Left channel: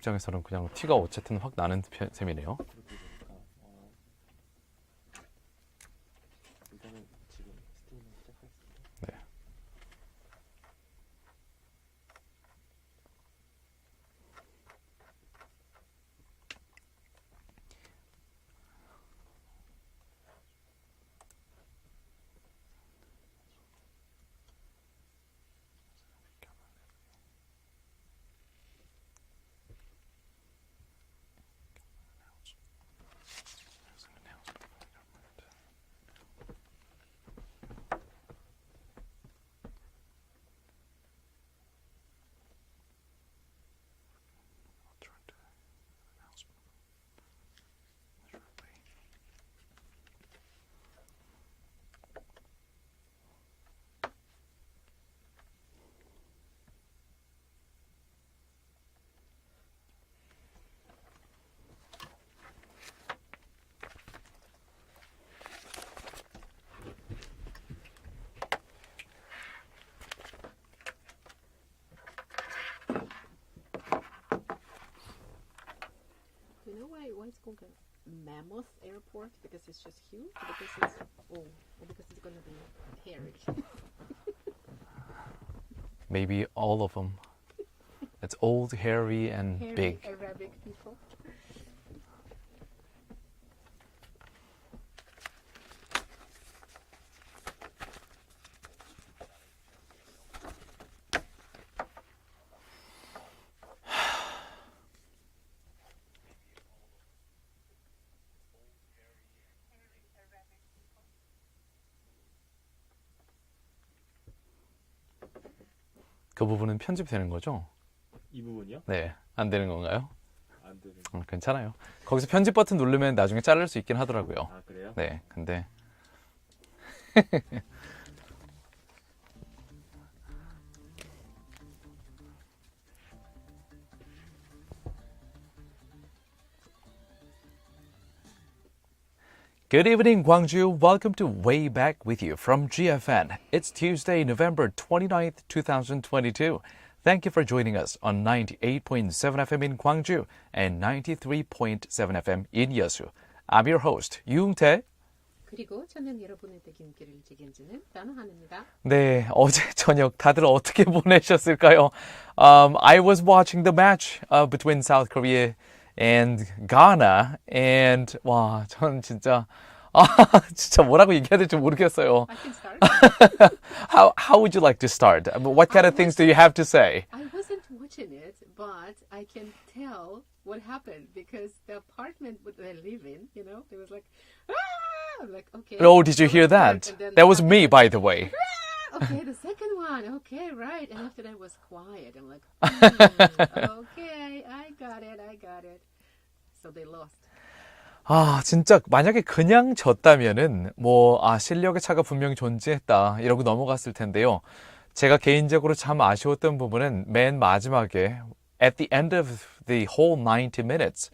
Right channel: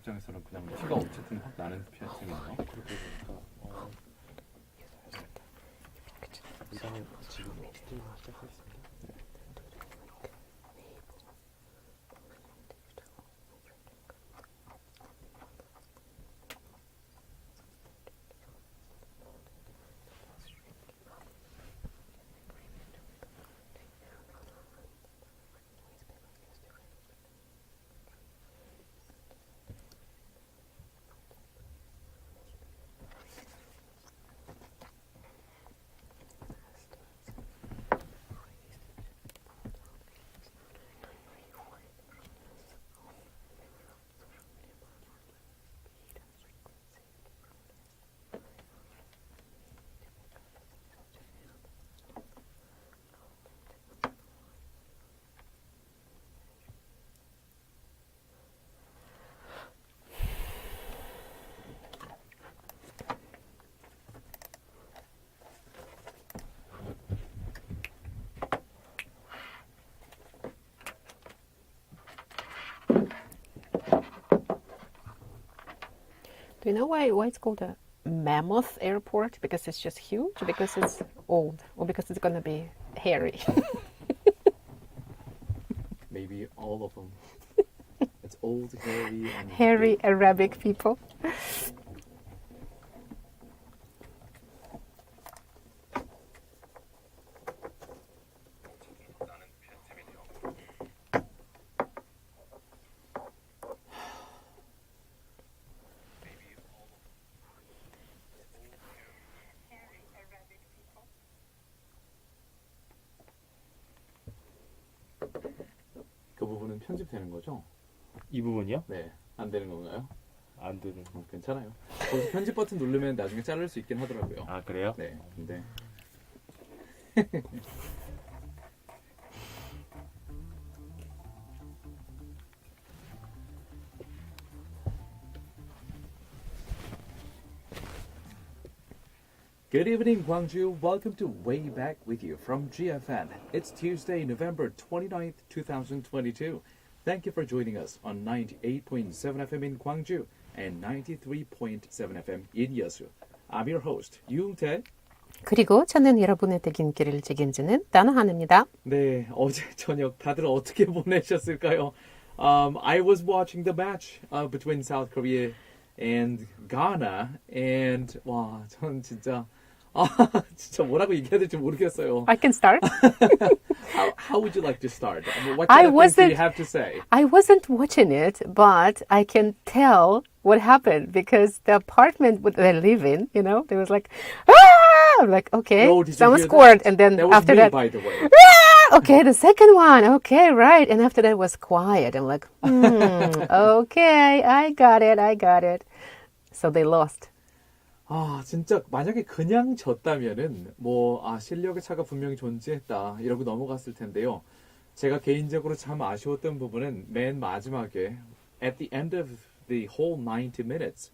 입장에서는 그냥 티가 어쨌든 확 나는 셈이네요. 일단은 지금 스트리밍 시작하겠습니다. 네. Do you know why it's called a mammoth airport? Because it's just huge? Because it's old? Or because it's gonna be hairy? Maybe all of them. It's old, hairy, and Hairy big. Arabic people. 그 부분은 편집되는 거죠? 이 부분이요? 네, 안 되는 건가요? 안 되는. 괜찮아요. 거기서 편집 버튼 누르면 나중에 자를 수 있긴 하더라고요. 아 그래요? 네, 근데 Good evening, Gwangju. Welcome to Way Back with you from GFN. It's Tuesday, November 29th, 2022. Thank you for joining us on 98.7 FM in Gwangju and 93.7 FM in Yeosu. I'm your host, Yoon-tae. 그리고 저는 여러분의 퇴근길을 책임지는 따나한입니다. 네, 어제 저녁 다들 어떻게 보내셨을까요? I was watching the match between South Korea and Ghana, and 와, 전 진짜 진짜 뭐라고 얘기해야 될지 모르겠어요. I can start. How would you like to start? I mean, what kind of things do you have to say? I wasn't watching it, but I can tell what happened because the apartment they live in, you know, there was like, ah! I'm like, okay. Oh, did you someone hear scored, that? and then That was after me, that, by the way. ah! Okay, the second one. Okay, right. And after that was quiet. I'm like, okay, I got it. So they lost. 진짜 만약에 그냥 졌다면은 실력의 차가 분명히 존재했다 이러고 넘어갔을 텐데요. 제가 개인적으로 참 아쉬웠던 부분은 맨 마지막에 at the end of the whole 90 minutes,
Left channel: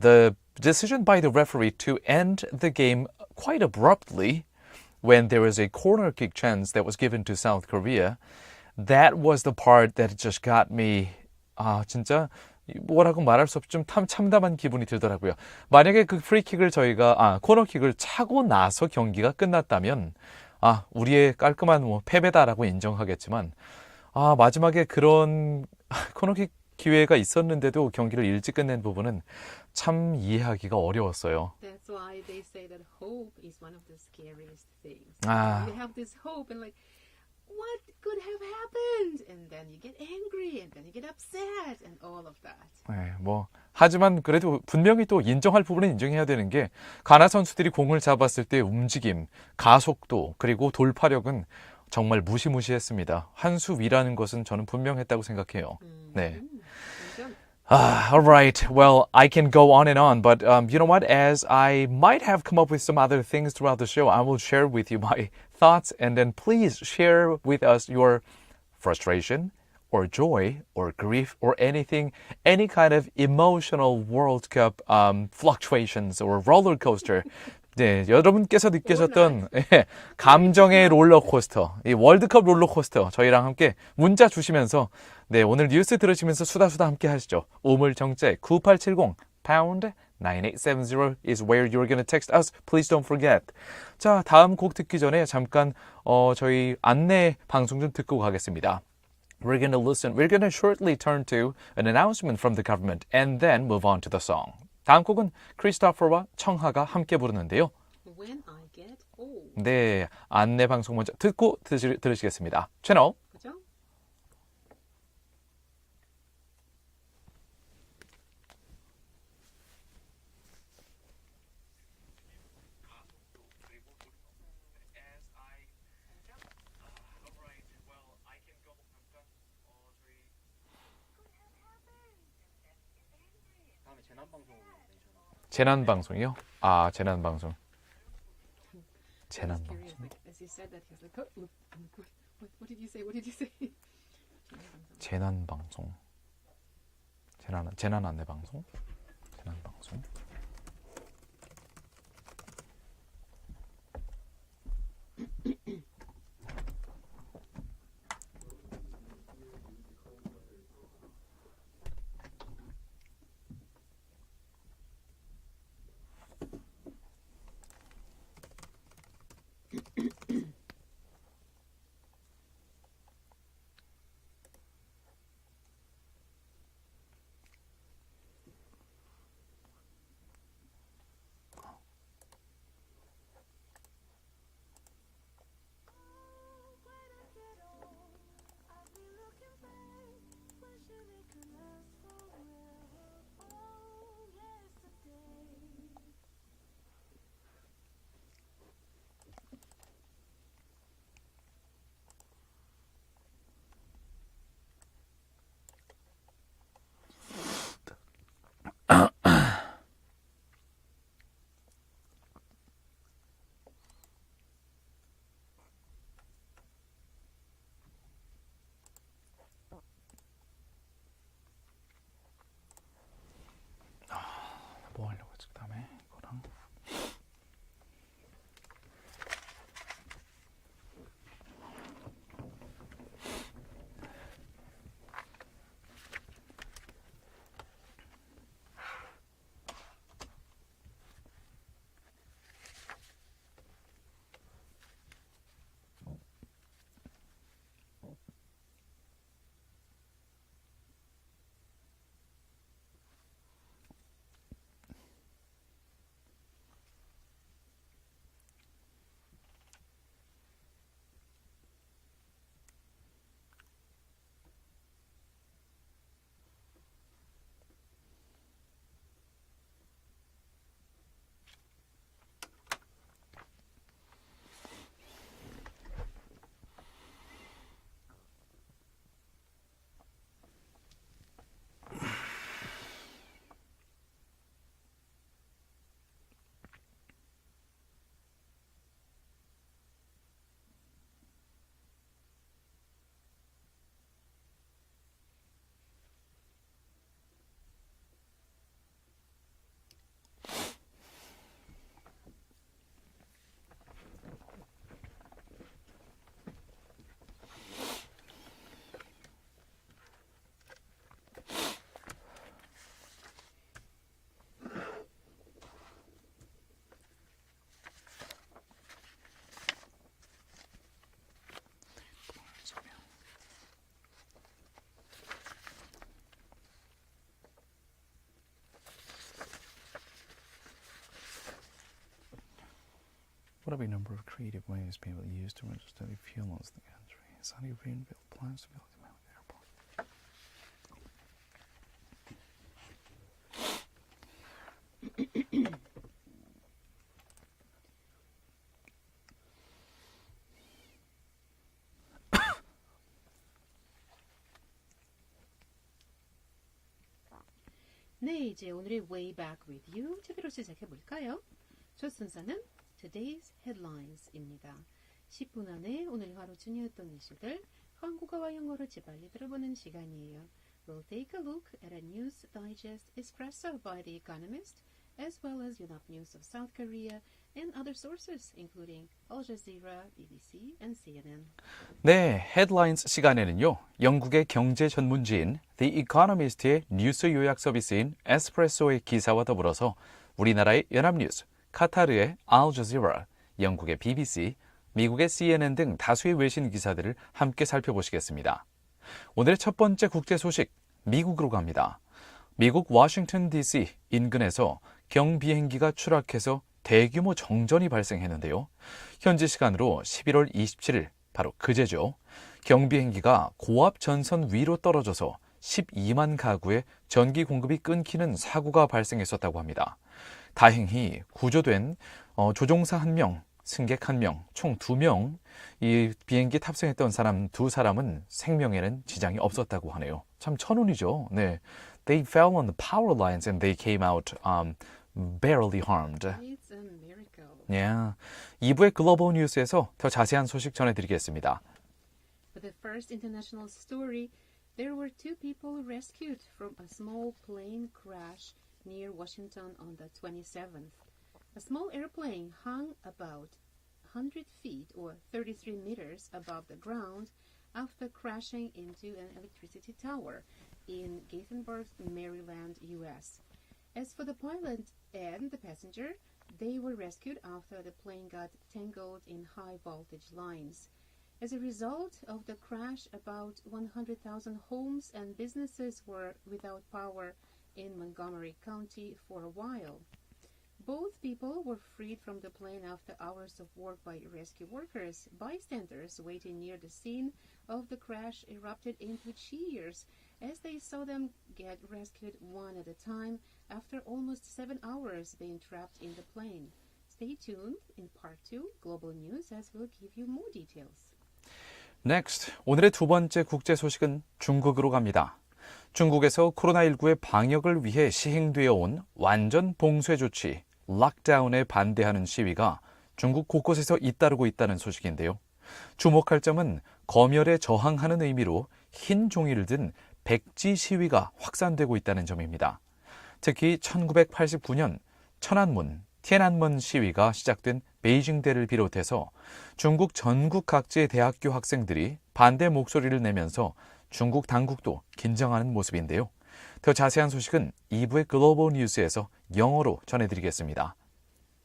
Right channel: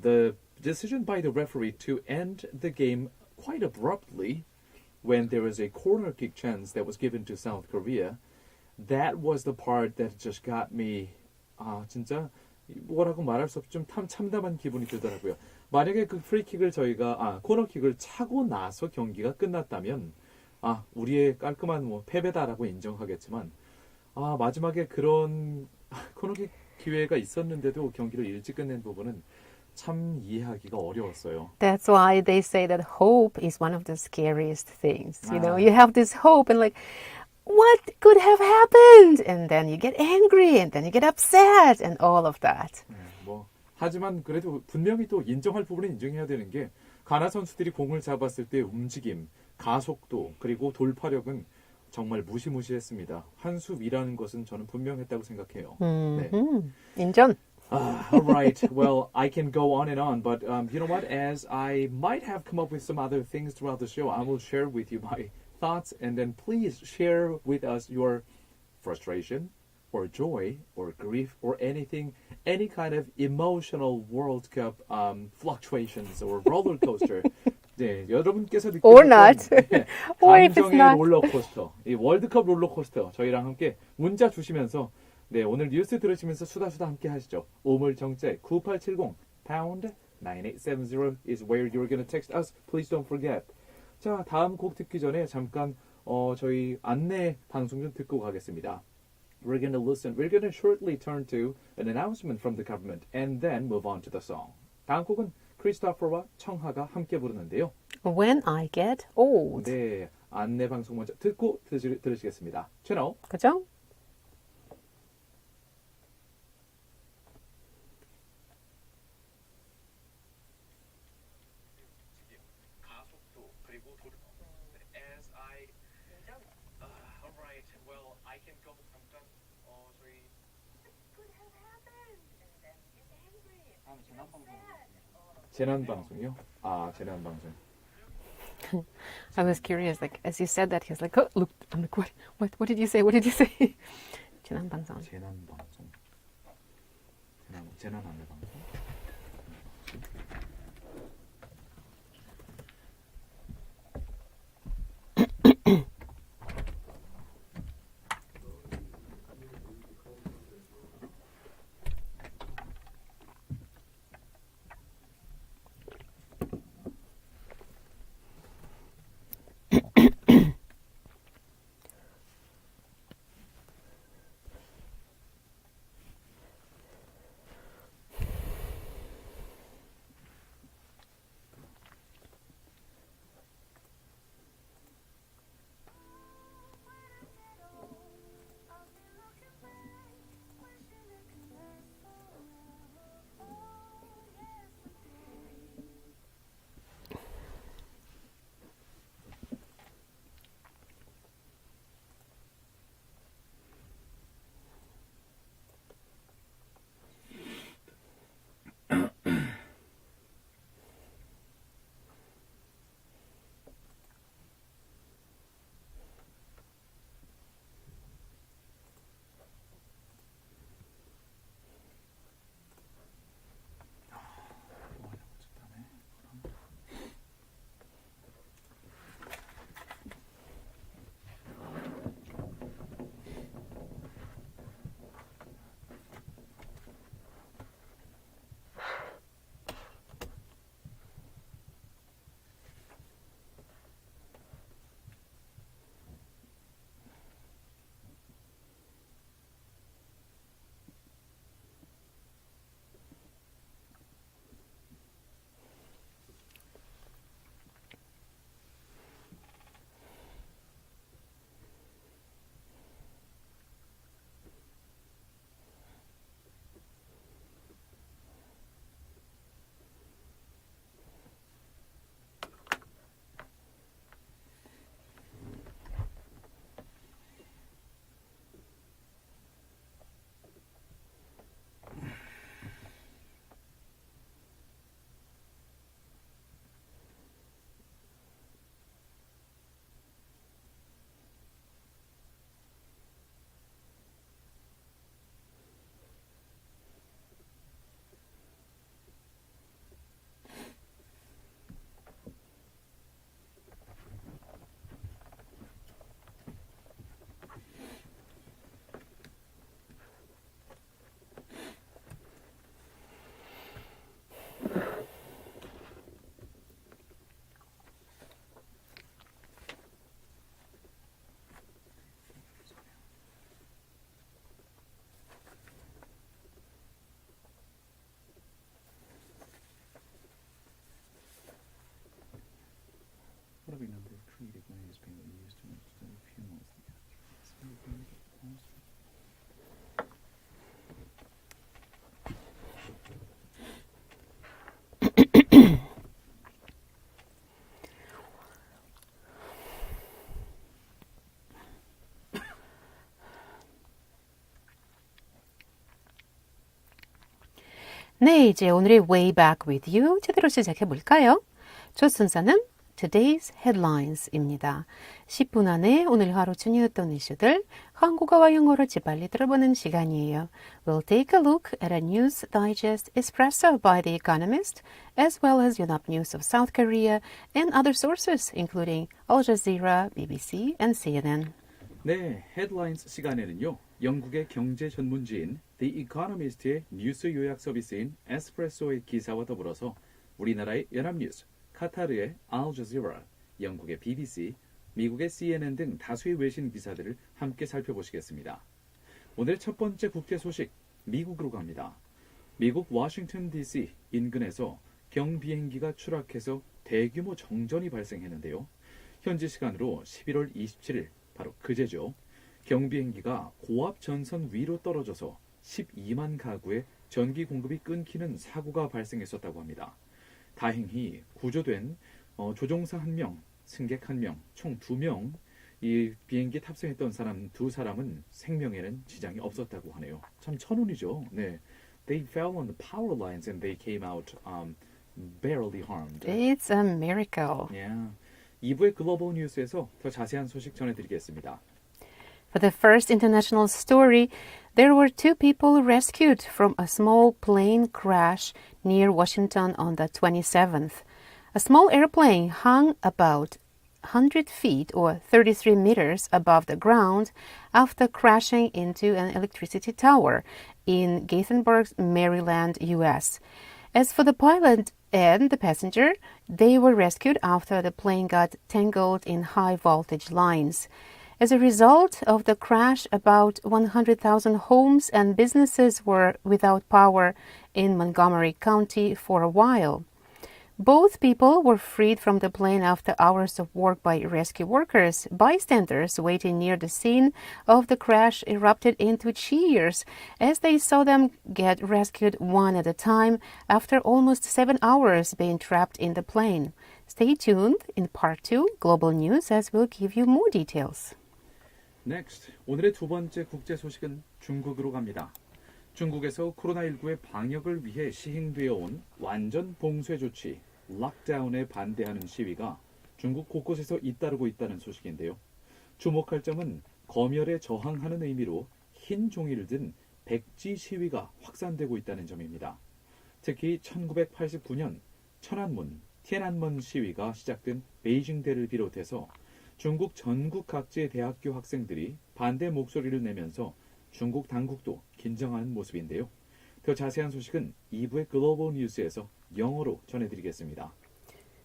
the decision by the referee to end the game quite abruptly when there was a corner kick chance that was given to South Korea, that was the part that just got me 진짜 뭐라고 말할 수 없이 좀 참담한 기분이 들더라고요. 만약에 그 프리킥을 저희가 코너킥을 차고 나서 경기가 끝났다면 우리의 깔끔한 패배다라고 인정하겠지만 마지막에 그런 코너킥 기회가 있었는데도 경기를 일찍 끝낸 부분은 참 이해하기가 어려웠어요. That's why they say that hope is one of the scariest things. You know, you have this hope and like, what could have happened? And then you get angry and then you get upset and all of that. 네, 하지만 그래도 분명히 또 인정할 부분은 인정해야 되는 게 가나 선수들이 공을 잡았을 때 움직임, 가속도 그리고 돌파력은 정말 무시무시했습니다. 한 수 위라는 것은 저는 분명했다고 생각해요. 네. 인정. All right. Well, I can go on and on, but you know what? As I might have come up with some other things throughout the show, I will share with you my thoughts, and then please share with us your frustration or joy or grief or anything, any kind of emotional World Cup fluctuations or roller coaster 네, 여러분께서 Or 느끼셨던 not. 감정의 not. 롤러코스터, 이 월드컵 롤러코스터 저희랑 함께 문자 주시면서 네, 오늘 뉴스 들으시면서 수다수다 함께 하시죠. 우물정제 9870 pound 9870 is where you're gonna text us. Please don't forget. 자, 다음 곡 듣기 전에 잠깐 저희 안내 방송 좀 듣고 가겠습니다. We're gonna shortly turn to an announcement from the government and then move on to the song. 다음 곡은 크리스토퍼와 청하가 함께 부르는데요. When I get old. 네, 안내 방송 먼저 듣고 들으시겠습니다. 채널 그죠? 재난 방송이요? 아, 재난 방송. I was curious, like as you said that, he was like, "Oh, look!" I'm like, "What did you say? What did you say?" 재난 방송. 재난 방송. 재난 안내 방송. 재난 방송. 뭐 하려고 했지? 다음에 이거랑 What are a number of creative ways people use to register fuels the country? Sunny green plants to build them out. 네, 이제 오늘의 Way Back with You 제대로 시작해 볼까요? 첫 순서는 Today's Headlines입니다. 10분 안에 오늘 하루 중요했던 이슈들 한국어와 영어로 재빨리 들어보는 시간이에요. We'll take a look at a news digest espresso by The Economist, as well as 연합뉴스 of South Korea and other sources, including Al Jazeera, BBC, and CNN. 네, 헤드라인스 시간에는요. 영국의 경제 전문지인 The Economist의 뉴스 요약 서비스인 에스프레소의 기사와 더불어서 우리나라의 연합뉴스, 카타르의 Al Jazeera, 영국의 BBC, 미국의 CNN 등 다수의 외신 기사들을 함께 살펴보시겠습니다. 오늘의 첫 번째 국제 소식, 미국으로 갑니다. 미국 워싱턴 DC 인근에서 경비행기가 추락해서 대규모 정전이 발생했는데요. 현지 시간으로 11월 27일, 바로 그제죠. 경비행기가 고압 전선 위로 떨어져서 12만 가구의 전기 공급이 끊기는 사고가 발생했었다고 합니다. 다행히 구조된 조종사 1명, 승객 1명, 총 2명, 이 비행기 탑승했던 사람 2사람은 생명에는 지장이 없었다고 하네요. 참 천운이죠. 네, They fell on the power lines and they came out barely harmed. It's a miracle. Yeah. 2부의 글로벌 뉴스에서 더 자세한 소식 전해드리겠습니다. For the first international story, there were 2 people rescued from a small plane crash near Washington on the 27th. A small airplane hung about 100 feet or 33 meters above the ground after crashing into an electricity tower in Gaithersburg, Maryland, U.S. As for the pilot and the passenger, they were rescued after the plane got tangled in high voltage lines. As a result of the crash, about 100,000 homes and businesses were without power in Montgomery County for a while. Both people were freed from the plane after hours of work by rescue workers. Bystanders waiting near the scene of the crash erupted into cheers as they saw them get rescued one at a time after almost 7 hours being trapped in the plane. Stay tuned in part 2 Global News as we'll give you more details. Next, 오늘의 두 번째 국제 소식은 중국으로 갑니다. 중국에서 코로나19의 방역을 위해 시행되어 온 완전 봉쇄 조치, 락다운에 반대하는 시위가 중국 곳곳에서 잇따르고 있다는 소식인데요. 주목할 점은 검열에 저항하는 의미로 흰 종이를 든 백지 시위가 확산되고 있다는 점입니다. 특히 1989년 천안문,天安门 시위가 시작된 베이징대를 비롯해서 중국 전국 각지의 대학교 학생들이 반대 목소리를 내면서 중국 당국도 긴장하는 모습인데요. 더 자세한 소식은 2부의 글로벌 뉴스에서 영어로 전해드리겠습니다.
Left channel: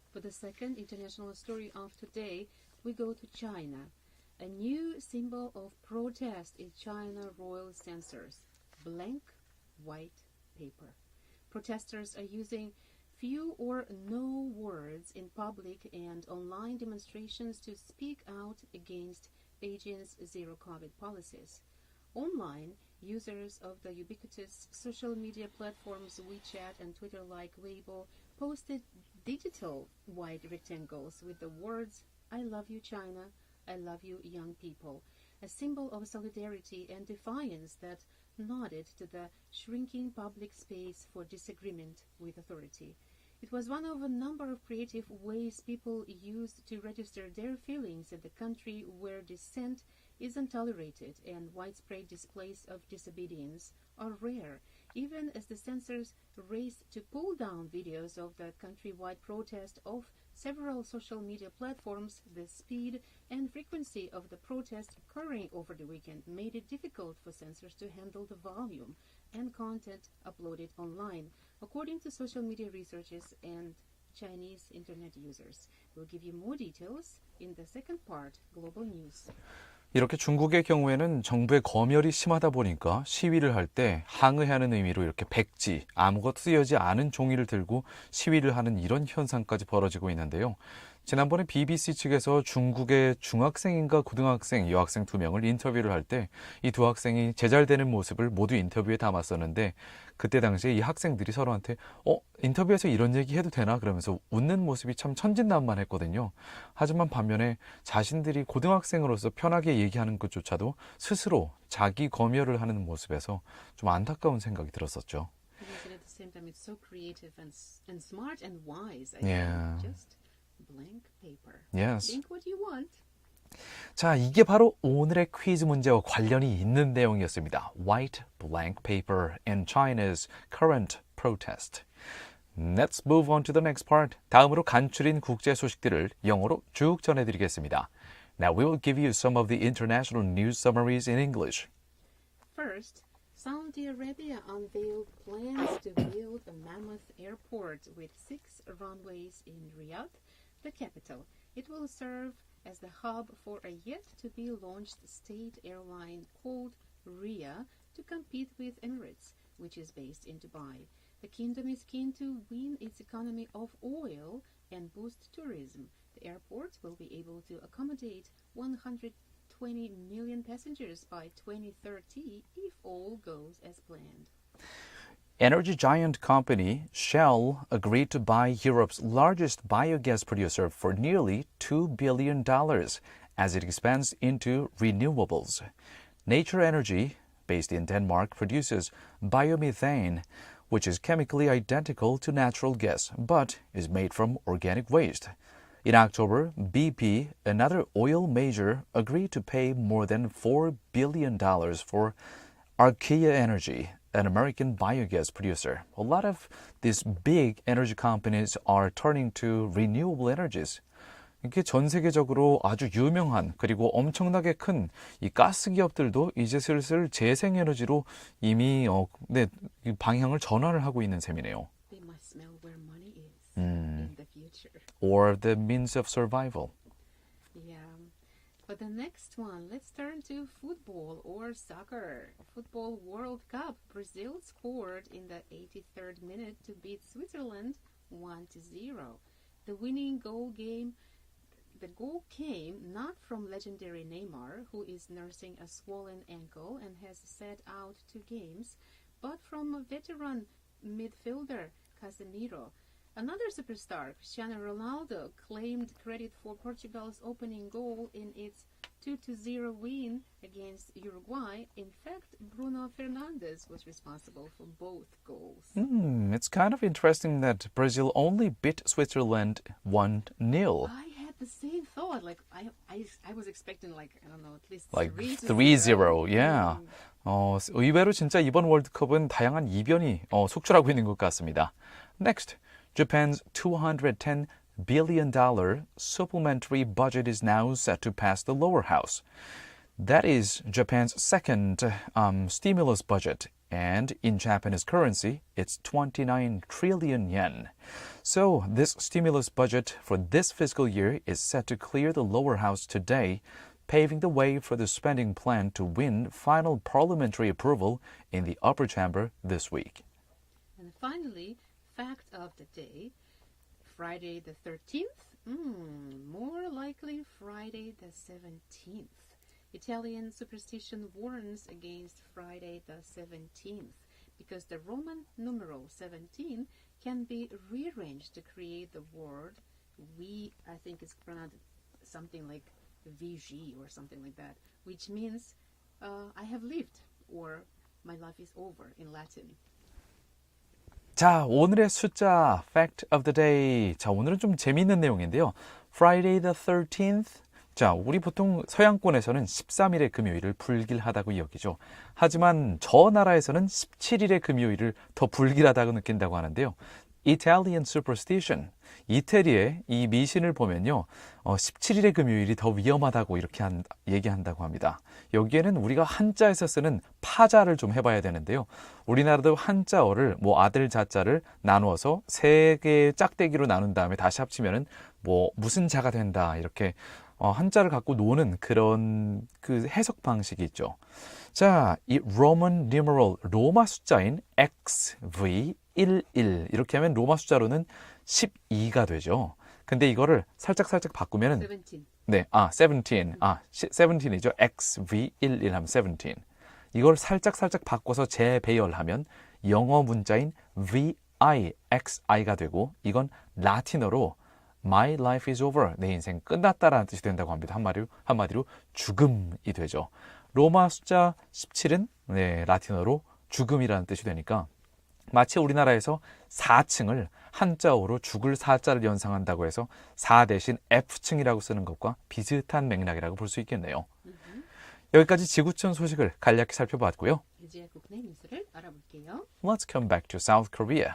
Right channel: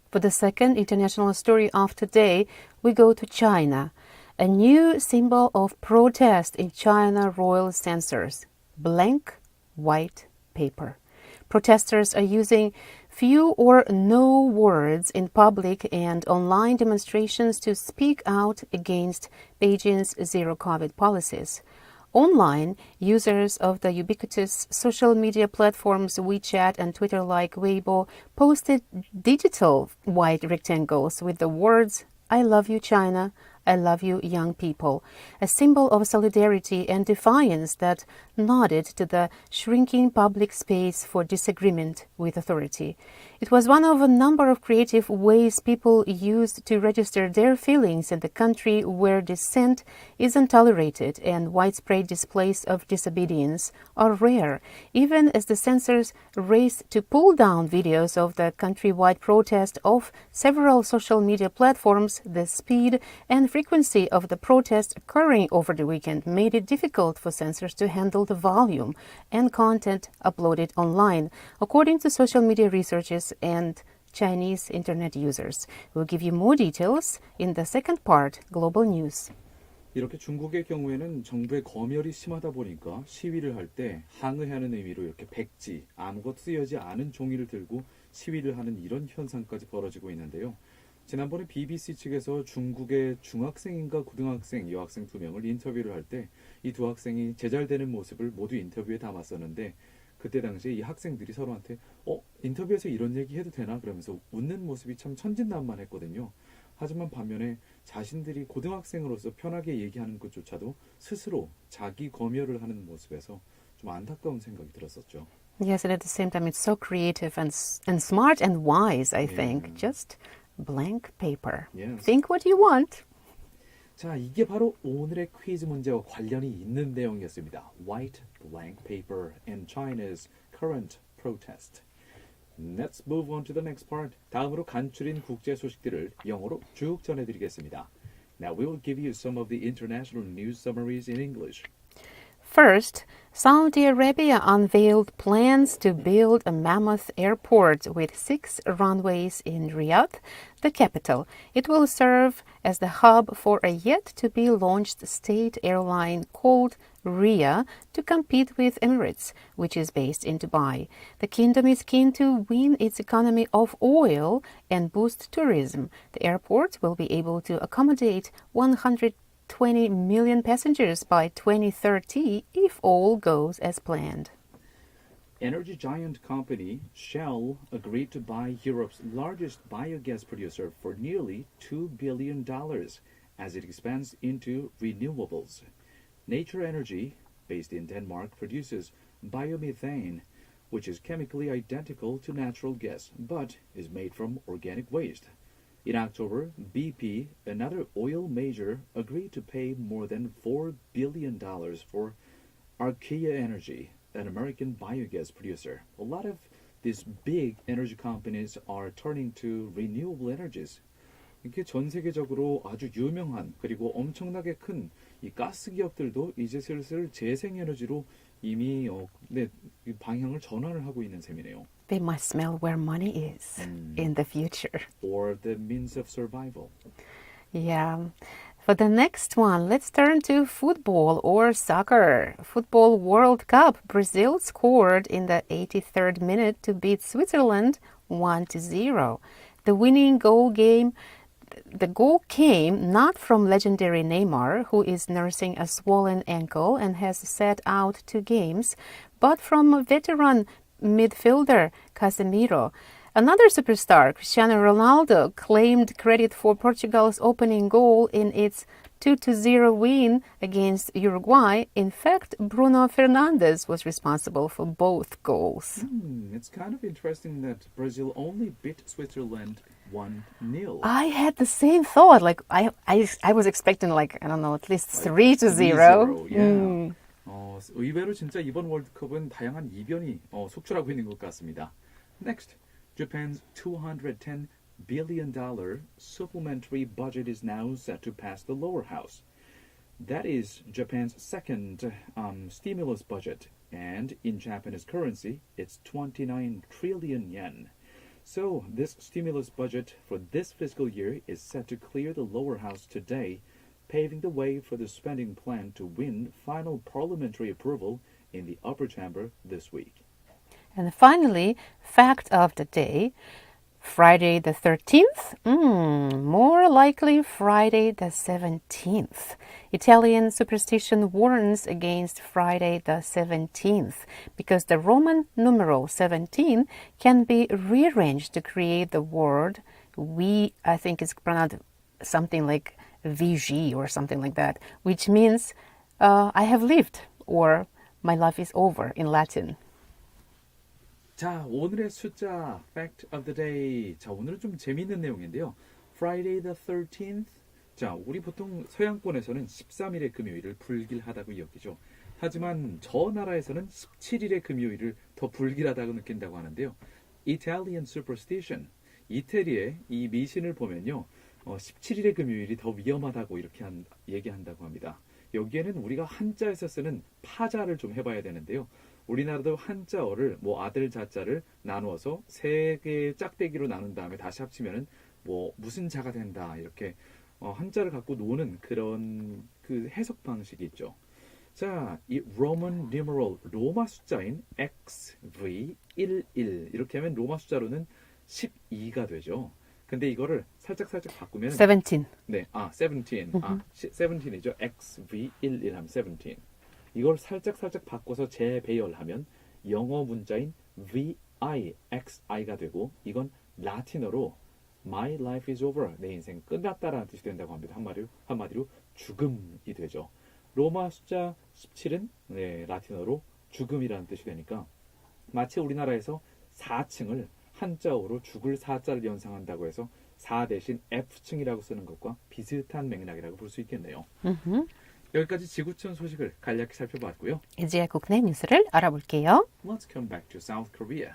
For the second international story of today, we go to China. A new symbol of protest in China royal censors, blank white paper. Protesters are using few or no words in public and online demonstrations to speak out against Beijing's zero-COVID policies. Online, users of the ubiquitous social media platforms WeChat and Twitter like Weibo posted digital white rectangles with the words, "I love you, China," "I love you, young people," a symbol of solidarity and defiance that nodded to the shrinking public space for disagreement with authority. It was one of a number of creative ways people used to register their feelings in the country where dissent is untolerated and widespread displays of disobedience are rare, even as the censors raced to pull down videos of the countrywide protest off several social media platforms. The speed and frequency of the protest occurring over the weekend made it difficult for censors to handle the volume and content uploaded online, according to social media researchers and Chinese internet users. We'll give you more details in the second part, Global News. 이렇게 중국의 경우에는 정부의 검열이 심하다 보니까 시위를 할 때 항의하는 의미로 이렇게 백지, 아무것도 쓰여지 않은 종이를 들고 시위를 하는 이런 현상까지 벌어지고 있는데요. 지난번에 BBC 측에서 중국의 중학생인가 고등학생, 여학생 2명을 인터뷰를 할 때 이 두 학생이 제잘되는 모습을 모두 인터뷰에 담았었는데 그때 당시에 이 학생들이 서로한테 인터뷰에서 이런 얘기 해도 되나? 그러면서 웃는 모습이 참 천진난만했거든요. 하지만 반면에 자신들이 고등학생으로서 편하게 얘기하는 것조차도 스스로 자기 검열을 하는 모습에서 좀 안타까운 생각이 들었었죠. Yes, and at the same time, it's so creative and smart and wise, I Yeah. think. Just blank paper. Yes. Think what you want. 자, 이게 바로 오늘의 퀴즈 문제와 관련이 있는 내용이었습니다. White blank paper in China's current protest. Let's move on to the next part. 다음으로 간추린 국제 소식들을 영어로 쭉 전해드리겠습니다. Now we will give you some of the international news summaries in English. First, Saudi Arabia unveiled plans to build a mammoth airport with 6 runways in Riyadh, the capital. It will serve as the hub for a yet-to-be-launched state airline called Riyadh to compete with Emirates, which is based in Dubai. The kingdom is keen to win its economy of oil and boost tourism. The airport will be able to accommodate 120 million passengers by 2030 if all goes as planned. Energy giant company Shell agreed to buy Europe's largest biogas producer for nearly $2 billion as it expands into renewables. Nature Energy, based in Denmark, produces biomethane, which is chemically identical to natural gas but is made from organic waste. In October, BP, another oil major, agreed to pay more than $4 billion for Archaea Energy, an American biogas producer. A lot of these big energy companies are turning to renewable energies. 이게 전 세계적으로 아주 유명한 그리고 엄청나게 큰 이 가스 기업들도 이제 슬슬 재생에너지로 이미 이 방향을 전환을 하고 있는 셈이네요. They must smell where money is in the future. Or the means of survival. Yeah. For the next one, let's turn to football or soccer. Football World Cup. Brazil scored in the 83rd minute to beat Switzerland 1-0. The winning goal came not from legendary Neymar, who is nursing a swollen ankle and has sat out 2 games, but from veteran midfielder Casemiro. Another superstar, Cristiano Ronaldo, claimed credit for Portugal's opening goal in its 2-0 win against Uruguay. In fact, Bruno Fernandes was responsible for both goals. It's kind of interesting that Brazil only beat Switzerland 1-0. I had the same thought. Like I was expecting at least Like 3-0. 3-0, yeah. 의외로 진짜 이번 월드컵은 다양한 이변이 속출하고 있는 것 같습니다. Next, Japan's $210 billion supplementary budget is now set to pass the lower house. That is Japan's second stimulus budget, and in Japanese currency, it's 29 trillion yen. So this stimulus budget for this fiscal year is set to clear the lower house today, paving the way for the spending plan to win final parliamentary approval in the upper chamber this week. And finally, fact of the day, Friday the 13th? More likely Friday the 17th. Italian superstition warns against Friday the 17th because the Roman numeral 17 can be rearranged to create the word I think it's pronounced something like VG or something like that, which means I have lived or my life is over in Latin. 자, 오늘의 숫자 Fact of the Day. 자, 오늘은 좀 재미있는 내용인데요. Friday the 13th. 자, 우리 보통 서양권에서는 13일의 금요일을 불길하다고 여기죠. 하지만 저 나라에서는 17일의 금요일을 더 불길하다고 느낀다고 하는데요. Italian superstition. 이태리의 이 미신을 보면요. 17일의 금요일이 더 위험하다고 이렇게 얘기한다고 합니다. 여기에는 우리가 한자에서 쓰는 파자를 좀 해봐야 되는데요. 우리나라도 한자어를 아들 자자를 나누어서 3개의 짝대기로 나눈 다음에 다시 합치면은 무슨 자가 된다 이렇게 한자를 갖고 노는 그런 그 해석 방식이 있죠. 자, 이 Roman numeral 로마 숫자인 XV11 이렇게 하면 로마 숫자로는 12가 되죠. 근데 이거를 살짝 바꾸면 17. 네, 17. 17이죠. XV11 하면 17. 이걸 살짝 바꿔서 재배열하면 영어 문자인 VIXI가 되고 이건 라틴어로 My life is over. 내 인생 끝났다라는 뜻이 된다고 합니다. 한마디로 죽음이 되죠. 로마 숫자 17은 라틴어로 죽음이라는 뜻이 되니까 마치 우리나라에서 4층을 한자어로 죽을 사자를 연상한다고 해서 사 대신 F층이라고 쓰는 것과 비슷한 맥락이라고 볼 수 있겠네요. 여기까지 지구촌 소식을 간략히 살펴봤고요. 이제 국내 뉴스를 알아볼게요. Let's come back to South Korea.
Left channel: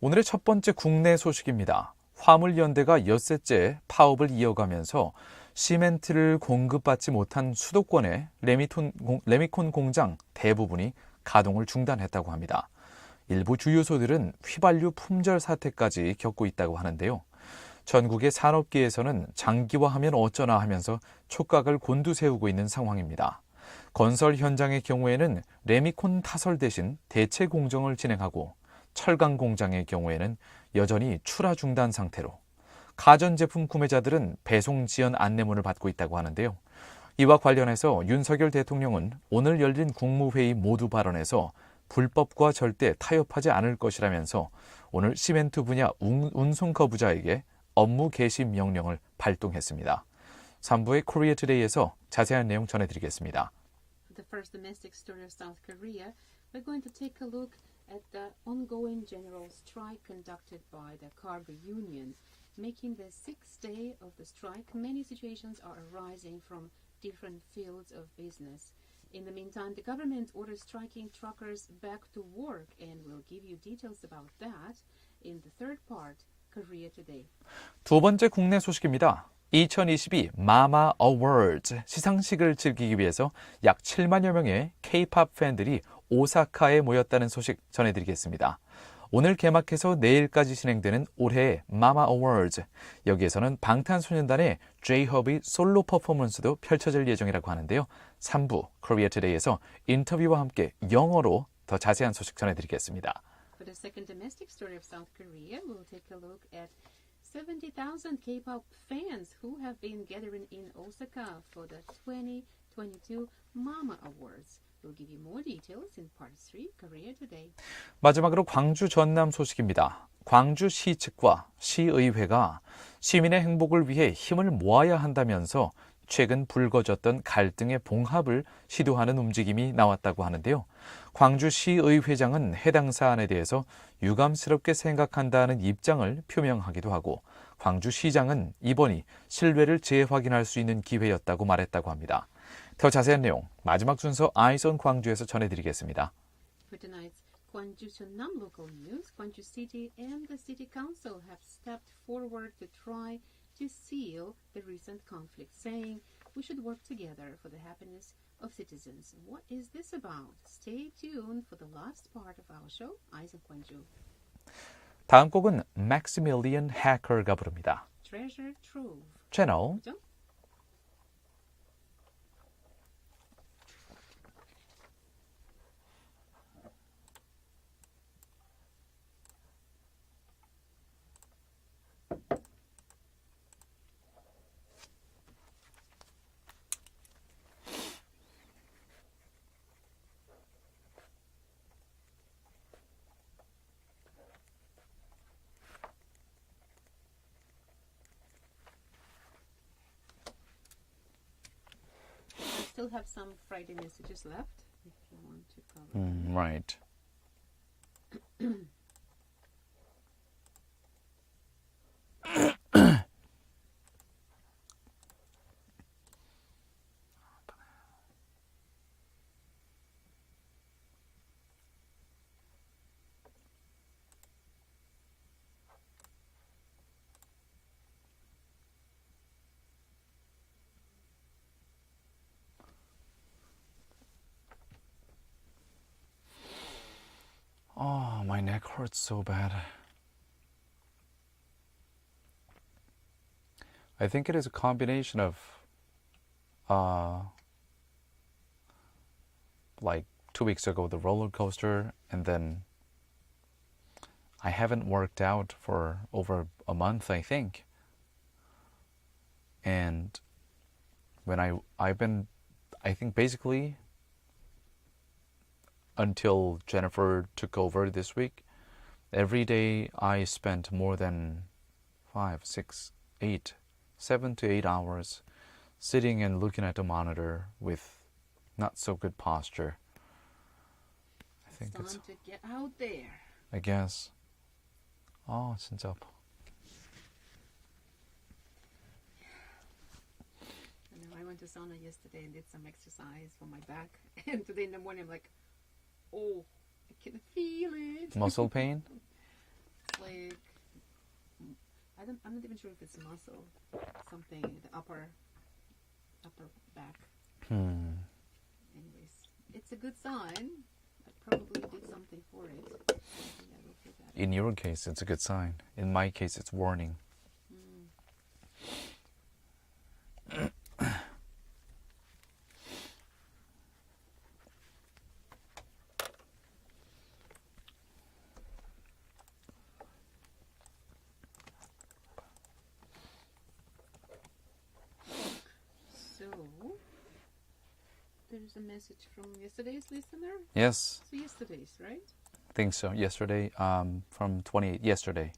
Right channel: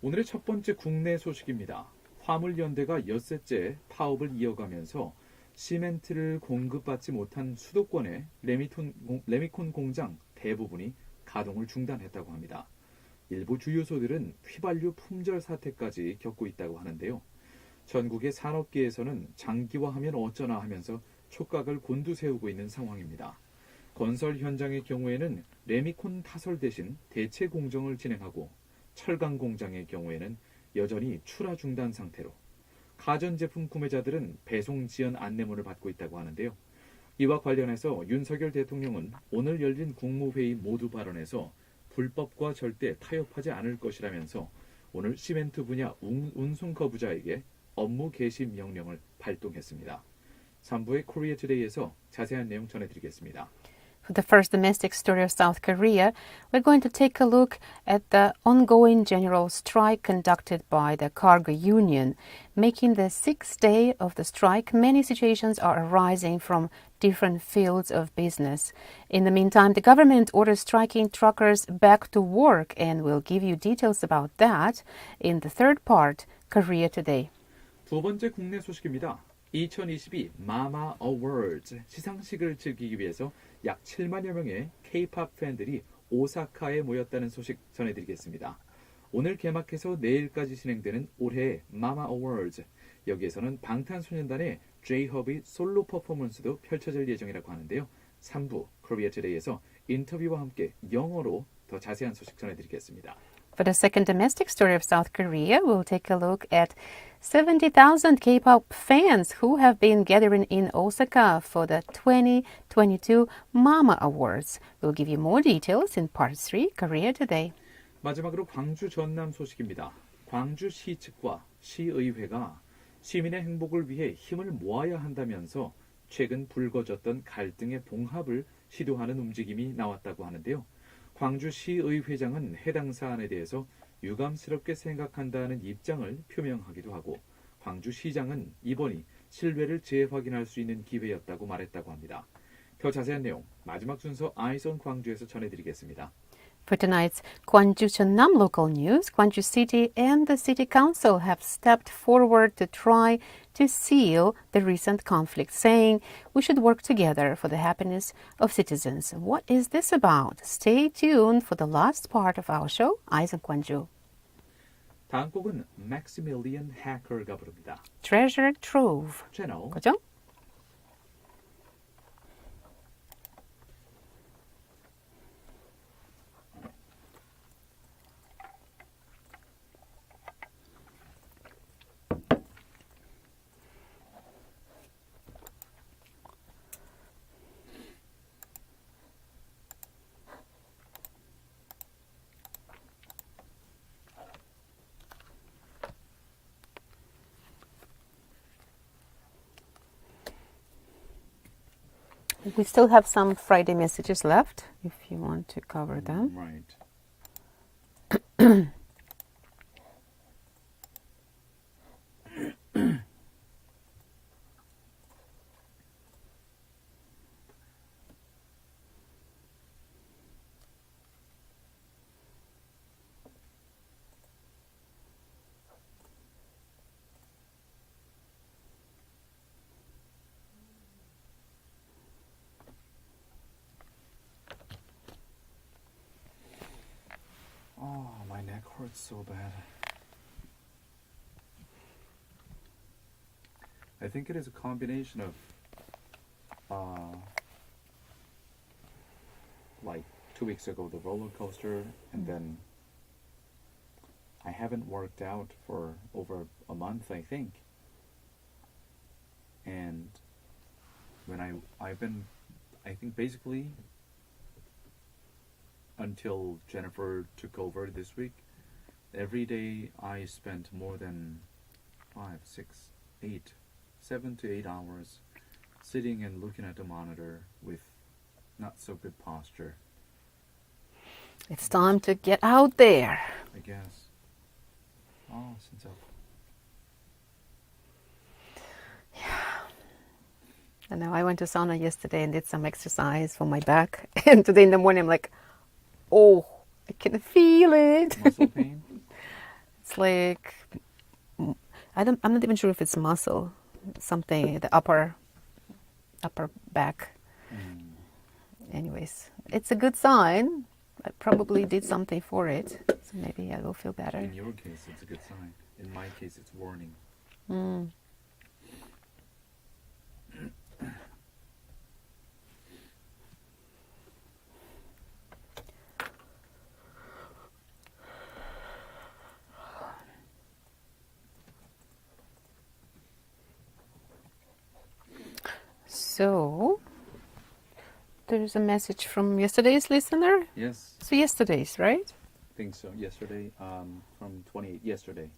오늘의 첫 번째 국내 소식입니다. 화물연대가 엿새째 파업을 이어가면서 시멘트를 공급받지 못한 수도권의 레미콘 공장 대부분이 가동을 중단했다고 합니다. 일부 주유소들은 휘발유 품절 사태까지 겪고 있다고 하는데요. 전국의 산업계에서는 장기화하면 어쩌나 하면서 촉각을 곤두세우고 있는 상황입니다. 건설 현장의 경우에는 레미콘 타설 대신 대체 공정을 진행하고 철강 공장의 경우에는 여전히 출하 중단 상태로 가전제품 구매자들은 배송 지연 안내문을 받고 있다고 하는데요. 이와 관련해서 윤석열 대통령은 오늘 열린 국무회의 모두 발언에서 불법과 절대 타협하지 않을 것이라면서 오늘 시멘트 분야 운송 거부자에게 업무 개시 명령을 발동했습니다. 3부의 코리아 투데이에서 자세한 내용 전해드리겠습니다. For the first domestic story of South Korea, we're going to take a look at the ongoing general strike conducted by the cargo union. Making the sixth day of the strike, many situations are arising from different fields of business. In the meantime, the government orders striking truckers back to work, and we'll give you details about that in the third part, Korea Today. 두 번째 국내 소식입니다. 2022 마마 어워즈 시상식을 즐기기 위해서 약 7만여 명의 K-팝 팬들이 오사카에 모였다는 소식 전해드리겠습니다. 오늘 개막해서 내일까지 진행되는 올해의 마마 어워즈, 여기에서는 방탄소년단의 J-Hope의 솔로 퍼포먼스도 펼쳐질 예정이라고 하는데요. 3부 코리아 투데이에서 인터뷰와 함께 영어로 더 자세한 소식 전해드리겠습니다. For the second domestic story of South Korea, we'll take a look at 70,000 K-pop fans who have been gathering in Osaka for the 2022 Mama Awards. We'll give you more details in Part 3, Korea Today. 마지막으로 광주 전남 소식입니다. 광주시 측과 시의회가 시민의 행복을 위해 힘을 모아야 한다면서 최근 불거졌던 갈등의 봉합을 시도하는 움직임이 나왔다고 하는데요. 광주시의회장은 해당 사안에 대해서 유감스럽게 생각한다는 입장을 표명하기도 하고 광주시장은 이번이 신뢰를 재확인할 수 있는 기회였다고 말했다고 합니다. 더 자세한 내용 마지막 순서 Eyes on 광주에서 전해드리겠습니다. For tonight's 광주전남 local news, Gwangju City and the City Council have stepped forward to try to seal the recent conflict, saying we should work together for the happiness of citizens. What is this about? Stay tuned for the last part of our show, Eyes on Gwangju. 다음 곡은 Maximilian Hacker가 부릅니다. Treasure Trove. 채널 그죠? We still have some Friday messages left if you want to cover them. Right. Oh, my neck hurts so bad. I think it is a combination of like 2 weeks ago the roller coaster, and then I haven't worked out for over a month, I think. And when I think basically until Jennifer took over this week, every day I spent more than 5, 6, 8, 7 to 8 hours sitting and looking at the monitor with not so good posture. It's time to get out there. I guess. 아, 진짜 아파. I know. I went to sauna yesterday and did some exercise for my back. And today in the morning, I'm like, oh, I can feel it. Muscle pain? It's like, I'm not even sure if it's muscle, something, the upper back. Anyways, it's a good sign. I probably did something for it. So maybe I will feel better. In your case, it's a good sign. In my case, it's warning. So, there's a message from yesterday's listener. Yes, So yesterday's, right? I think so. Yesterday, from 28, yesterday.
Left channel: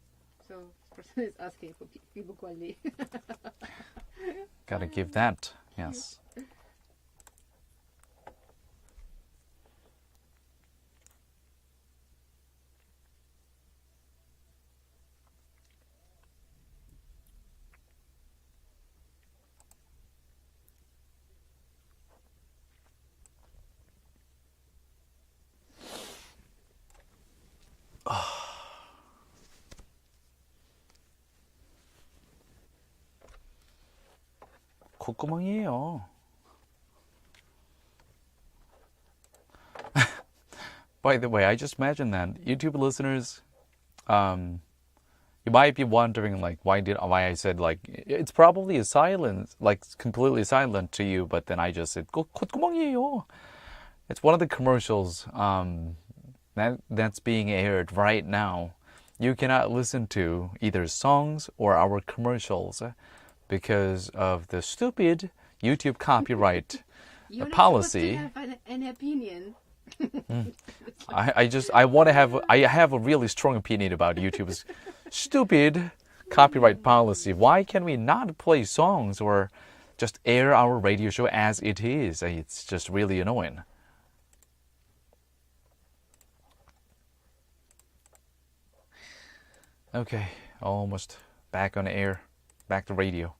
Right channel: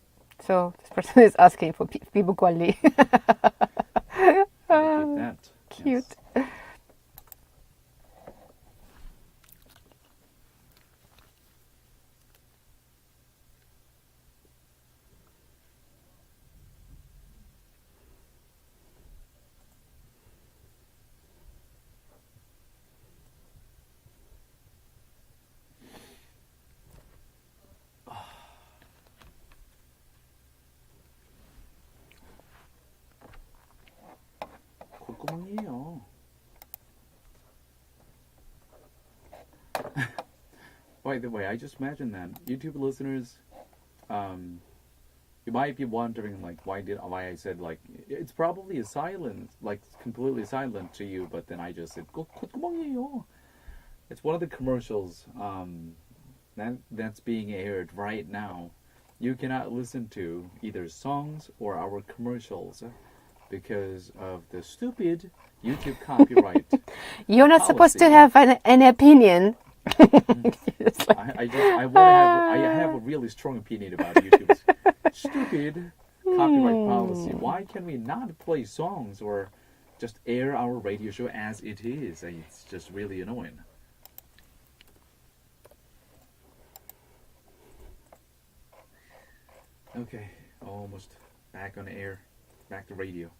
So this person is asking for 피부 관리. Gotta keep that. Cute. Yes. 콧구멍이에요. By the way, I just imagine that YouTube listeners, you might be wondering like why I said like it's probably a silence, like completely silent to you, but then I just said 콧구멍이에요. It's one of the commercials that's being aired right now. You cannot listen to either songs or our commercials because of the stupid YouTube copyright. You're not supposed to policy. have an opinion. I have a really strong opinion about YouTube's stupid copyright policy. Why can we not play songs or just air our radio show as it is? It's just really annoying. Okay, almost back on air, back to radio.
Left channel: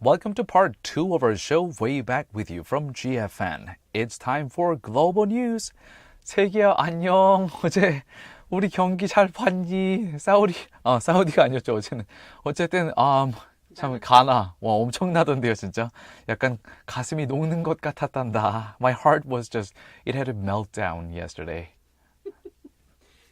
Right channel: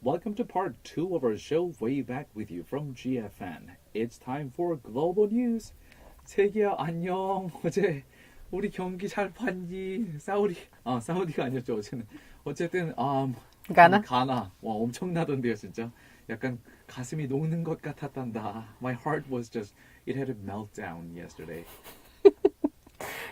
Welcome to part 2 of our show Way Back with You from GFN. It's time for Global News. 세기야 안녕. 어제 우리 경기 잘 봤니? 사우디가 아니었죠 어제는. 어쨌든 가나? 가나. 와 엄청나던데요 진짜. 약간 가슴이 녹는 것 같았단다. My heart was just it had a meltdown yesterday.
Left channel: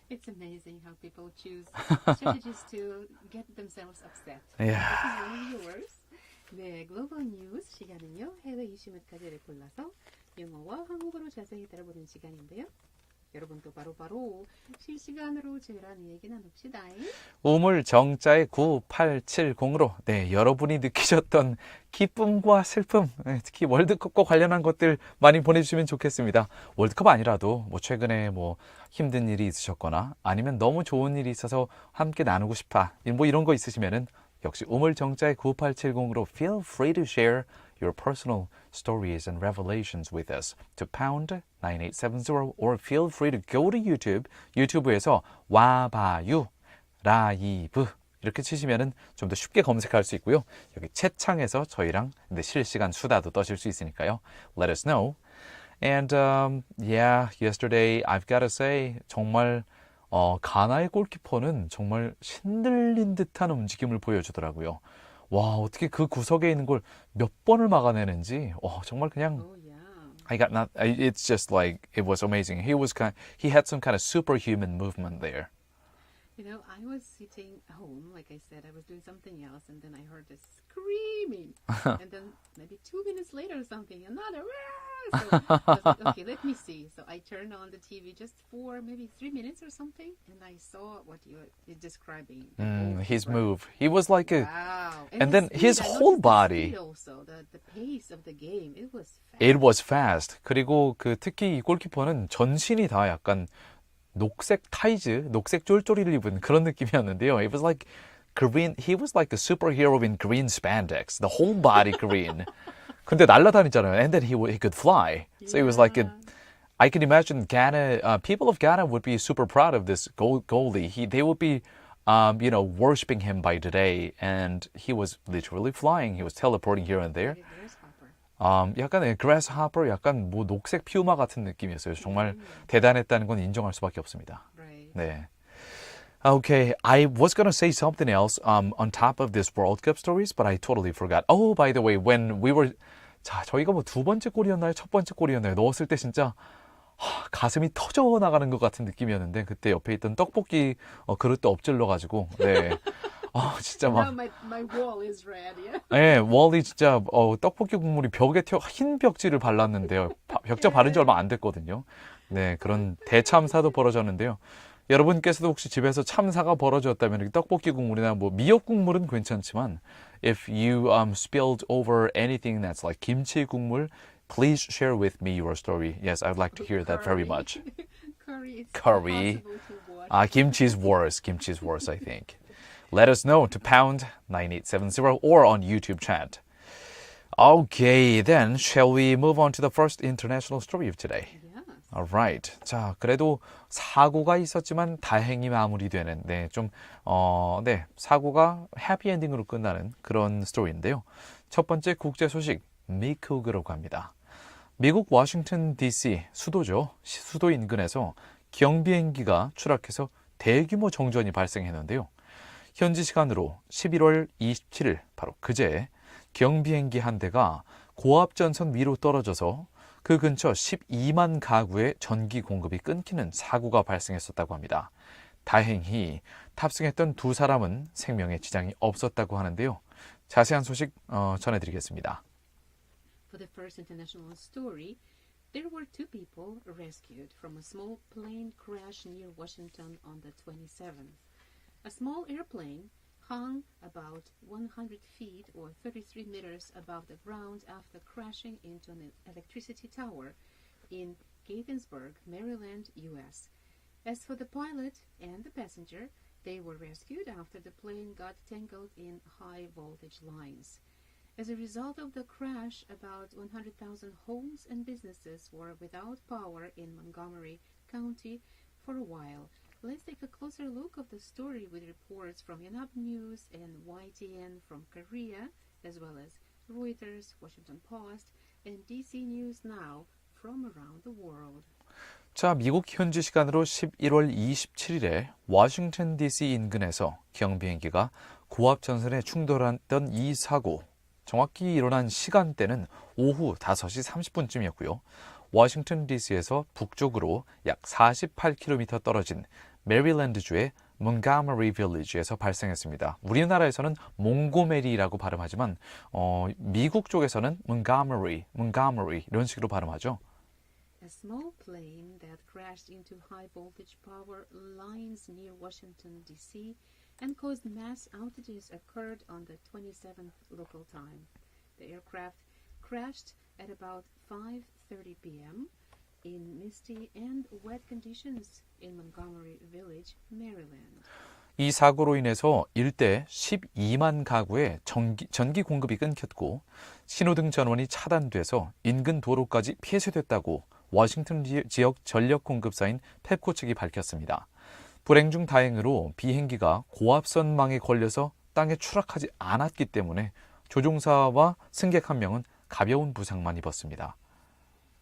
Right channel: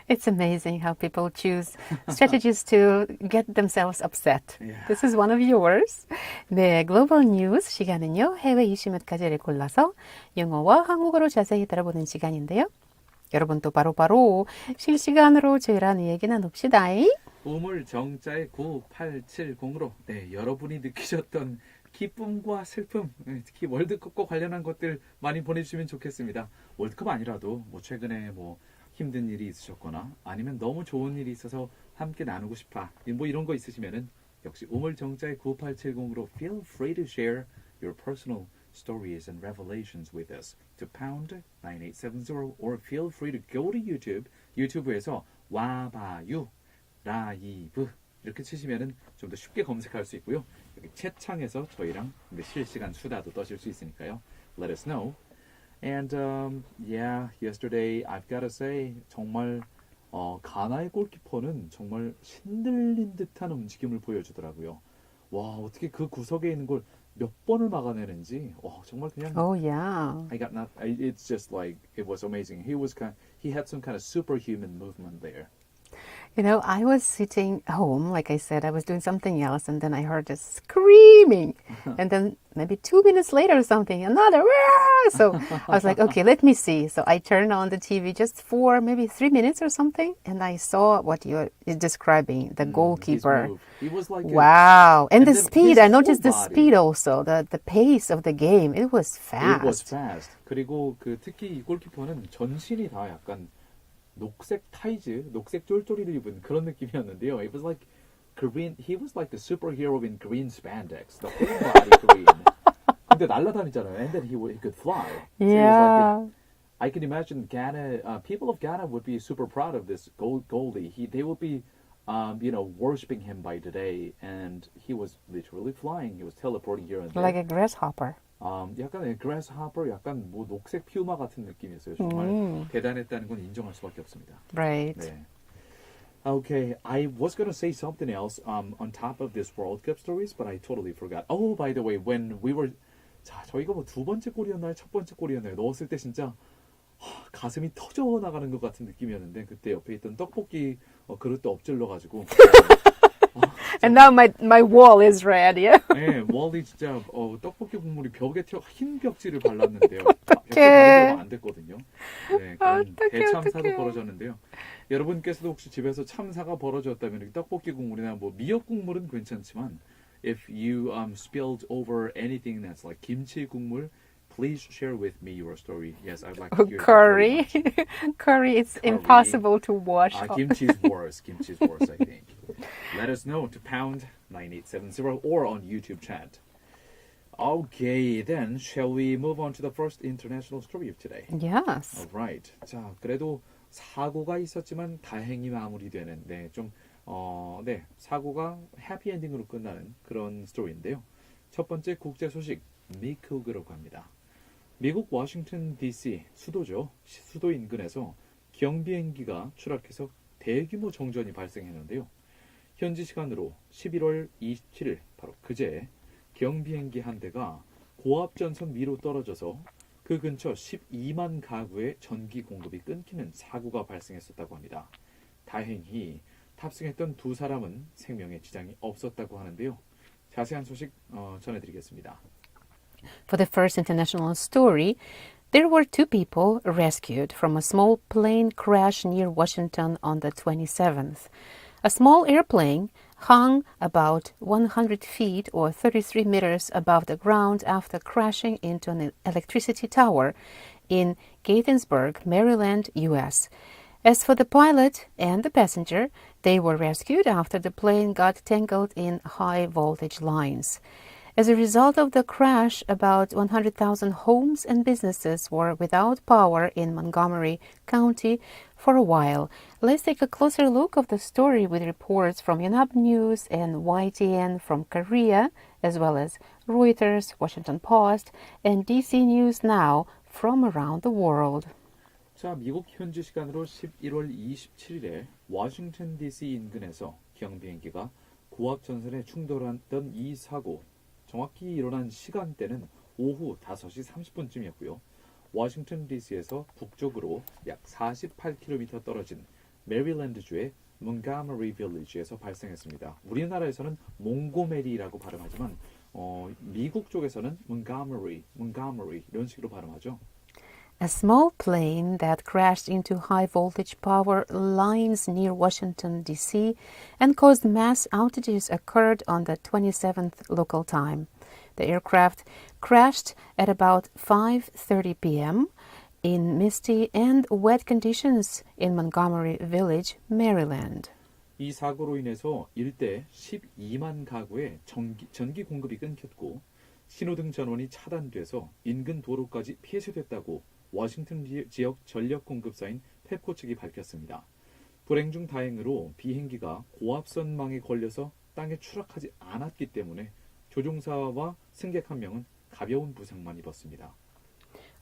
It's amazing how people choose strategies to get themselves upset. Yeah. This is one of yours. 네, 글로벌 뉴스 시간은요. 해외 이슈 몇 가지를 골라서 영어와 한국어로 자세히 들어보는 시간인데요. 여러분도 바로바로 실시간으로 저희랑 얘기 나눕시다. 우물 정자의 9870으로 네, 여러분이 느끼셨던 기쁨과 슬픔, 네, 특히 월드컵과 관련한 것들 많이 보내주시면 좋겠습니다. 월드컵 아니라도 뭐 최근에 뭐 힘든 일이 있으셨거나 아니면 너무 좋은 일이 있어서 함께 나누고 싶다. 뭐 이런 거 있으시면은 역시 우물 정자의 9870으로 feel free to share your personal stories and revelations with us to pound 9870 or feel free to go to YouTube. 유튜브에서 와봐유 라이브 이렇게 치시면은 좀 더 쉽게 검색할 수 있고요. 여기 채창에서 저희랑 실시간 수다도 떠실 수 있으니까요. Let us know. And yeah, yesterday I've got to say 정말 가나의 골키퍼는 정말 신들린 듯한 움직임을 보여주더라고요. 와 어떻게 그 구석에 있는 걸 몇 번을 막아내는지 정말 그냥 Oh yeah. It's just like it was amazing. He had some kind of superhuman movement there. You know, I was sitting home, like I said, I was doing something else, and then I heard this screaming. And then maybe 2 minutes later or something, another. Wah! So I was like, okay, let me see. So I turned on the TV just for maybe 3 minutes or something, and I saw what you're describing, the goalkeeper. His move. He was like Wow. And the then speed, his I noticed whole the body. speed also, the pace of the game. It was fast. It was fast. 그리고 특히 이 골키퍼는 전신이 다 약간 녹색 타이즈, 녹색 쫄쫄이를 입은 그런 느낌이었는데요. It was like green. He was like a superhero in green spandex. The whole body green. 근데 날아다니잖아요. And then he could fly. So it was like I can imagine Ghana, people of Ghana would be super proud of this goalie. They would be, worshiping him by today. And he was literally flying. He was teleporting here and there. Like a grasshopper. 약간 grasshopper, 약간 뭐 녹색 피우마 같은 느낌이었어요. 정말 대단했다는 건 인정할 수밖에 없습니다. Right. 네. Okay, I was going to say something else on top of this World Cup stories, but I totally forgot. Oh, by the way, when we were 저희가 뭐 두 번째 골이었나요? 첫 번째 골이었나요? 넣었을 때 진짜 가슴이 터져 나가는 것 같은 느낌이었는데 그때 옆에 있던 떡볶이 그릇도 엎질러 가지고 And now my wall is red, yeah? 네, 월이 진짜 떡볶이 국물이 벽에 흰 벽지를 발랐는데요. 벽지 바른 지 얼마 안 됐거든요. 네, 그런 대참사도 벌어졌는데요. 여러분께서도 혹시 집에서 참사가 벌어졌다면 이렇게 떡볶이 국물이나 뭐 미역 국물은 괜찮지만 if you spilled over anything that's like kimchi 국물, please share with me your story. Yes, I'd like to hear that very much. Curry, it's impossible to wash. Kimchi's worse. Kimchi's worse, I think. Let us know to pound 9870 or on YouTube chat. Okay, then shall we move on to the first international story of today? Yes. Alright. 자, 그래도 사고가 있었지만 다행히 마무리되는 사고가 해피엔딩으로 끝나는 그런 스토리인데요. 첫 번째 국제 소식, 미국으로 갑니다. 미국 워싱턴 DC 수도죠. 수도 인근에서 경비행기가 추락해서 대규모 정전이 발생했는데요. 현지 시간으로 11월 27일 바로 그제 경비행기 한 대가 고압전선 위로 떨어져서 그 근처 12만 가구의 전기 공급이 끊기는 사고가 발생했었다고 합니다. 다행히 탑승했던 두 사람은 생명에 지장이 없었다고 하는데요. 자세한 소식 전해드리겠습니다. For the first international story, there were two people rescued from a small plane crash near Washington on the 27th. A small airplane hung about 100 feet or 33 meters above the ground after crashing into an electricity tower in Gaithersburg, Maryland, U.S. As for the pilot and the passenger, they were rescued after the plane got tangled in high voltage lines. As a result of the crash, about 100,000 homes and businesses were without power in Montgomery County for a while. Let's take a closer look of the story with reports from Yonhap News and YTN from Korea, as well as Reuters, Washington Post, and DC News Now from around the world. 자, 미국 현지 시간으로 11월 27일에 워싱턴 DC 인근에서 경비행기가 고압 전선에 충돌했던 이 사고, 정확히 일어난 시간대는 오후 5시 30분쯤이었고요. 워싱턴 DC에서 북쪽으로 약 48km 떨어진 메리랜드주의 몬가머리 빌리지에서 발생했습니다. 우리나라에서는 몽고메리라고 발음하지만 미국 쪽에서는 몬가머리 이런 식으로 발음하죠. A small plane that crashed into high-voltage power lines near Washington, D.C. and caused mass outages occurred on the 27th local time. The aircraft crashed at about 5:30 p.m. in misty and wet conditions in Montgomery Village, Maryland. 이 사고로 인해서 일대 12만 가구의 전기 공급이 끊겼고 신호등 전원이 차단돼서 인근 도로까지 폐쇄됐다고 워싱턴 지역 전력 공급사인 펩코 측이 밝혔습니다. 불행 중 다행으로 비행기가 고압선망에 걸려서 땅에 추락하지 않았기 때문에 조종사와 승객 한 명은 가벼운 부상만 입었습니다.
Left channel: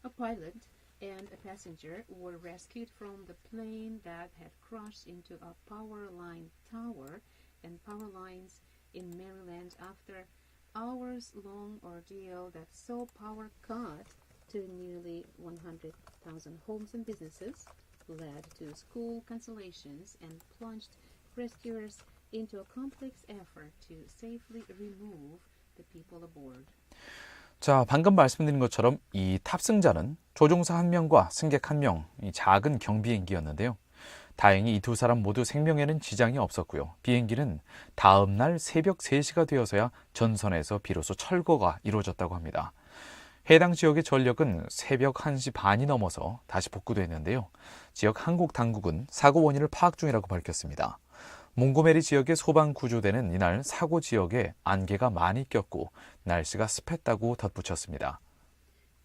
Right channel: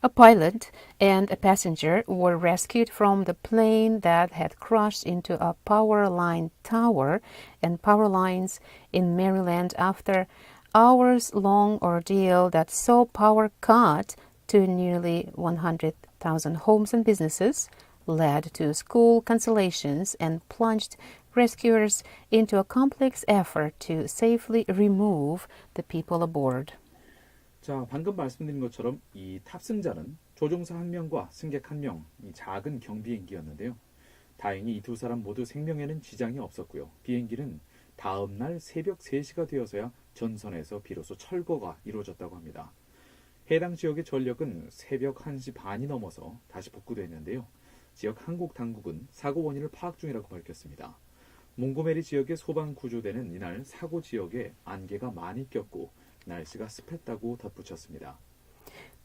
A pilot and a passenger were rescued from the plane that had crashed into a power line tower and power lines in Maryland after hours-long ordeal that saw power cut to nearly 100,000 homes and businesses, led to school cancellations, and plunged rescuers into a complex effort to safely remove the people aboard. 자, 방금 말씀드린 것처럼 이 탑승자는 조종사 한 명과 승객 한 명, 이 작은 경비행기였는데요. 다행히 이 두 사람 모두 생명에는 지장이 없었고요. 비행기는 다음 날 새벽 3시가 되어서야 전선에서 비로소 철거가 이루어졌다고 합니다. 해당 지역의 전력은 새벽 1시 반이 넘어서 다시 복구됐는데요. 지역 한국 당국은 사고 원인을 파악 중이라고 밝혔습니다. 몽고메리 지역의 소방 구조대는 이날 사고 지역에 안개가 많이 꼈고 날씨가 습했다고 덧붙였습니다.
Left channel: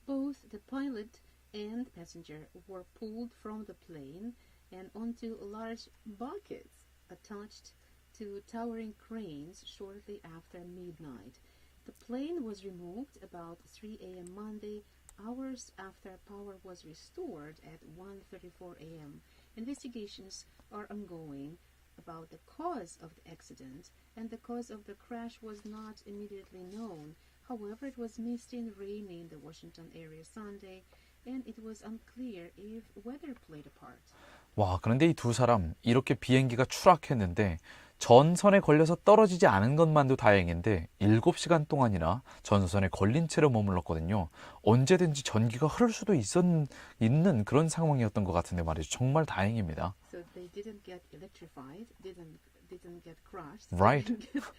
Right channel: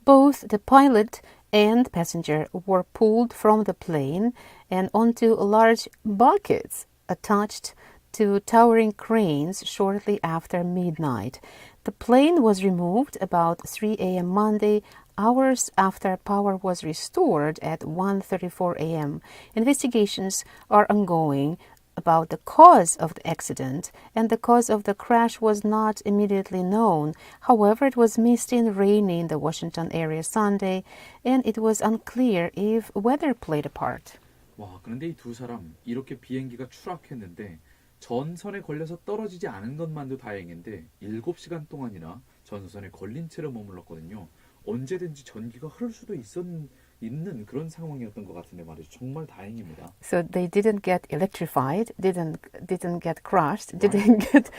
Both the pilot and passenger were pulled from the plane and onto large buckets attached to towering cranes shortly after midnight. The plane was removed about 3 a.m. Monday, hours after power was restored at 1:34 a.m. Investigations are ongoing about the cause of the accident, and the cause of the crash was not immediately known. However, it was misty and rainy in the Washington area Sunday, and it was unclear if weather played a part. 와, 그런데 이 두 사람 이렇게 비행기가 추락했는데 전선에 걸려서 떨어지지 않은 것만도 다행인데 7시간 동안이나 전선에 걸린 채로 머물렀거든요. 언제든지 전기가 흐를 수도 있는 그런 상황이었던 것 같은데 말이죠. 정말 다행입니다. So they didn't get electrified, didn't get crushed, Right. didn't get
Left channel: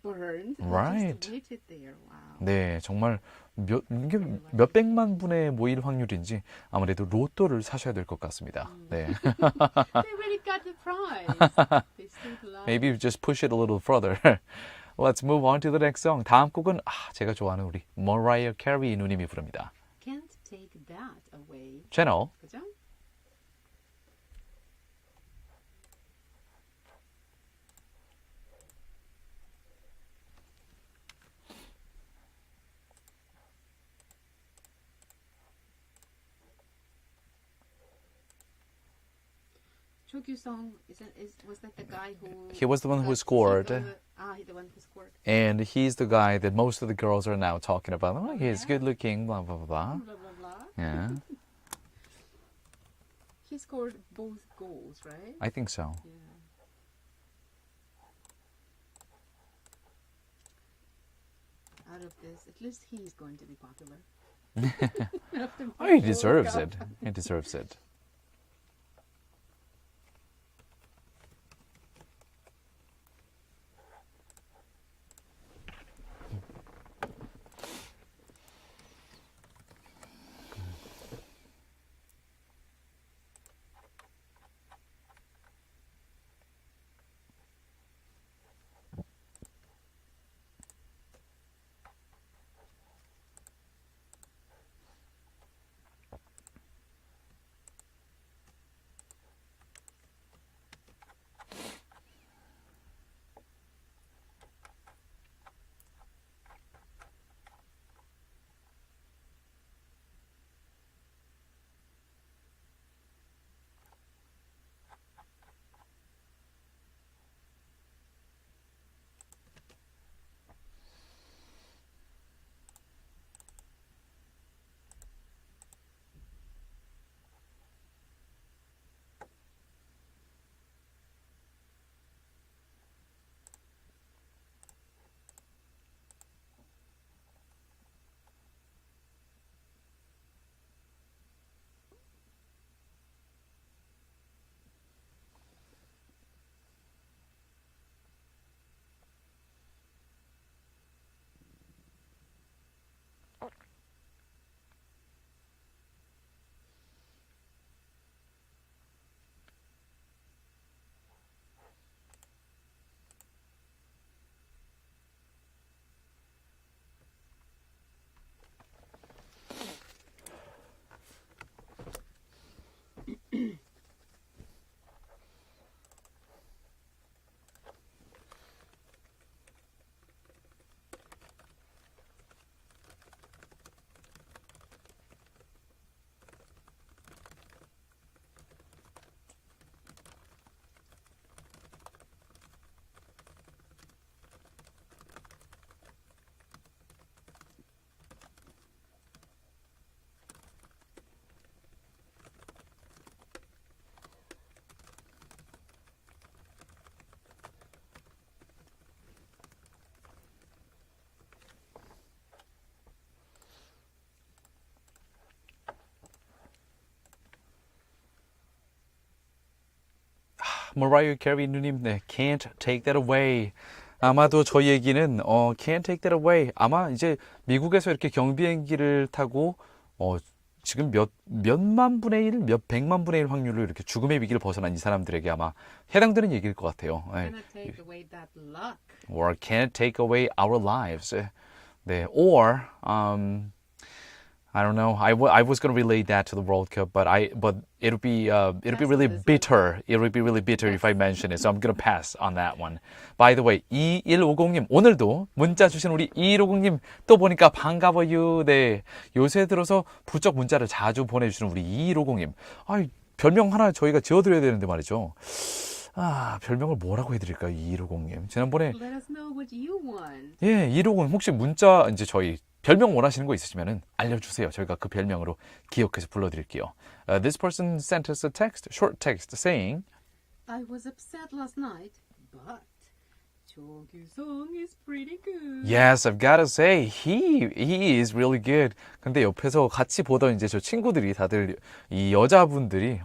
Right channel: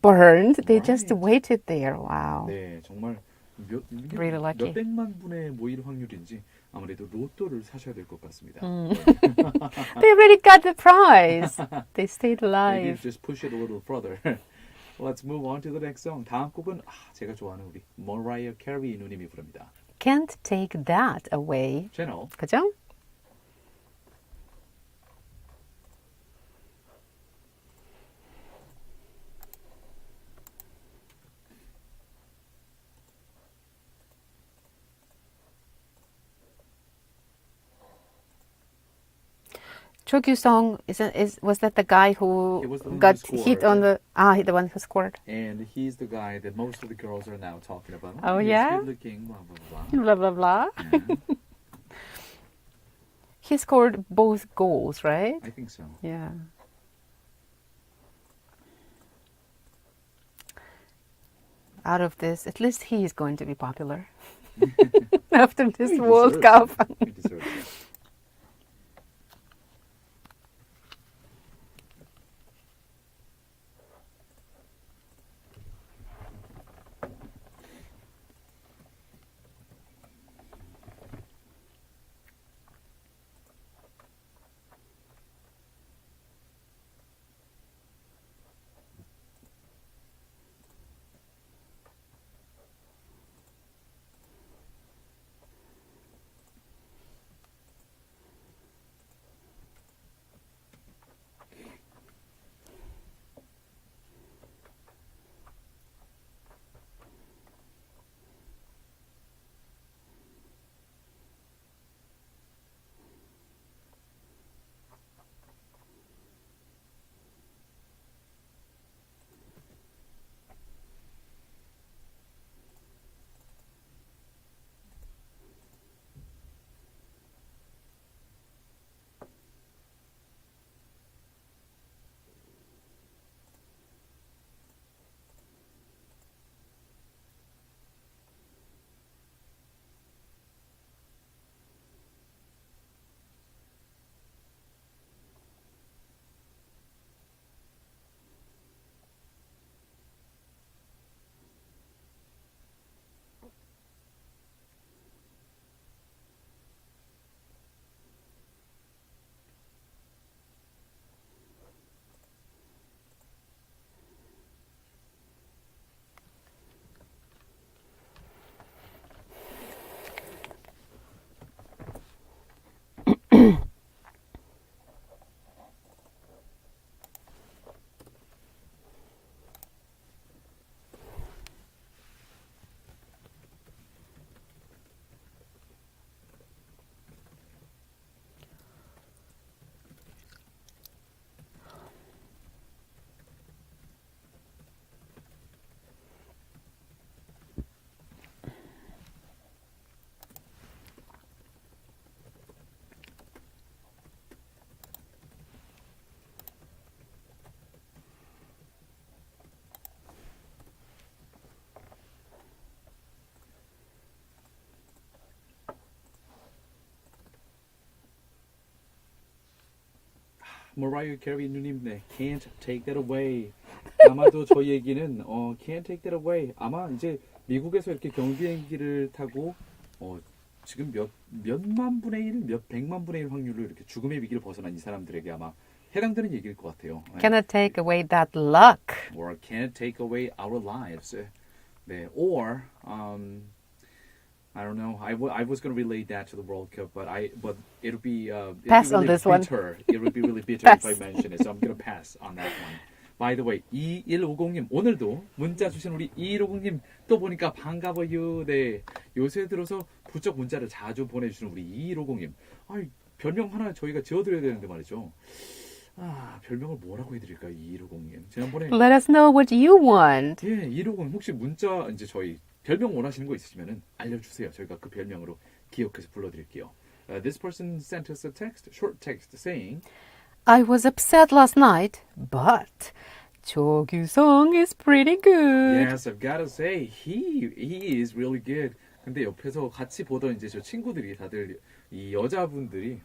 burned. They just Right. waited there. Wow. 네, 정말 이게 Really lucky. 몇백만 분의 모일 확률인지 아무래도 로또를 사셔야 될 것 같습니다. 네. They already got the prize. They stayed alive. Maybe just push it a little further. Let's move on to the next song. 다음 곡은 제가 좋아하는 우리 Mariah Carey 누님이 부릅니다. Can't take that away. 채널 그죠? 조규성 was that the guy who He was the one who got scored. hit on the the one who scored. And he's the guy that most of the girls are now talking about. Oh, he's yeah? good looking, blah, blah, blah. Blah blah blah. Yeah, He scored both goals, right? I think so. Yeah. Out of this, at least he is going to be popular after this He World deserves Cup. it. He deserves it. Mariah Carey 누님, 네, Can't Take That Away. 아마도 저희 얘기는 Can't Take That Away. 아마 이제 미국에서 이렇게 경비행기를 타고 지금 몇만 분의 1, 몇 백만 분의 1 확률로 이렇게 죽음의 위기를 벗어난 이 사람들에게 아마 해당되는 얘기일 것 같아요. 네. Cannot take away that luck. Or can't take away our lives. 네. Or I don't know. I was going to relate that to the World Cup, but it'll be Pass on really this one. bitter. It would be really bitter if I mention it. So I'm going to pass on that one. By the way, 2150님 오늘도 문자 주신 우리 2150님 또 보니까 반가워요. 네. 요새 들어서 부쩍 문자를 자주 보내주시는 우리 2150님. 아, 별명 하나 저희가 지어드려야 되는데 말이죠. 아, 별명을 뭐라고 해드릴까요? 2150님. 지난번에 Let us know what you want. 예, 2150 혹시 문자 이제 저희 별명 원하시는 거 있으시면은 알려주세요. 저희가 그 별명으로 기억해서 불러드릴게요. This person sent us a text, short text saying, I was upset last night, but 조규성 is pretty good. Yes, I've got to say, he is really good. 근데 옆에서 같이 보던 이제 저 친구들이 다들 이 여자분들이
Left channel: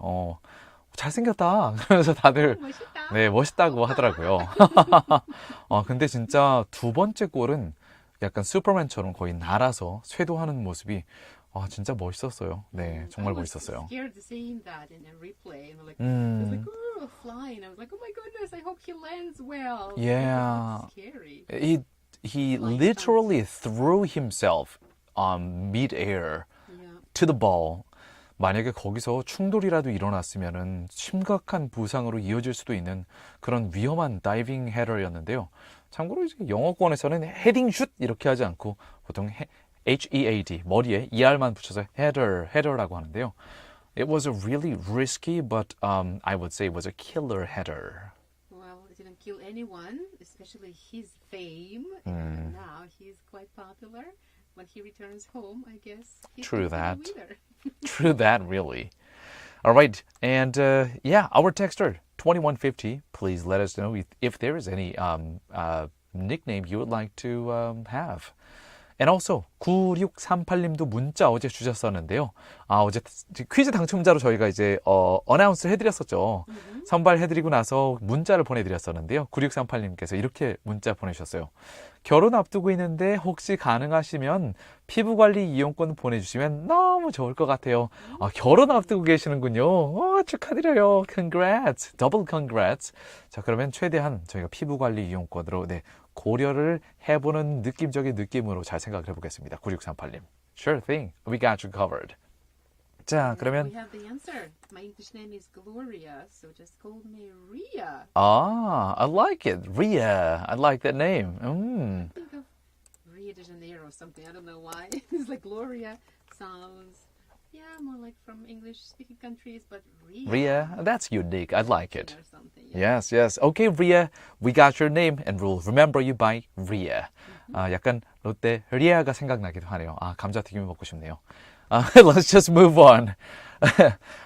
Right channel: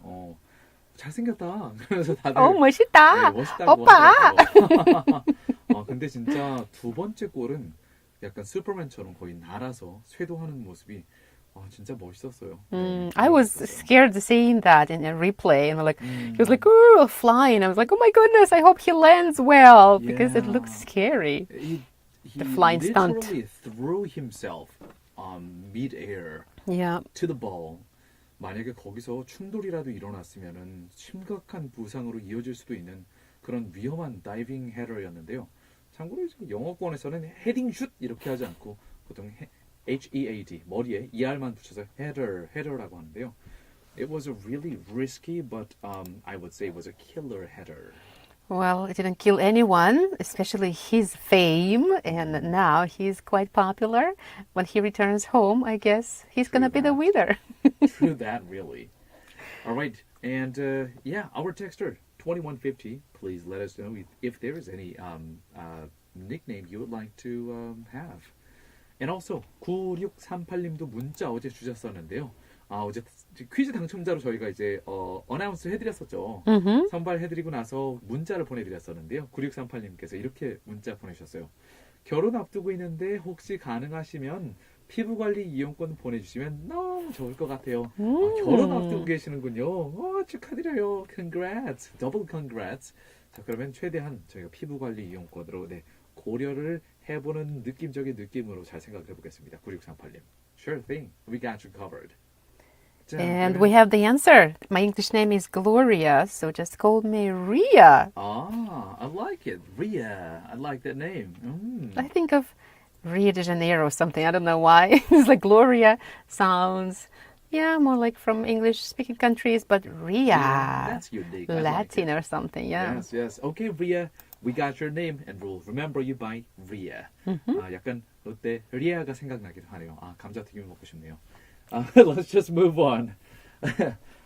잘생겼다. 그러면서 다들 멋있다. 네, 멋있다고 오빠. 하더라고요. 근데 진짜 두 번째 골은 약간 슈퍼맨처럼 거의 날아서 쇄도하는 모습이 진짜 멋있었어요. 네, I 정말 was 멋있었어요. scared seeing that in a replay, and like he was like flying. I was like, oh my goodness, I hope he lands well because it looks Yeah. scary. He flying stunt. literally threw himself mid-air Yeah. to the ball. 만약에 거기서 충돌이라도 일어났으면은 심각한 부상으로 이어질 수도 있는 그런 위험한 다이빙 헤더였는데요. 참고로 이제 영어권에서는 헤딩 슛 이렇게 하지 않고 보통 HEAD 머리에 ER만 붙여서 header라고 하는데요. It was a really risky, but I would say it was a killer header. Well, it didn't kill anyone, especially his fame, and now he's quite popular. When he returns home, I guess he's True gonna be the that. winner. True that, really. All right, and yeah, our texter 2150. Please let us know if there is any nickname you would like to have. And also 9638님도 문자 어제 주셨었는데요. 어제 퀴즈 당첨자로 저희가 이제 어나운스 해드렸었죠. 선발해드리고 나서 문자를 보내드렸었는데요. 9638님께서 이렇게 문자 보내주셨어요. 결혼 앞두고 있는데 혹시 가능하시면 피부관리 이용권 보내주시면 너무 좋을 것 같아요. 결혼 앞두고 계시는군요. 축하드려요. Congrats. Double congrats. 자, 그러면 최대한 저희가 피부관리 이용권으로 고려를 해보는 느낌적인 느낌으로 잘 생각을 해보겠습니다. 9638님. Sure thing. We got you covered. 자, And 그러면 we have the answer. My English name is Gloria, so just call me Ria. I like it. Ria. I like that name. I think of Rio de Janeiro or something. I don't know why. It's like Gloria sounds, more like from English-speaking countries, but Ria. Ria. That's unique. I like Latin it. or something, yeah. Yes. Okay, Ria. We got your name and we'll remember you by Ria. 약간 롯데 리아가 생각나기도 하네요. 감자튀김 먹고 싶네요. Let's just move on.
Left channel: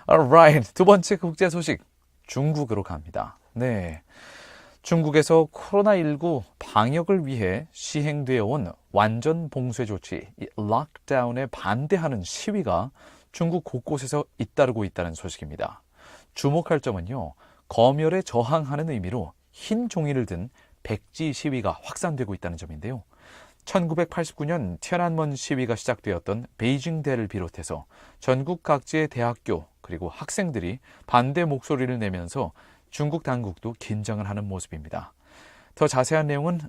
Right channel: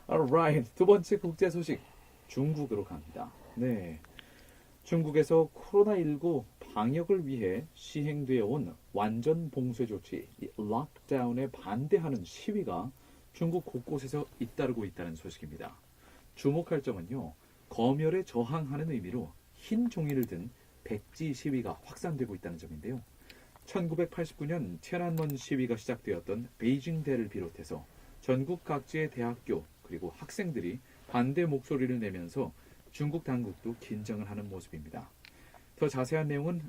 Alright. 두 번째 국제 소식. 중국으로 갑니다. 네. 중국에서 코로나19 방역을 위해 시행되어 온 완전 봉쇄 조치, 락다운에 반대하는 시위가 중국 곳곳에서 잇따르고 있다는 소식입니다. 주목할 점은요. 검열에 저항하는 의미로 흰 종이를 든 백지 시위가 확산되고 있다는 점인데요. 1989년天安門 시위가 시작되었던 베이징대를 비롯해서 전국 각지의 대학교 그리고 학생들이 반대 목소리를 내면서 중국 당국도 긴장을 하는 모습입니다. 더 자세한 내용은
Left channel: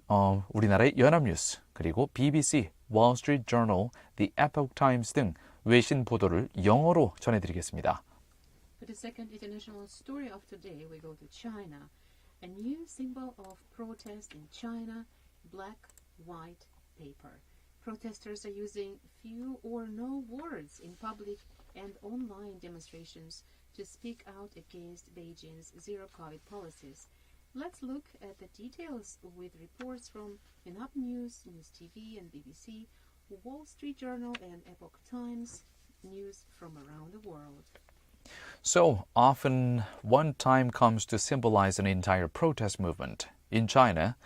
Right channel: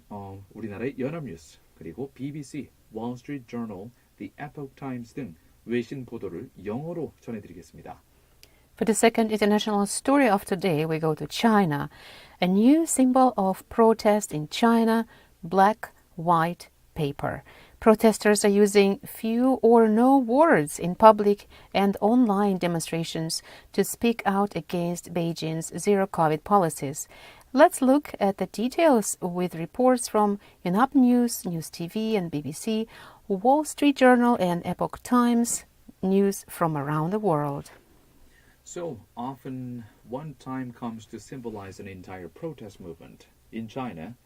우리나라의 연합뉴스 그리고 BBC, Wall Street Journal, The Epoch Times 등 외신 보도를 영어로 전해드리겠습니다. For the second international story of today, we go to China. A new symbol of protest in China, black, white paper. Protesters are using few or no words in public and online demonstrations to speak out against Beijing's zero-COVID policies. Let's look at the details with reports from Yonhap News, News TV and BBC, Wall Street Journal and Epoch Times, news from around the world. So often, one time comes to symbolize an entire protest movement. In China,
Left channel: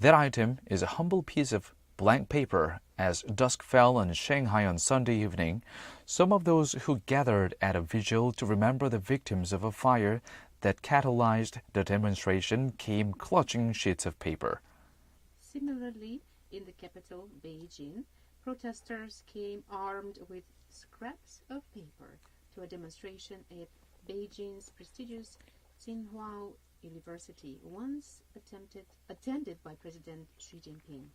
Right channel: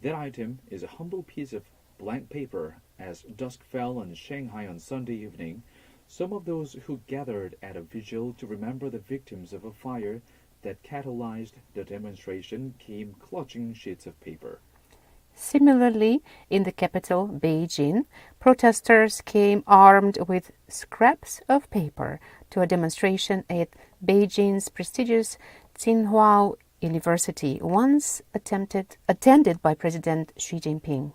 that item is a humble piece of blank paper. As dusk fell on Shanghai on Sunday evening, some of those who gathered at a vigil to remember the victims of a fire that catalyzed the demonstration came clutching sheets of paper. Similarly, in the capital, Beijing, protesters came armed with scraps of paper to a demonstration at Beijing's prestigious Tsinghua University, once attended by President Xi Jinping.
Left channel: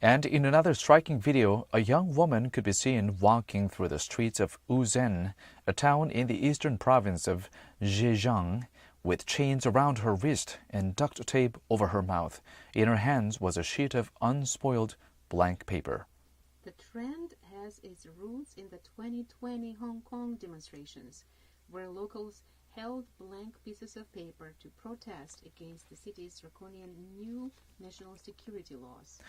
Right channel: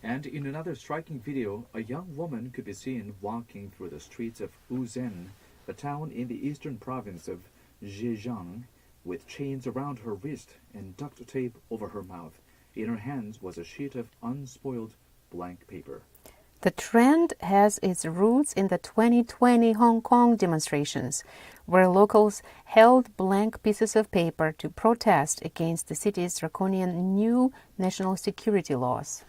And in another striking video, a young woman could be seen walking through the streets of Wuzhen, a town in the eastern province of Zhejiang, with chains around her wrist and duct tape over her mouth. In her hands was a sheet of unspoiled blank paper. The trend has its roots in the 2020 Hong Kong demonstrations, where locals held blank pieces of paper to protest against the city's draconian new national security laws.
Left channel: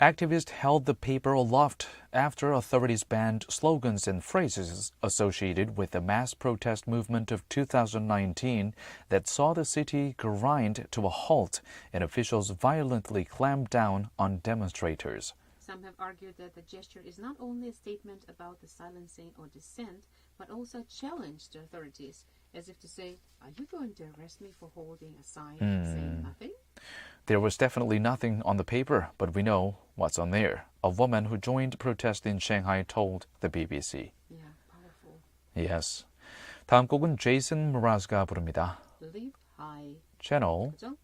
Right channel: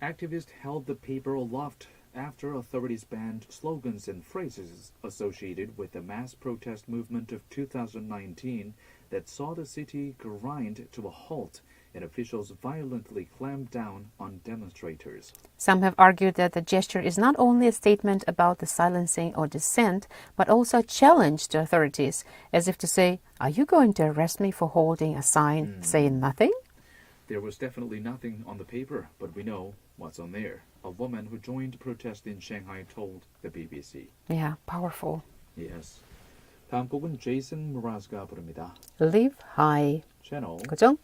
Activists held the paper aloft after authorities banned slogans and phrases associated with the mass protest movement of 2019 that saw the city grind to a halt and officials violently clamped down on demonstrators. Some have argued that the gesture is not only a statement about the silencing or dissent, but also a challenge to authorities, as if to say, "Are you going to arrest me for holding a sign saying nothing?" There was definitely nothing on the paper, but we know what's on there. A woman who joined protest in Shanghai told the BBC. Yeah, powerful. Yes. 다음 곡은 제이슨 무라즈가 부릅니다. Live high. 채널 그죠?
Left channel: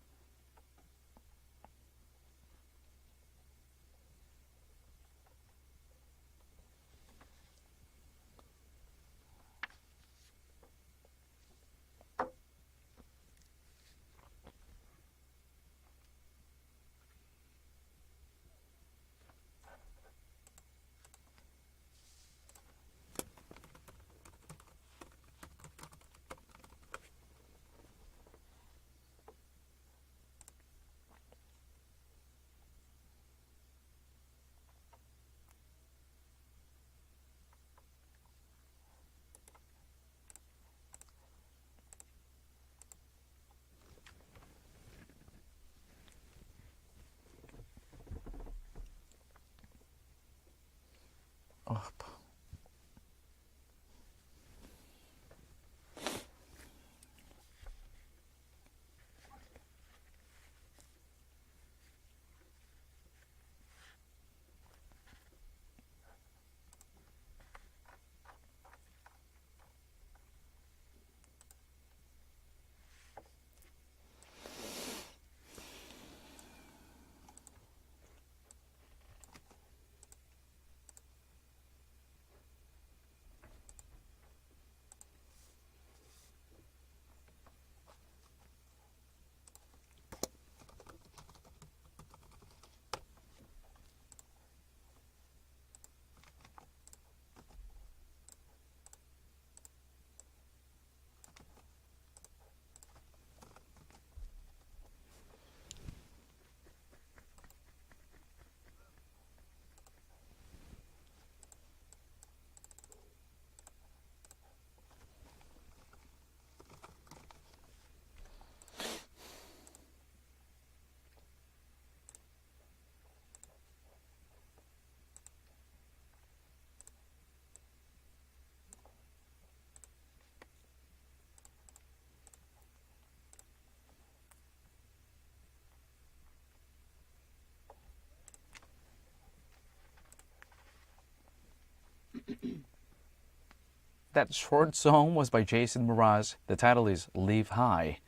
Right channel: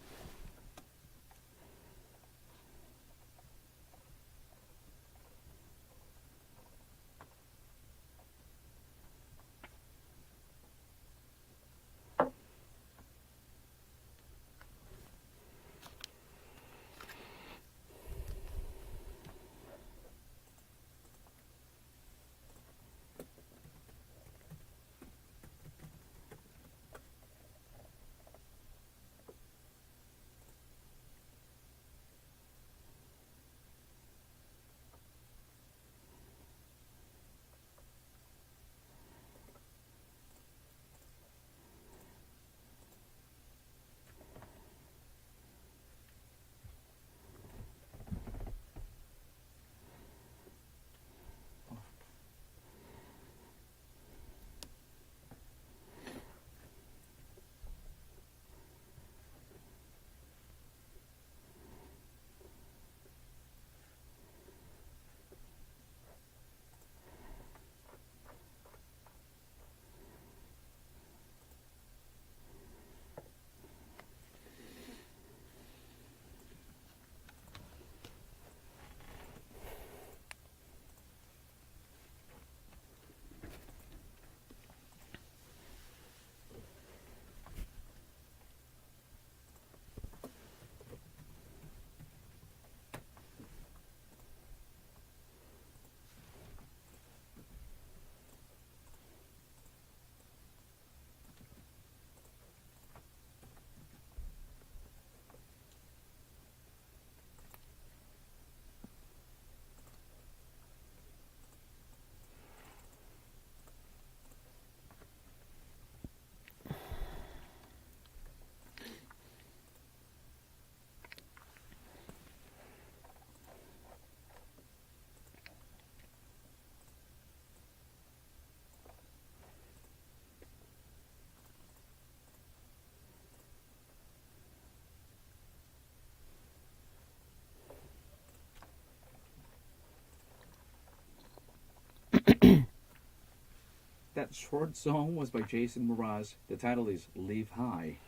That short song was by Jason Mraz. The title is Live High.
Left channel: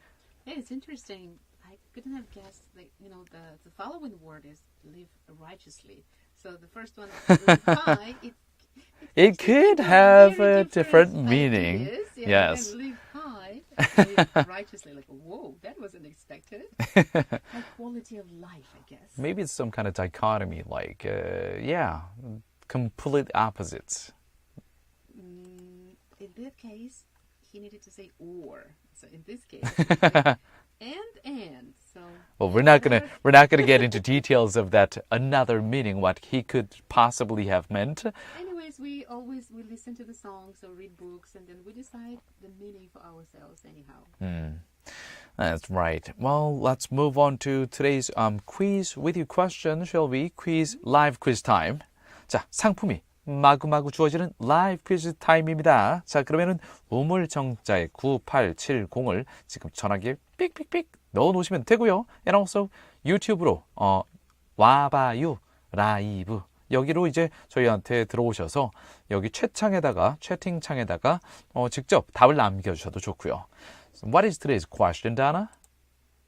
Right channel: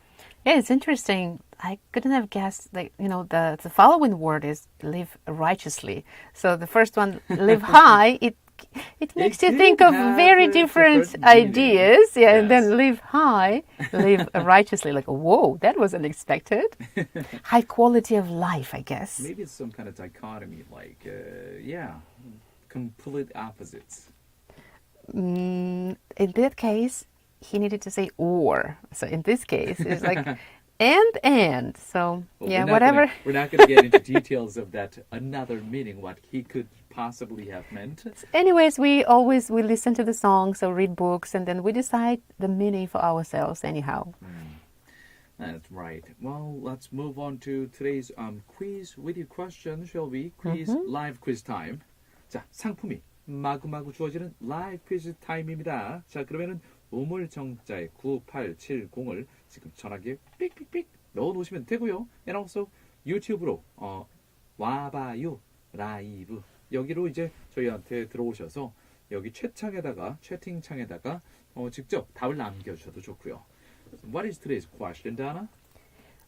Yeah, it's interesting. I couldn't have guessed, the following word is live righteously. So the first one, live high, it makes you think of very different ideas. Yeah, and then live high, live righteously. Like, whoa, that was unexpected. High quality of life, I guess. Maybe it's some kind of dichotomy, complete opposites. In that case, he needed to say or. So in this case, it's like and. So well, yeah, we're not gonna get into details of that another meaning, what he could possibly have meant. Anyways, we listen to the songs or read books, and then we decide the meaning for ourselves anyhow. That's right. Well, let's move on to today's quiz with you question, shall we? Quiz, live quiz time. 자, 상품이 마구마구 주어지는 라이브 퀴즈 타임입니다. 자, 그러면은 우물정자의 9870을 지금 전화기에 삑삑삑 넣어놓으시면 되고요. And also 유튜브로 와봐요 라이브 여기로 이제 저희한테 들어오셔서 여기 채팅창에다가 직접 답을 남겨주셔도 좋고요. So what is today's question, Donna?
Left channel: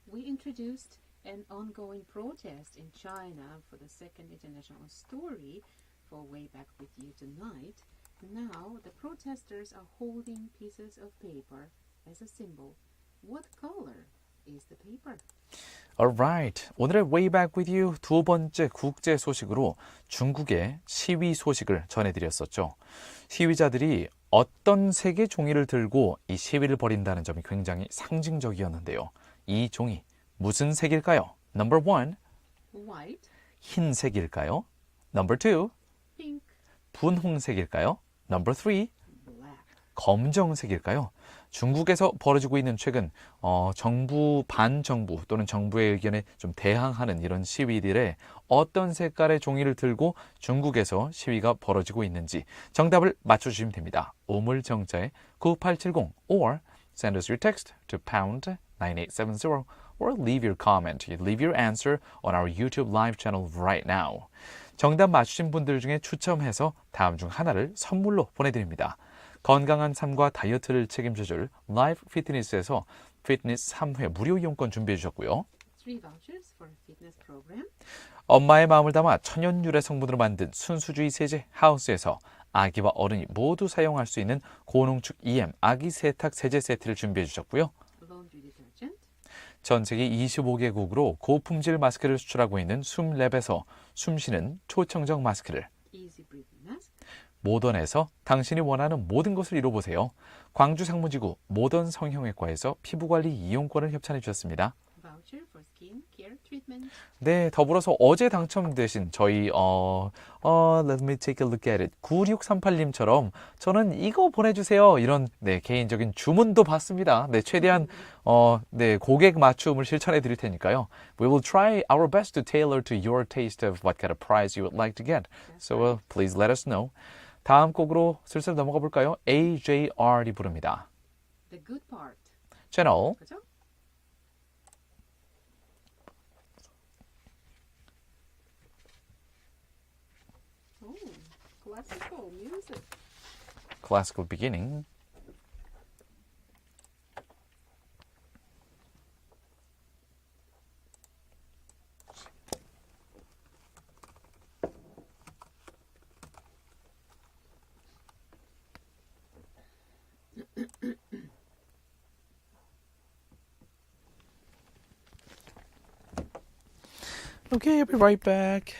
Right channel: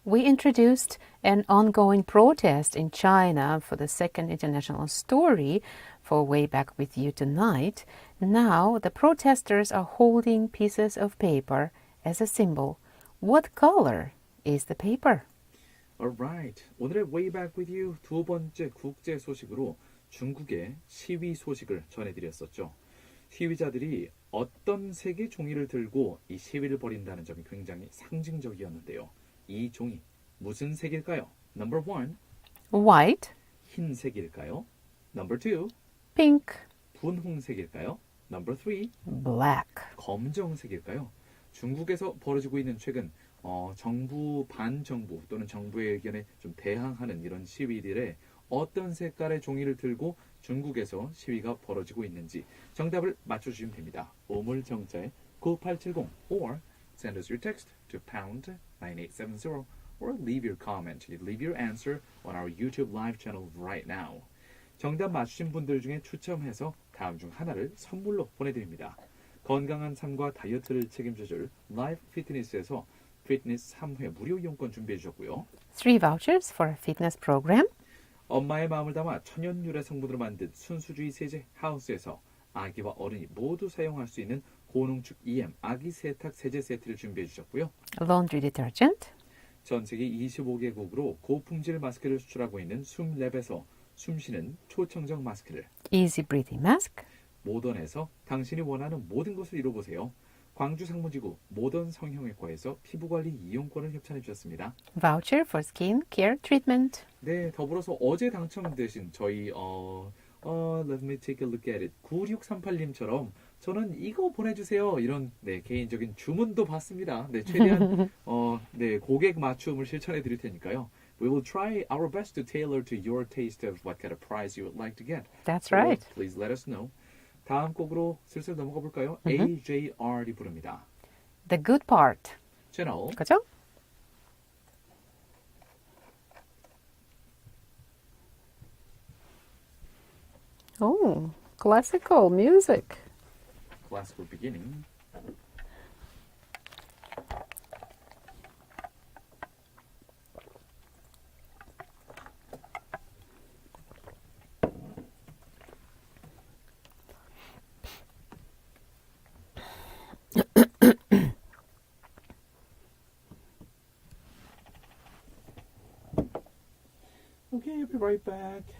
We introduced an ongoing protest in China for the second international story for Way Back with You tonight. Now the protesters are holding pieces of paper as a symbol. What color is the paper? Alright. 오늘의 Way Back with You 두 번째 국제 소식으로 중국의 시위 소식을 전해드렸었죠. 시위자들이 어떤 색의 종이를 들고 이 시위를 벌인다는 점이 굉장히 상징적이었는데요. 이 종이 무슨 색일까요? Number 1, White, 흰색일까요? Number 2, pink, 분홍색일까요? Number 3, black. 검정색일까요? 중국에서 벌어지고 있는 최근 정부 반정부 또는 정부의 의견에 좀 대항하는 이런 시위들의 어떤 색깔의 종이를 들고 중국에서 시위가 벌어지고 있는지 정답을 맞춰주시면 됩니다. 오물정자에 9870 or send us your text to pound 9870 or leave your comment. Leave your answer on our YouTube live channel right now. 정답 맞추신 분들 중에 추첨해서 다음 중 하나를 선물로 보내드립니다. 건강한 삶과 다이어트를 책임져줄 라이브 피트니스에서 피트니스 3회 무료 이용권 준비해 주셨고요. 3 vouchers for a fitness program. 엄마의 마음을 담아 천연 유래 성분으로 만든 순수주의 세제 하우스에서 아기와 어른이 모두 사용할 수 있는 고농축 EM 아기 세탁 세제 세트를 준비해 주셨고요. Laundry detergent. 전 세계 25개국으로 고품질 마스크를 수출하고 있는 숨랩에서 숨쉬는 초청적 마스크를, Easy breathing mask. 모던에서 당신이 원하는 모든 것을 이뤄보세요. 광주 상무지구 모던 성형외과에서 피부관리 이용권을 협찬해 주셨습니다. Voucher for skin care treatment. 네, 더불어서 어제 당첨되신 저희 let me take a look at it. 9638님처럼 저는 이거 보내주세요. 이런 개인적인 주문도 받습니다. 네, 최대한 고객 맞춤을 실천해 드릴 테니까요. We will try our best to tailor to your taste of what kind of prize you would like to get. That's So right. please let us know. 다음 곡으로 슬슬 넘어가 볼까요? AJR이 부릅니다. The good part. 채널 그죠? Oh, classical music. Classical Beginning. Okay, I'll be right back.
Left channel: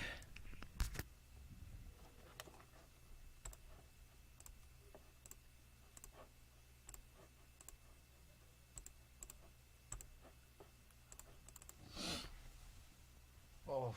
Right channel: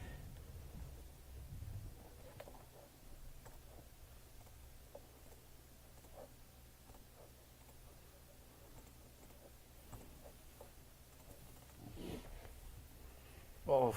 Oh.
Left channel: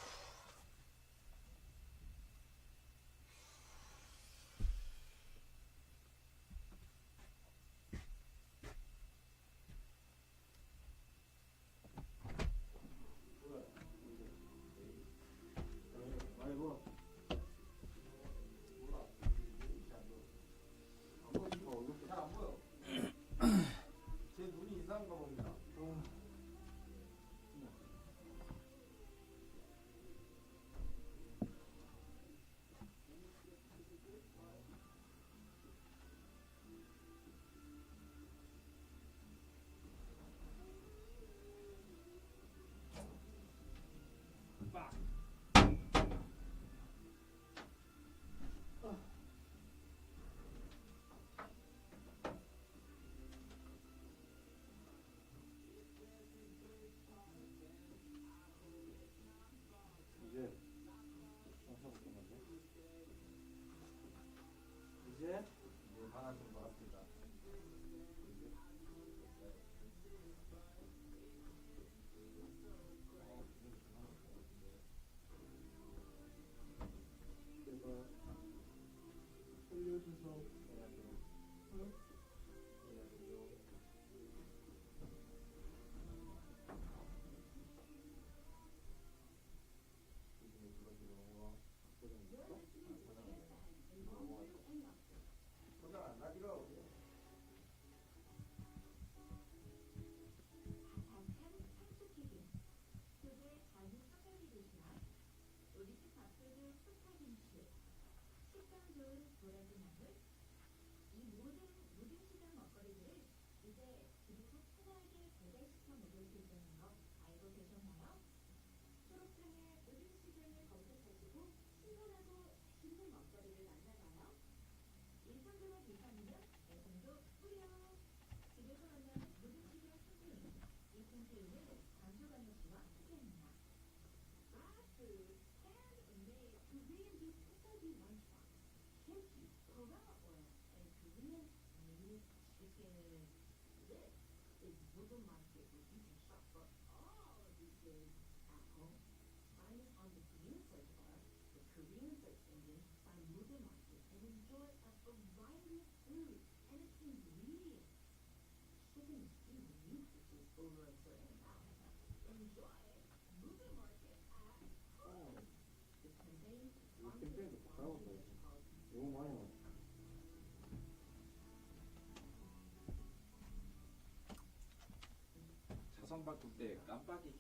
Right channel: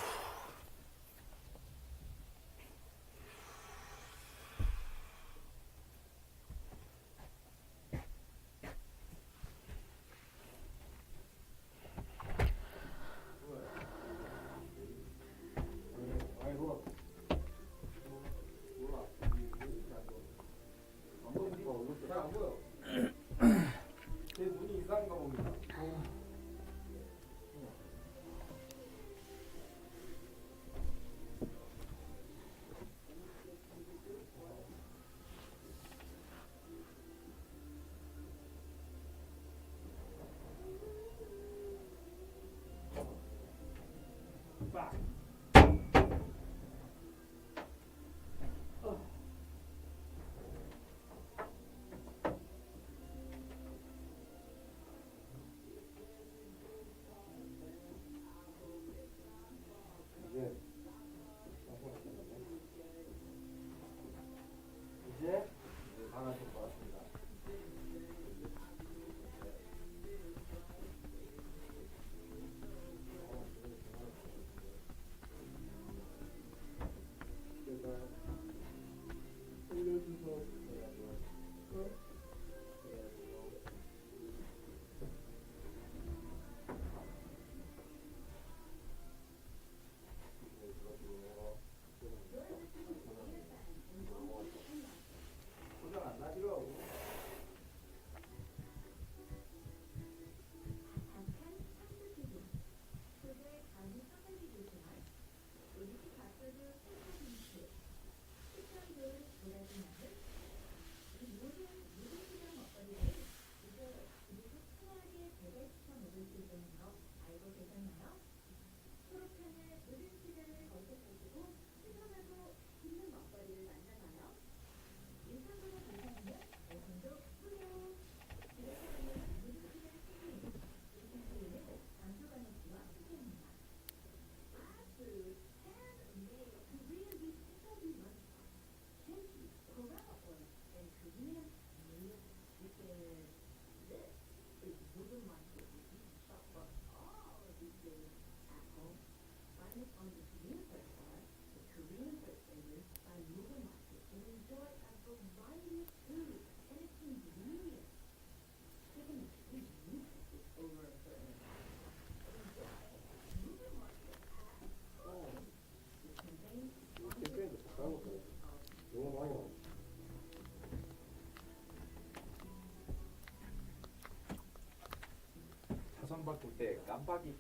사선 바꿀 때 깜빡이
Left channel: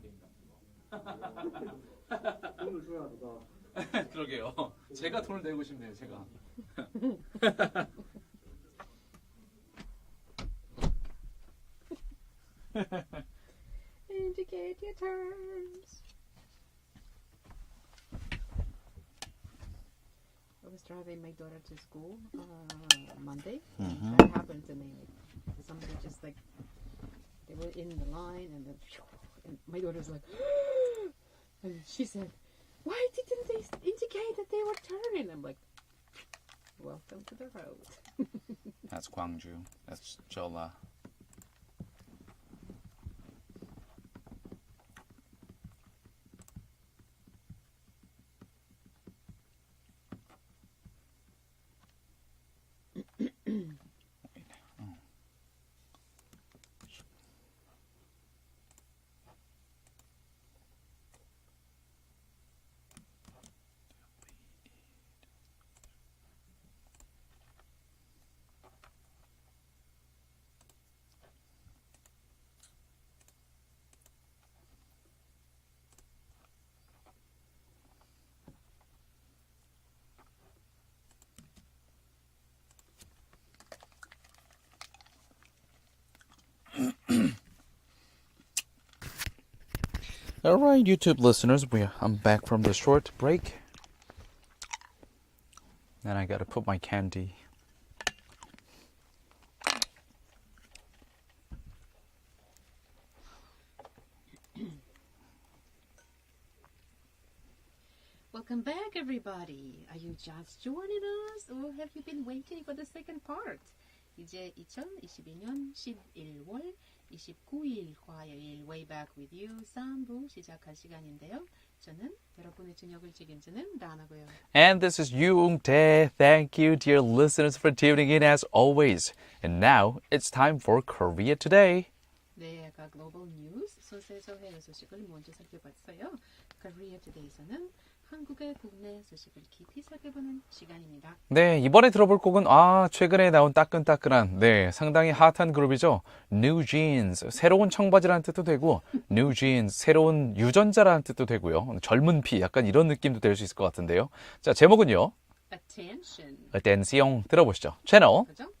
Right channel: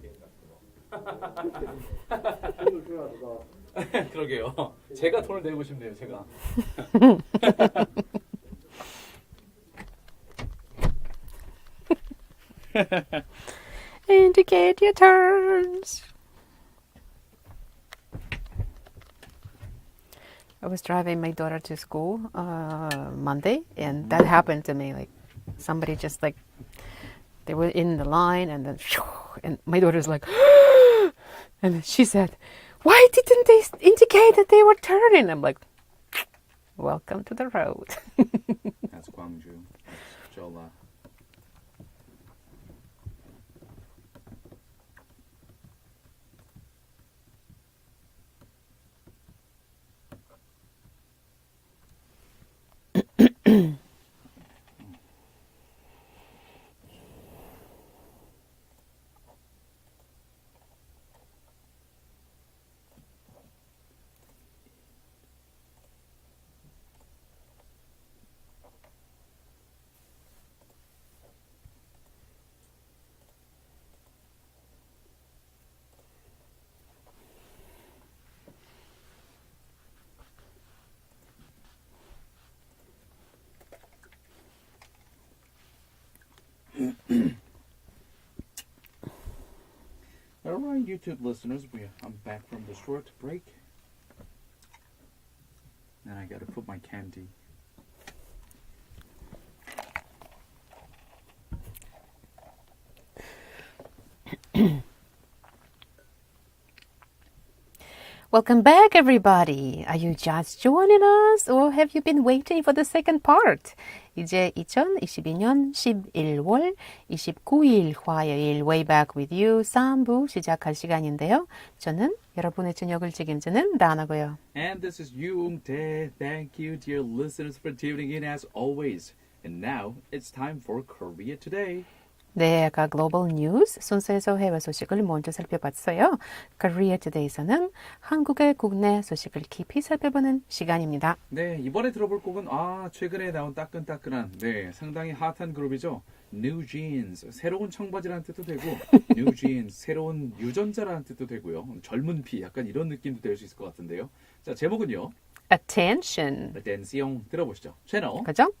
게임 돈을 줘야 누가 같은 거. 그러게요. 제가 돈을 내고 싶네요. 제가. Indicate your turns. I was driving my daughter to school Monday, and that happened to me. Like somebody just like they were in the line, and then and my daughter's like, and then she said, "Why didn't they indicate that they were turning?" I'm like, "Welcome to the road." That's Gwangju. That's Jola. All right, YouTube listeners, I'm back from the short break. Then I gotta put my candy. Welcome back, everybody. Are you just joining us, or have you been waiting for the second part? 이제 2022년 11월 29일 화요일 Way Back With You 3부 시작할 시간인데요. 저는 여러분의 저녁을 책임지는 다나고요. And this is Yoong Tae. Thank you, dear listeners, for tuning in as always. And now it's time for Korea Today. 네, 아까 글로벌 뉴스 순서에서 해외 소식을 먼저 살펴봤어요. Korea Today에서는 한국의 국내 소식을 깊이 살펴보는 시간입니다. 네, 이번에 들어볼 곡은 최근에 나온 따끈따끈한 상당히 핫한 그룹이죠. New Jeans, 새로운 청바지라는 뜻도 되고 New Jeans, 새로운 유전자라는 뜻도 되고요. 젊은 피, 약간 이런 느낌도 될 수 있을 것 같은데요. 자, 제목은요. Attention. Attention 들어보시죠. 채널 그죠?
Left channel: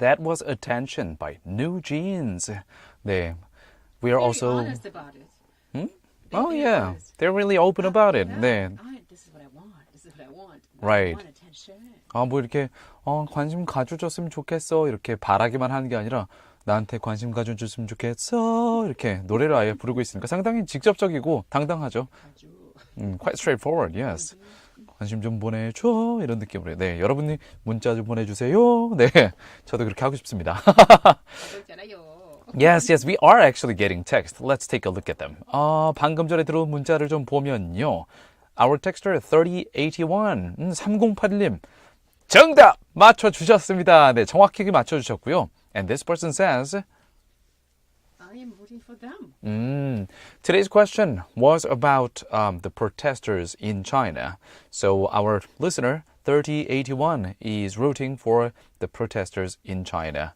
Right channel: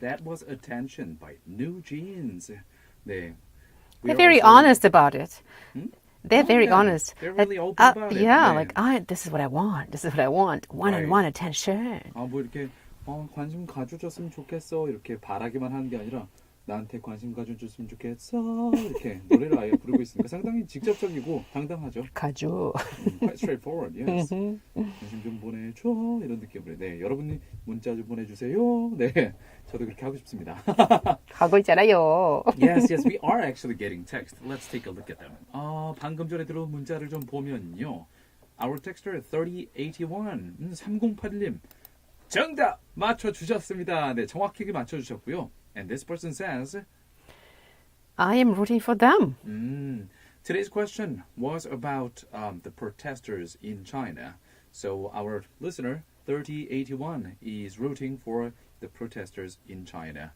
That was attention by New Jeans. 네. We They're are very also... honest about it. They're Oh, very yeah. honest. They're really open about it. Yeah, 네. like this is what I want. This is what I want. Right. Want attention. 뭐 이렇게 관심 가져줬으면 좋겠어 이렇게 바라기만 하는 게 아니라 나한테 관심 가져줬으면 좋겠어 이렇게 노래를 아예 부르고 있으니까 상당히 직접적이고 당당하죠. 가져. Quite straightforward, yes. 관심 좀 보내줘 이런 느낌으로. 네, 여러분이 문자 좀 보내주세요. 네, 저도 그렇게 하고 싶습니다. 하고 있잖아요. Yes, we are actually getting text. Let's take a look at them. 방금 전에 들어온 문자를 좀 보면요. Our texter 3081, 3081님. 정답 맞춰주셨습니다. 네, 정확하게 맞춰주셨고요. And this person says, I am rooting for them. Today's question was about the protesters in China. So our listener, 3081, is rooting for the protesters in China.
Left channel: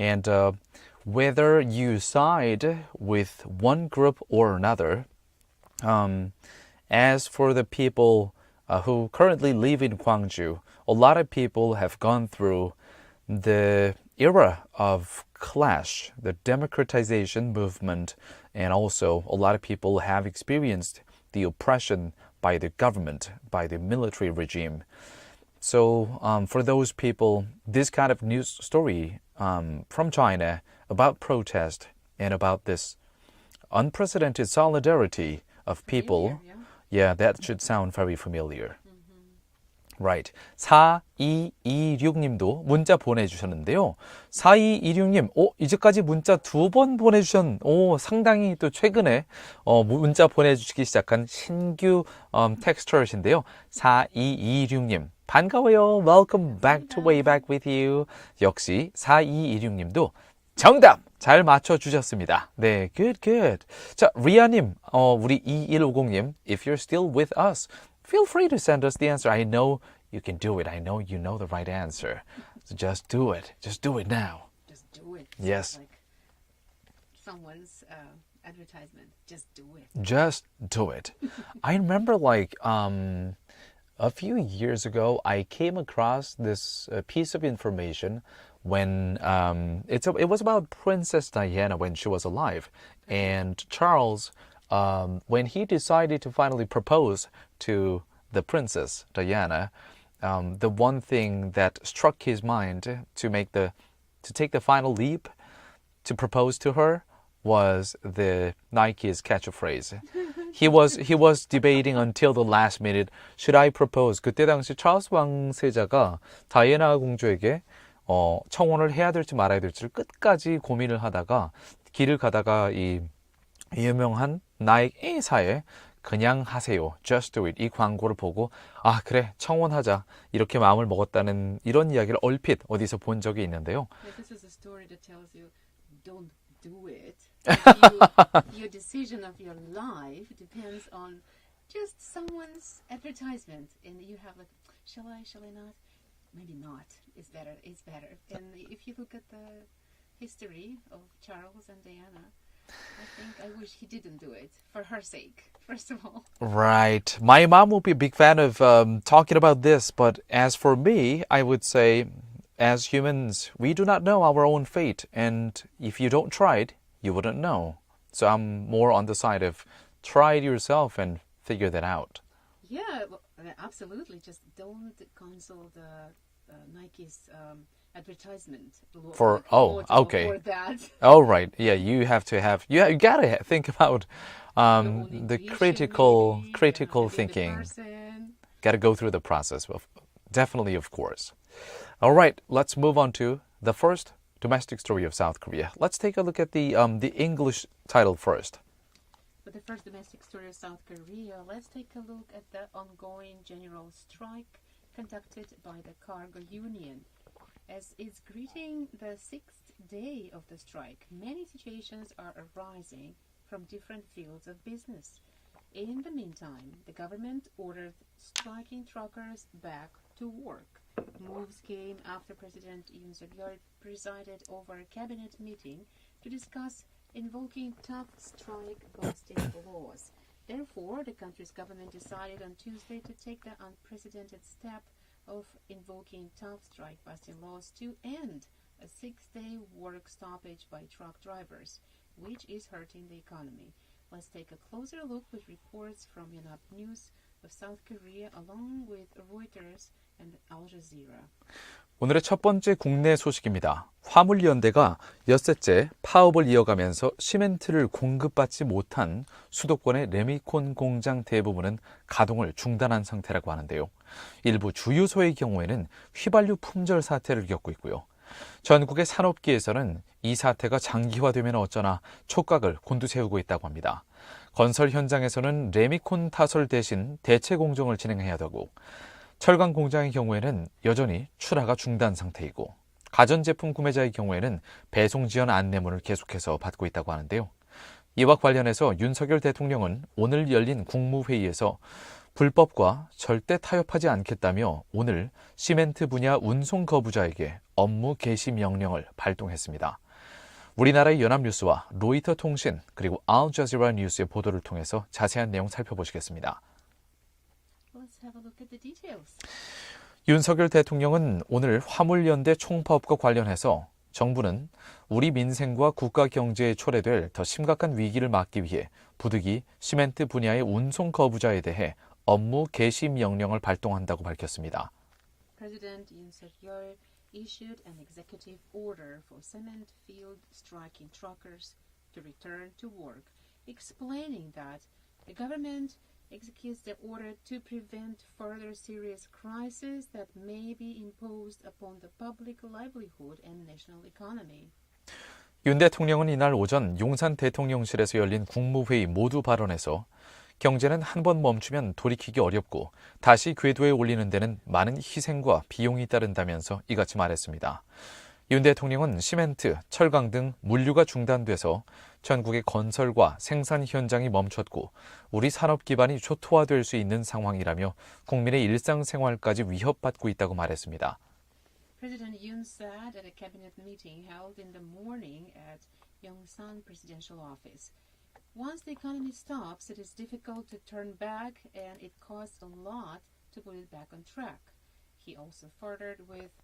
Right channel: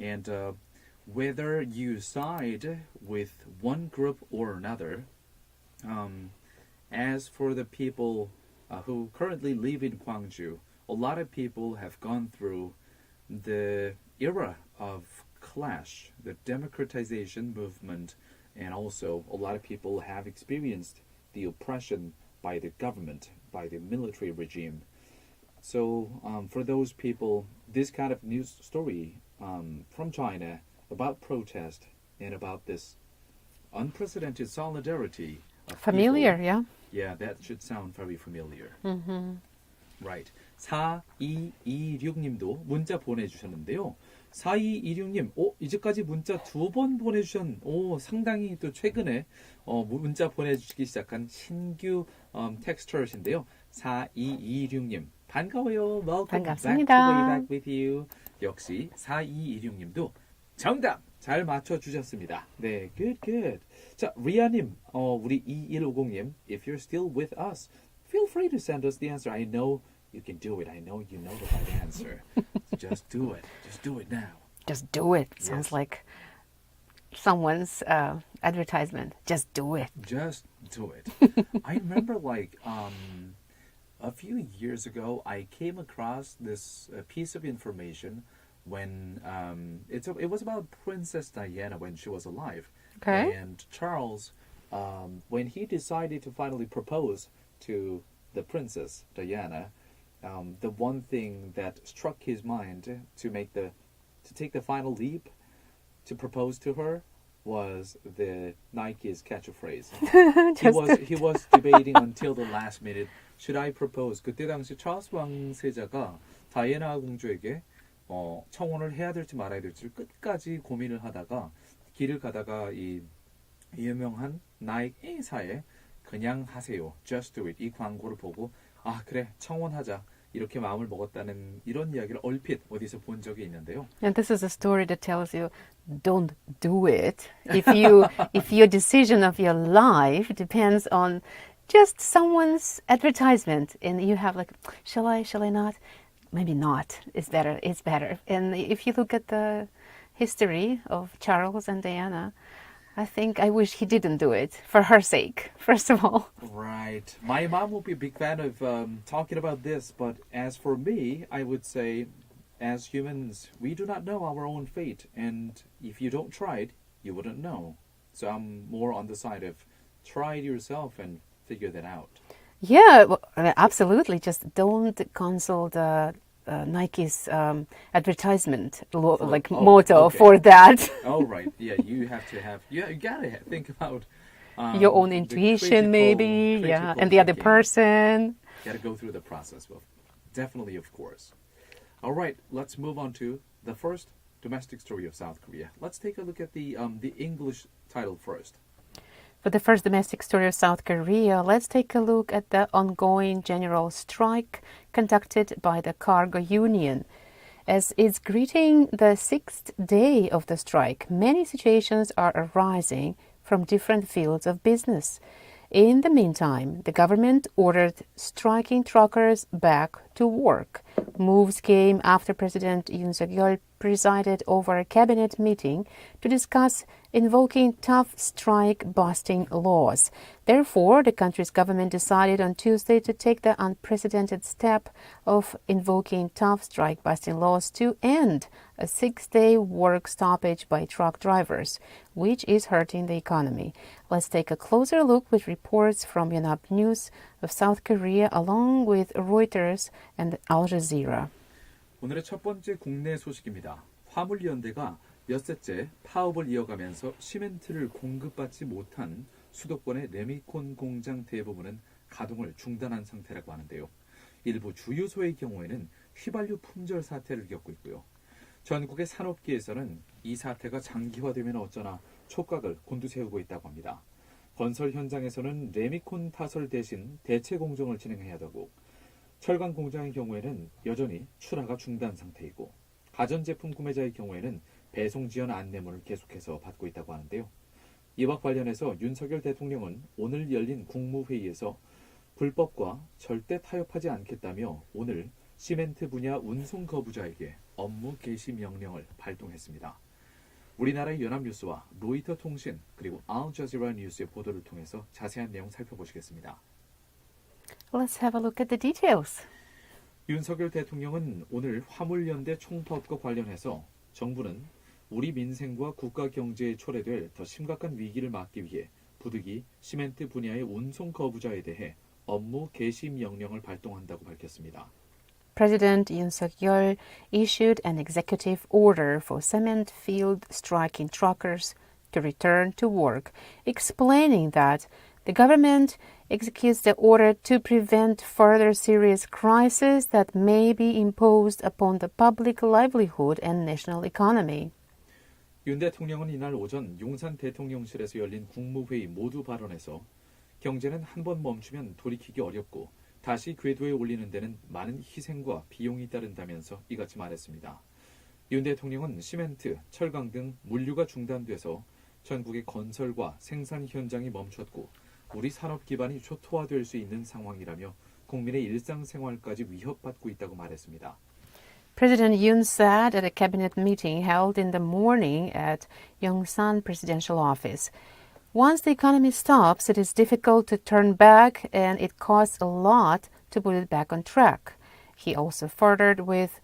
And whether you side with one group or another, as for the people who currently live in Gwangju, a lot of people have gone through the era of clash, the democratization movement, and also a lot of people have experienced the oppression by the government, by the military regime. So for those people, this kind of news story from China about protest and about this unprecedented solidarity of Familiar, people. yeah. Yeah, that should sound very familiar. Right. 4226님도 문자 보내주셨는데요. 4226님, 이제까지 문자 2번 상당히 또 최근에 문자 보내주시기 시작한 신규 텍스터신데요. 4226님, 반가워요. Welcome back to Way Back with You. 역시 4226님도 정답! 잘 맞춰주셨습니다. 네, good. 자, 리아님, 우리 2150님, if you're still with us, feel free to send us the answer. I know you can do it. I know you know the right answer. So just do it. Just do it now. Just do it. Yes. Sounds like someone's advertisement. Just do it. Just do it. I remember like a few years ago, I came across this piece of information when it was about Princess Diana when she was alive. Okay. And Charles, when he decided to finally propose to the Princess Diana, the one thing that struck his mind to take the final leap to propose to her was the Nike's catchphrase. he was debating until the last minute. Should I propose? 그때 당시 찰스 왕세자가 다이애나 공주에게 청혼을 해야 될지 말아야 될지를 끝까지 고민을 하다가 길을 가다가 이 유명한 나이키 회사에 그냥 하세요. Just do it. 이 광고를 보고 그래 청혼하자 이렇게 마음을 먹었다는 이런 이야기를 얼핏 어디서 본 적이 있는데요. And this is a story that tells you don't do it if your decision of your life depends on just someone's advertisement and you have like shall I not, maybe not, it's better. And if you look at the history of Charles and Diana, I wish he didn't do it for her sake, first of all. Right. My mom will be a big fan of talking about this, but as for me, I would say, as humans, we do not know our own fate, and if you don't try it, you wouldn't know. So I'm more on the side of try it yourself and figure that out. Yeah, absolutely. Just don't consult Nike's advertisement motto okay. for that. Oh, right. Yeah, you gotta think about Your own the intuition, critical and the other thinking. person. Got to go through the process. Definitely, of course. All right, let's move on to the first domestic story of South Korea. Let's take a look at the English title first. For the first domestic story of South Korea, let's take a look at the ongoing general strike conducted by the cargo union. As it's greeting the 6th day of the strike, many situations are arising from different fields of business. In the meantime, the government ordered striking truckers back to work. Moves came after President Yoon Suk-yeol presided over a cabinet meeting to discuss invoking tough strike-busting laws. Therefore, the country's government decided on Tuesday to take the unprecedented step of invoking tough strike-busting laws to end a 6-day work stoppage by truck drivers, which is hurting the economy. Let's take a closer look with reports from Yonhap News of South Korea along with Reuters and Al Jazeera. 오늘의 첫 번째 국내 소식입니다. 화물연대가 엿새째 파업을 이어가면서 시멘트를 공급받지 못한 수도권의 레미콘 공장 대부분은 가동을 중단한 상태라고 하는데요. 일부 주유소의 경우에는 휘발유 품절 사태를 겪고 있고요. 전국의 산업계에서는 이 사태가 장기화되면 어쩌나 촉각을 곤두세우고 있다고 합니다. 건설 현장에서는 레미콘 타설 대신 대체 공정을 진행해야 되고 철강 공장의 경우에는 여전히 출하가 중단 상태이고 가전제품 구매자의 경우에는 배송 지연 안내문을 계속해서 받고 있다고 하는데요. 이와 관련해서 윤석열 대통령은 오늘 열린 국무회의에서 불법과 절대 타협하지 않겠다며 오늘 시멘트 분야 운송 거부자에게 업무 개시 명령을 발동했습니다. 우리나라의 연합뉴스와 로이터 통신 그리고 알자지라 뉴스의 보도를 통해서 자세한 내용 살펴보시겠습니다. Let's have a look at the details. 윤석열 대통령은 오늘 화물연대 총파업과 관련해서 정부는 우리 민생과 국가 경제에 초래될 더 심각한 위기를 막기 위해 부득이 시멘트 분야의 운송 거부자에 대해 업무 개시 명령을 발동한다고 밝혔습니다. President Yoon Suk-yeol issued an executive order for cement field striking truckers to return to work, explaining that the government executes the order to prevent further serious crises that may be imposed upon the public livelihood and national economy. 윤 대통령은 이날 오전 용산 대통령실에서 열린 국무회의 모두 발언에서 경제는 한 번 멈추면 돌이키기 어렵고 다시 궤도에 올리는 데는 많은 희생과 비용이 따른다면서 이같이 말했습니다. 윤 대통령은 시멘트, 철강 등 물류가 중단돼서 전국의 건설과 생산 현장이 멈췄고 우리 산업 기반이 초토화될 수 있는 상황이라며 국민의 일상생활까지 위협받고 있다고 말했습니다. President Yoon said at a cabinet meeting held in the morning at Yongsan Presidential Office, "Once the economy stops, it is difficult to turn back and it costs a lot to put it back on track." He also furthered with,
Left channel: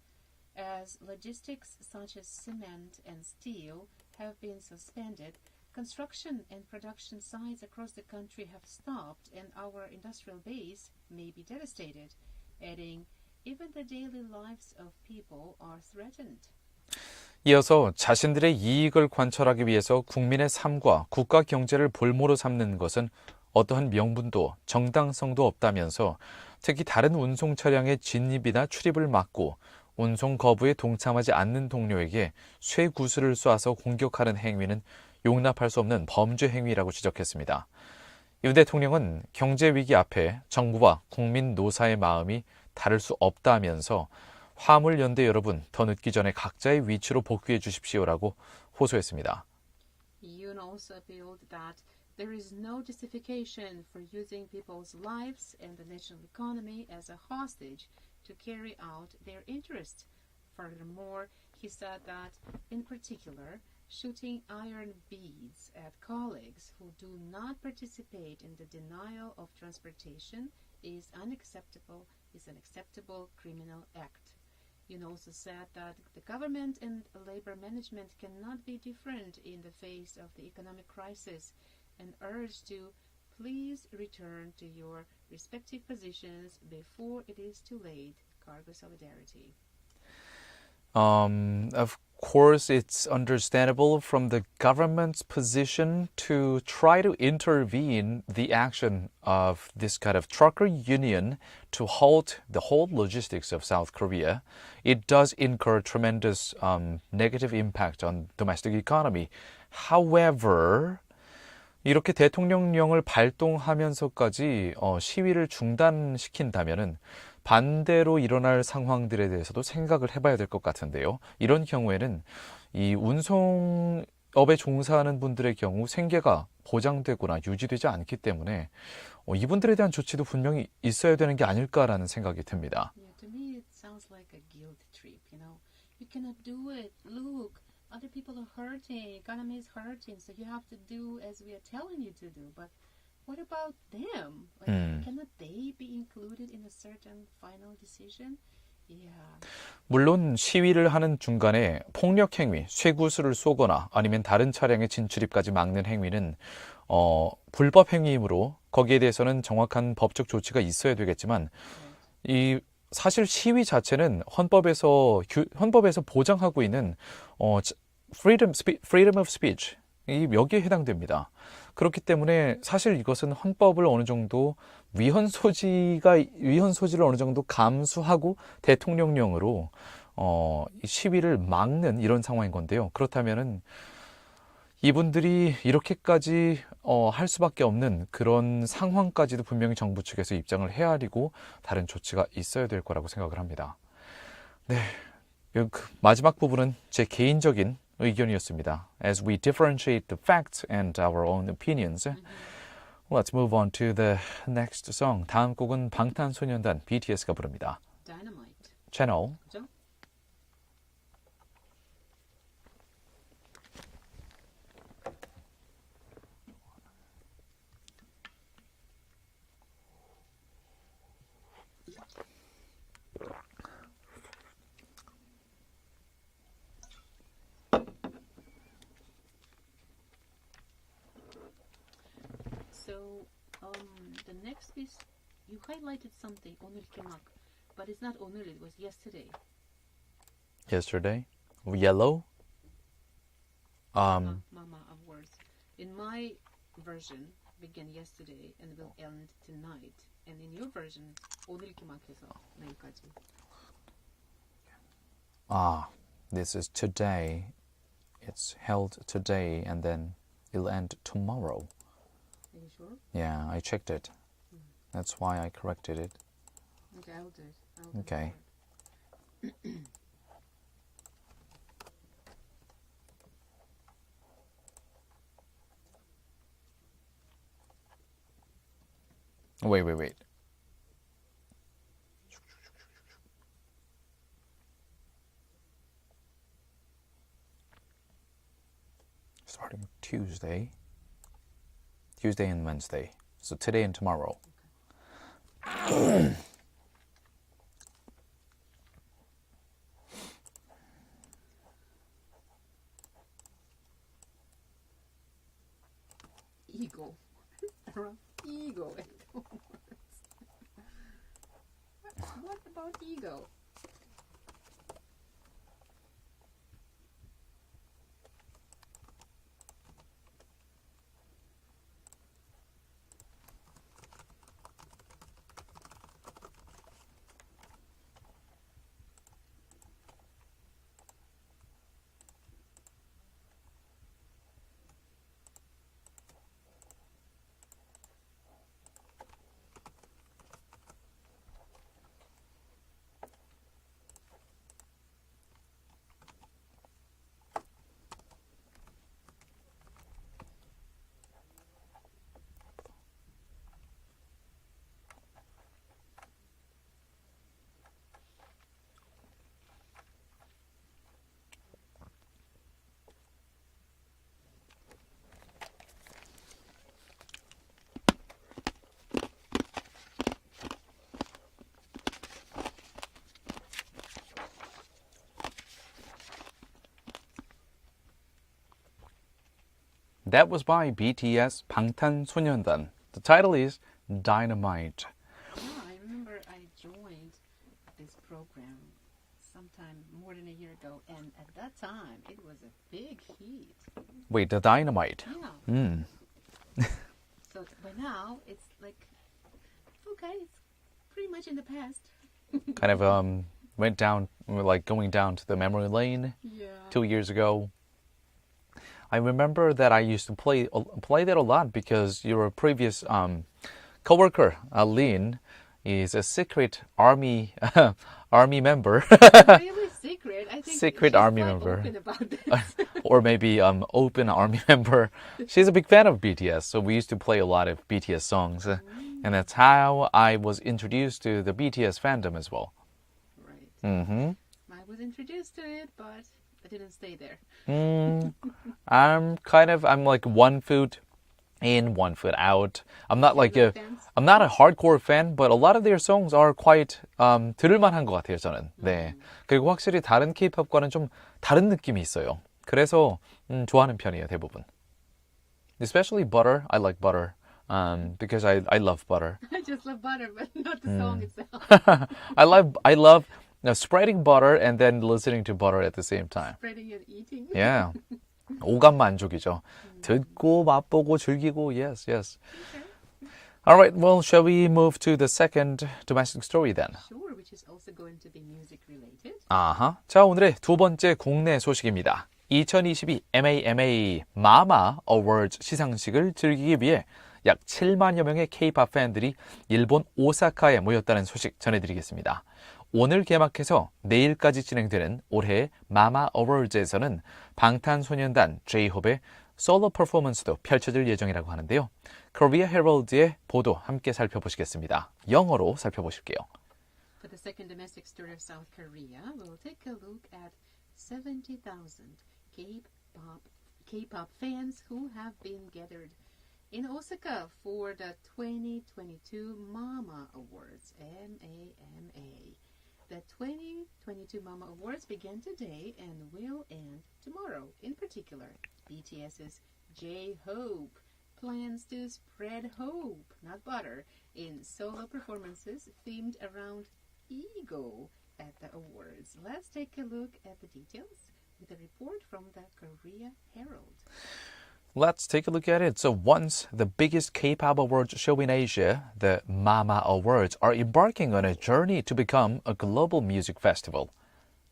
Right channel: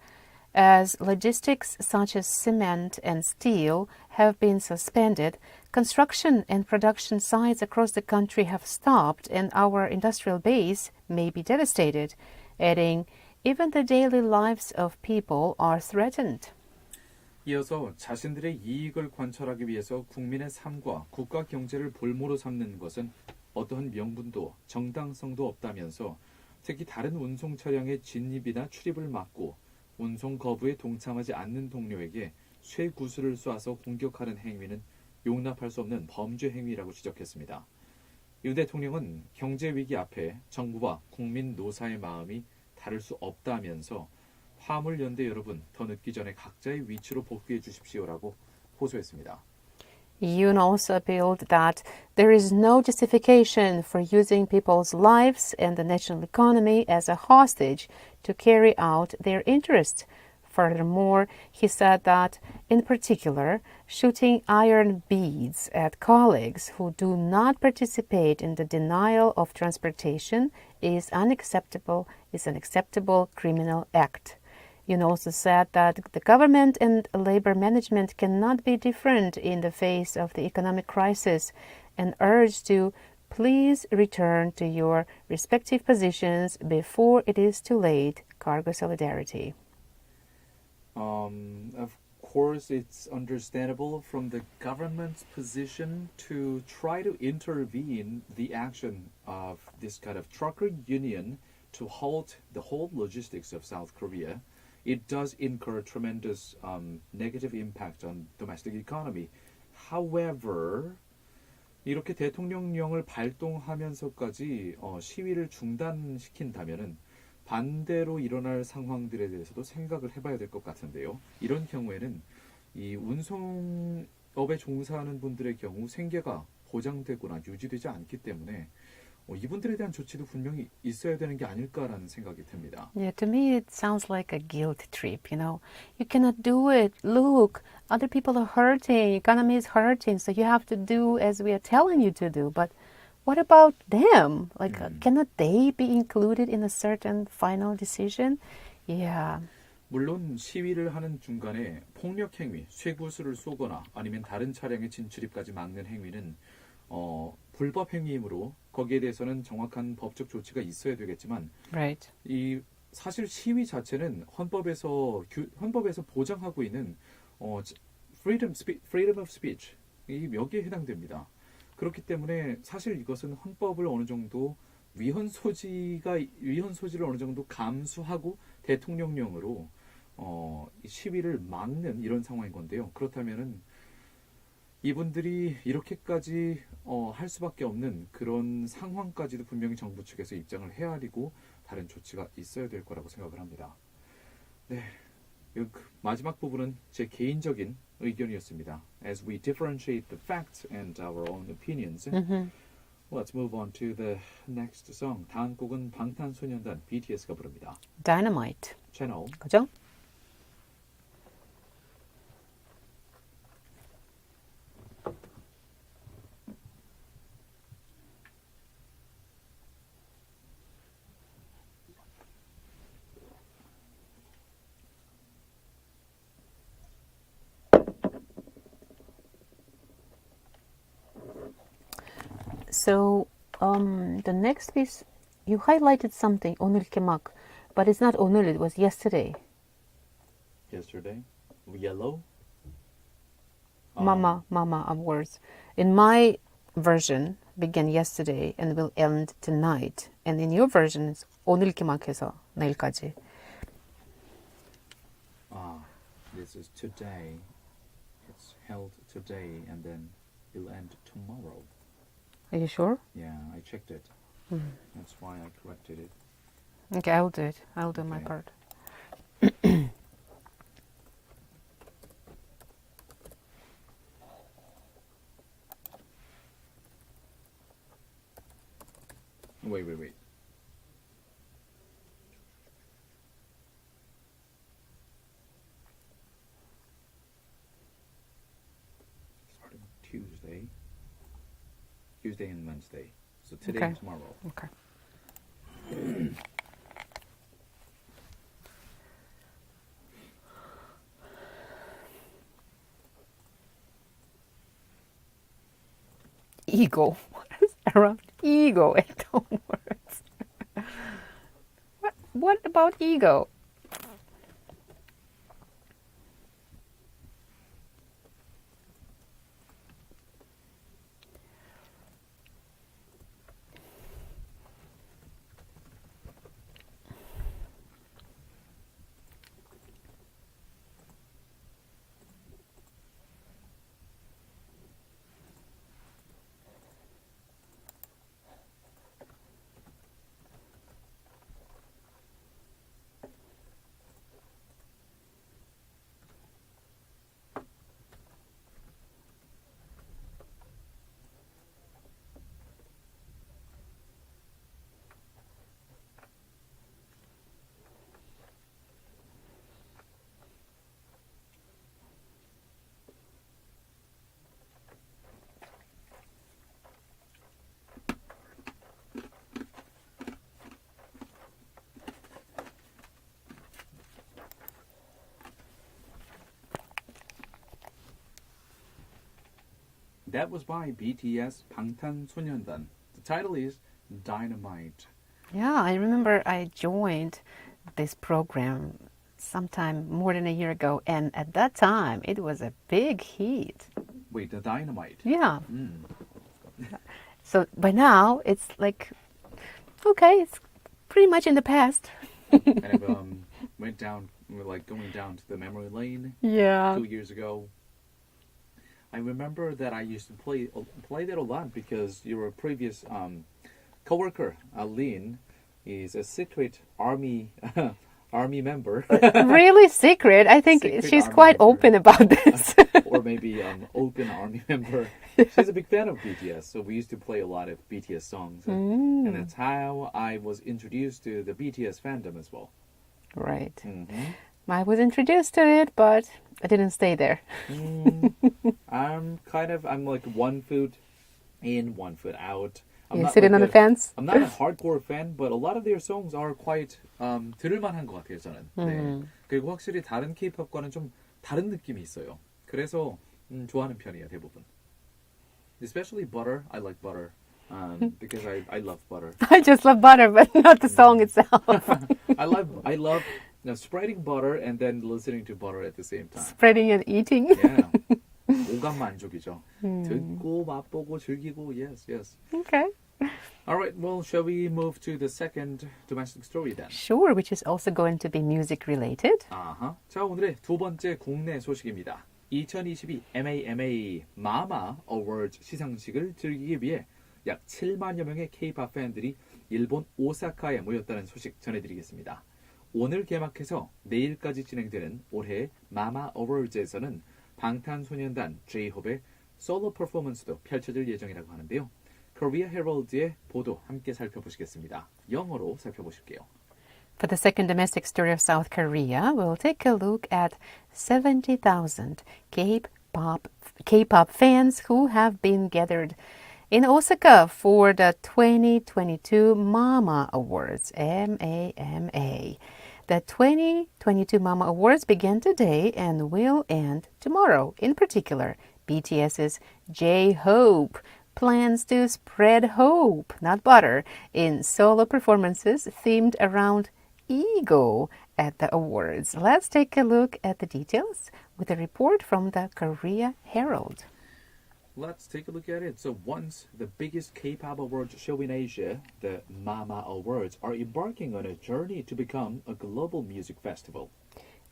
as logistics such as cement and steel have been suspended, construction and production sites across the country have stopped and our industrial base may be devastated, adding, even the daily lives of people are threatened. 이어서 자신들의 이익을 관철하기 위해서 국민의 삶과 국가 경제를 볼모로 삼는 것은 어떠한 명분도 정당성도 없다면서 특히 다른 운송 차량의 진입이나 출입을 막고 운송 거부에 동참하지 않는 동료에게 쇠구슬을 쏴서 공격하는 행위는 용납할 수 없는 범죄 행위라고 지적했습니다. 윤 대통령은 경제 위기 앞에 정부와 국민 노사의 마음이 다를 수 없다면서 화물연대 여러분 더 늦기 전에 각자의 위치로 복귀해 주십시오라고 호소했습니다. Yoon also appealed that there is no justification for using people's lives and the national economy as a hostage to carry out their interests. Furthermore, he said that, in particular, shooting iron beads at colleagues who do not participate in the denial of transportation is an acceptable criminal act. Yoon also said that the government and labor management cannot be different in the face of the economic crisis and urged to please return to your respective positions before it is too late. Cargo solidarity. Of course, it's understandable from the government's position to try to intervene the action of this kind of trucker union to halt the whole logistics of South Korea. It does incur tremendous negative impact on domestic economy. However, 이렇게 대통령령을 발동하면서까지 시위를 중단시킨다면은 반대로 일어날 상황들에 대해서도 생각을 해봐야 될 것 같은데요. 이런 경우에는 이 운송업에 종사하는 분들의 경우 생계가 보장되거나 유지되지 않기 때문에 이분들에 대한 조치도 분명히 있어야 되는 게 아닐까라는 생각이 듭니다. Yeah, to me it sounds like a guilt trip, you know. You cannot do it. Look, other people are hurting. Economy is hurting, so you have to do as we are telling you to do. But what about them? Like, cannot they be included in a certain final decision? Yeah. 물론 시위를 하는 중간에 폭력 행위, 쇠구슬을 쏘거나 아니면 다른 차량의 진출입까지 막는 행위는 불법 행위이므로 거기에 대해서는 정확한 법적 조치가 있어야 되겠지만 Right. 이 사실 시위 자체는 헌법에서 보장하고 있는 freedom of speech 여기에 해당됩니다. 그렇기 때문에 사실 이것은 헌법을 어느 정도 위헌 소지를 어느 정도 감수하고 대통령령으로 이 시위를 막는 이런 상황인 건데요. 그렇다면은 이분들이 이렇게까지 할 수밖에 없는 그런 상황까지도 분명히 정부 측에서 입장을 헤아리고 다른 조치가 있어야 될 거라고 생각을 합니다. 네, 마지막 부분은 제 개인적인 의견이었습니다. As we differentiate the facts and our own opinions, let's move on to the next song. 다음 곡은 방탄소년단 BTS가 부릅니다. Dynamite. 채널 그죠? So, the next piece, you highlighted something, 오늘 이렇게 막, but it's not 오늘, it was yesterday. Yesterday, Yellow. Mama of words. In my version, began yesterday and will end tonight. And in your version, it's 오늘 이렇게 막 해서 내일까지. This is today. It's held today and then it'll end tomorrow. Are you sure? Yeah, I checked it. That's why I corrected it. Okay, I'll do it. I'll do my Okay. part. Wait. Starting with Tuesday and Wednesday. So today and Okay. tomorrow. Okay. Ego. What is around ego and the words? What about ego? That was by BTS 방탄소년단. The title is Dynamite. Yeah, I remember I joined this program sometime more than a year ago, and at that time it was a big hit. Wait, the Dynamite. Yeah. So by now it's like, okay, it's pretty much in the past. Kind of went down, like going down to the memory lane Yeah. 2 years ago. I remember that I used to play that a lot because your previous coworker, Lynn, is a secret army army member. Really secret. I think Secret she's army quite member. open about this. Or maybe open army member. She's a big fan of BTS, so we used to play a lot of BTS songs. And that's how I was introduced to the BTS fandom as well. Right. Hmm. I was introduced to it, but I didn't stay there. I'm like 1 foot in, 1 foot out. I'm You not sitting like on the fence? I'm not a hardcore fan, but a lot of their songs are quite 들을만한 것 같아요, 저는. 네. 그리고 확실히 다른 K-pop과는 좀 다른 느낌이 있어요. 그래서 좋아하는 편이에요, 대부분. Especially Butter. I like Butter because I love butter. I just love butter, but not the song itself. I love spreading butter and then listening to butter at the same time. Spreading and eating. Yeah. 오감 만족이죠. 듣고 맛보고 즐기고 yes. Okay. All right, well, shall we move to the second domestic story then? Sure, which is also going to be music related. 아하. 자, 오늘의 두 번째 국내 소식입니다. 2022 MAMA 마마 어워즈 시상식을 즐기기 위해 약 7만여 명의 K-pop 팬들이 일본 오사카에 모였다는 소식 전해드리겠습니다. 오늘 개막해서 내일까지 진행되는 올해의 마마 어워즈에서는 방탄소년단 J-Hope의 솔로 퍼포먼스도 펼쳐질 예정이라고 하는데요. 코리아 헤럴드의 보도 함께 살펴보시겠습니다. 영어로 살펴보실게요. For the second domestic story of South Korea, we'll take a look at 70,000 K-pop fans who have been gathered in Osaka for the 2022 Mama Awards, MAMA. The 2022 Mama Awards began today and will end tomorrow. In particular, BTS's J-Hope plans to spread hope, not butter, in solo performances themed around ego at the awards. Let's take a look at the details with a report from the Korea Herald. Let's take a look at it. So once the biggest K-pop awards show in Asia, the Mama Awards are embarking on a journey to become a global music festival.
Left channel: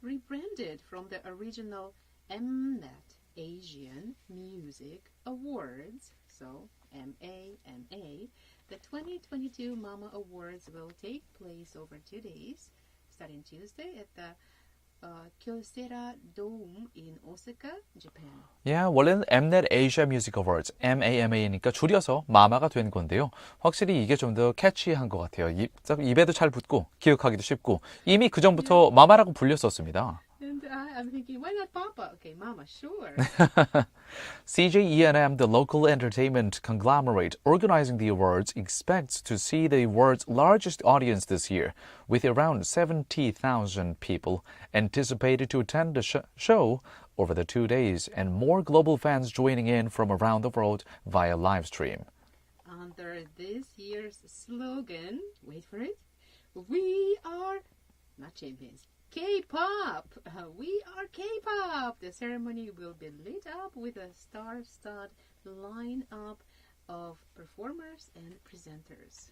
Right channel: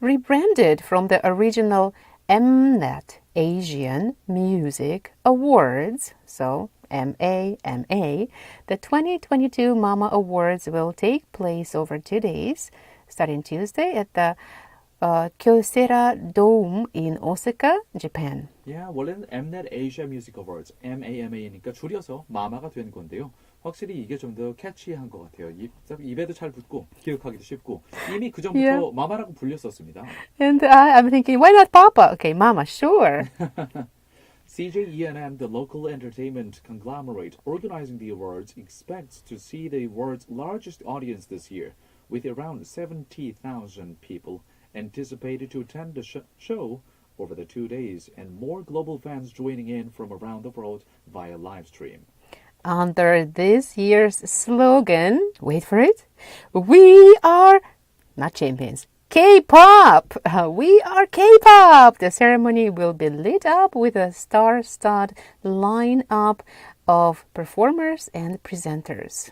Rebranded from the original Mnet Asian Music Awards, so MAMA, the 2022 Mama Awards will take place over 2 days, starting Tuesday at the Kyocera Dome in Osaka, Japan. Yeah, 원래는 Mnet Asia Music Awards, MAMA니까 줄여서 마마가 된 건데요. 확실히 이게 좀 더 캐치한 것 같아요. 입에도 잘 붙고 기억하기도 쉽고 이미 그 전부터 마마라고 불렸었습니다. And I'm thinking, why not Papa? Okay, Mama, sure. CJ the local entertainment conglomerate organizing the awards, expects to see the awards' largest audience this year, with around 70,000 people anticipated to attend the show over the 2 days, and more global fans joining in from around the world via live stream. Under this year's slogan, wait for it, we are not champions. K-pop! We are K-pop! The ceremony will be lit up with a star-studded lineup of performers and presenters.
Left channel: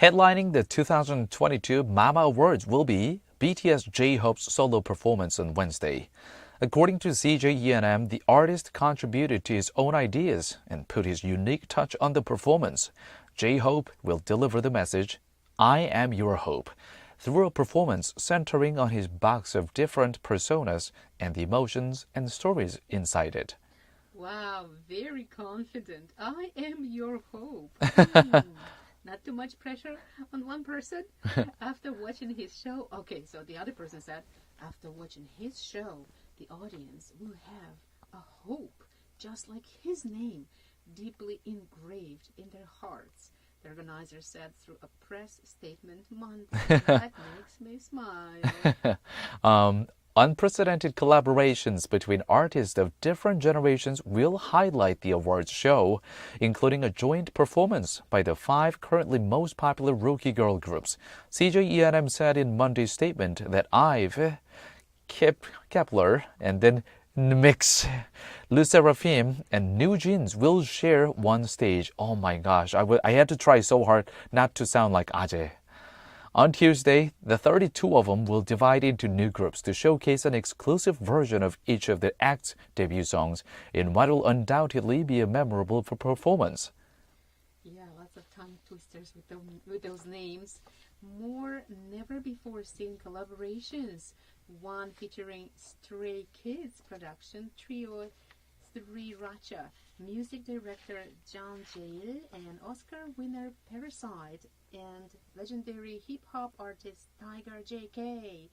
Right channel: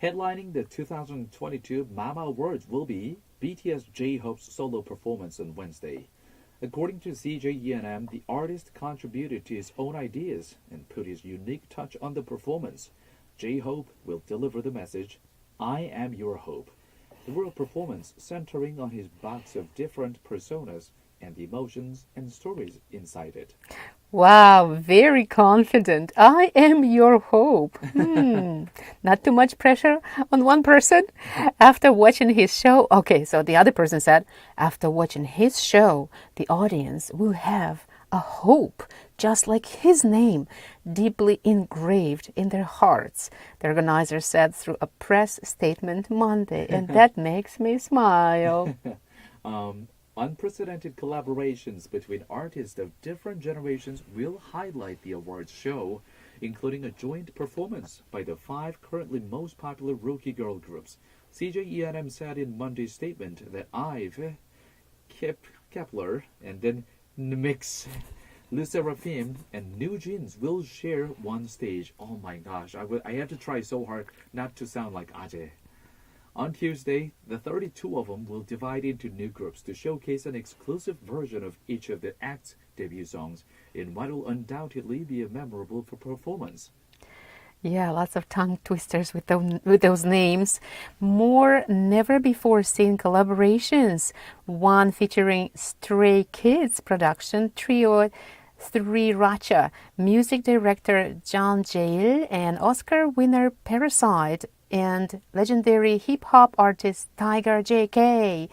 Headlining the 2022 Mama Awards will be BTS J-Hope's solo performance on Wednesday. According to CJ the artist contributed to his own ideas and put his unique touch on the performance. J-Hope will deliver the message, I am your hope, through a performance centering on his box of different personas and the emotions and stories inside it. Wow, very confident. I am your hope. Not too much pressure on one person. After watching his show, okay, so the other person said, after watching his show, the audience will have a hope, just like his name, deeply engraved in their hearts, the organizer said through a press statement Monday, and that makes me smile. Unprecedented collaborations between artists of different generations will highlight the awards show, including a joint performance by the 5 currently most popular rookie girl groups. CJ said in Monday's statement that IVE, Kepler, and then Mix, Le Seraphim, and New Jeans will share one stage. Oh my gosh, I had to try so hard not to sound like Aje. On Tuesday, the 32 of them will divide into new groups to showcase an exclusive version of each of the acts' debut songs in what will undoubtedly be a memorable performance. Yeah, lots of tongue twisters with those names. More never-before-seen collaborations. One featuring Stray Kids production trio Sriracha, music director John Jale, and Oscar winner Parasite, and legendary hip-hop artist Tiger JK,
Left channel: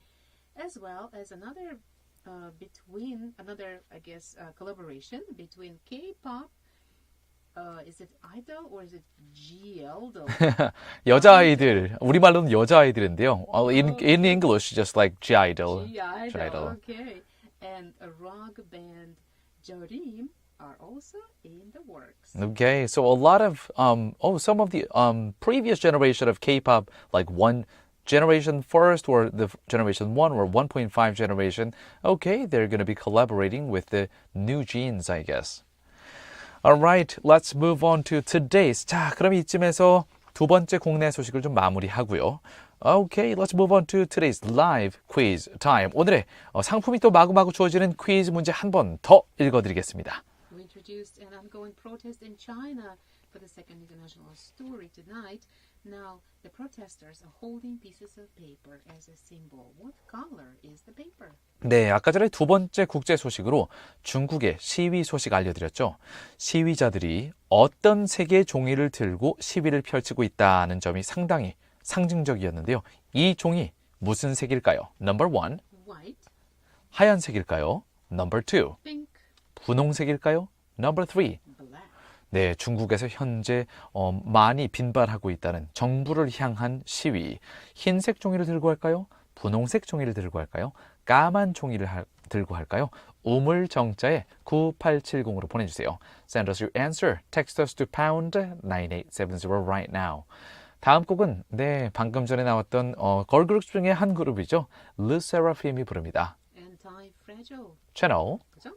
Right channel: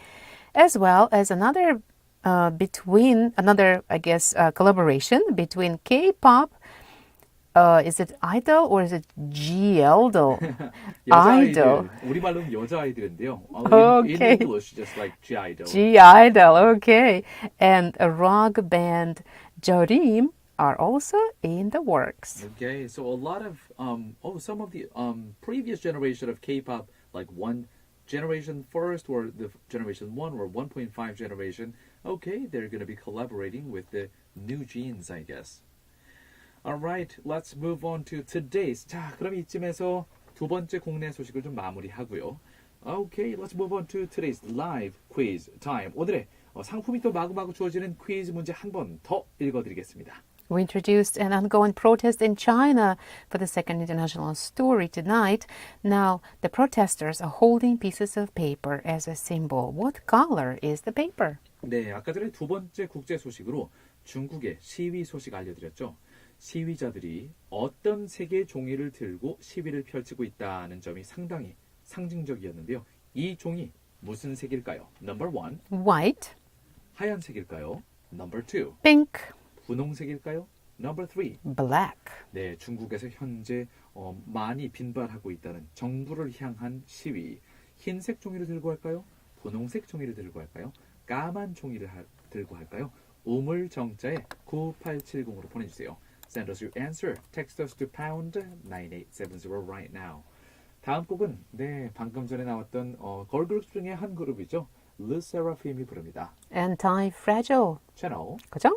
as well as another collaboration between K-pop. Is it idol or is it G-idol? 여자아이들, 우리말로는 여자아이들인데요. In Okay. English, just like G-idol. G-idol, okay. And a rock band Jorim are also in the works. Okay, so a lot of some of the previous generation of K-pop, like one generation first or the generation 1 or 1.5 generation, okay, they're going to be collaborating with the new genes, I guess. Alright, let's move on to today's. 자, 그럼 이쯤에서 두 번째 국내 소식을 좀 마무리하고요. Okay, let's move on to today's live quiz time. 오늘의 상품이 또 마구마구 주어지는 퀴즈 문제 한 번 더 읽어드리겠습니다. We introduced an ongoing protest in China for the second international story tonight. Now, the protesters are holding pieces of paper as a symbol. What color is the paper? 네, 아까 전에 두 번째 국제 소식으로 중국의 시위 소식 알려드렸죠. 시위자들이 어떤 색의 종이를 들고 시위를 펼치고 있다는 점이 상당히 상징적이었는데요. 이 종이 무슨 색일까요? Number 1, White, 하얀색일까요? Number 2, pink, 분홍색일까요? Number 3, black. 네, 중국에서 현재 많이 빈발하고 있다는 정부를 향한 시위. 흰색 종이를 들고 할까요? 분홍색 종이를 들고 할까요? 까만 종이를 들고 할까요? 우물정자에 9870으로 보내주세요. Send us your answer. Text us to pound 9870 right now. 다음 곡은 네 방금 전에 나왔던 걸그룹 중에 한 그룹이죠. Le Seraphim이 부릅니다. Anti-fragile. 채널 그죠?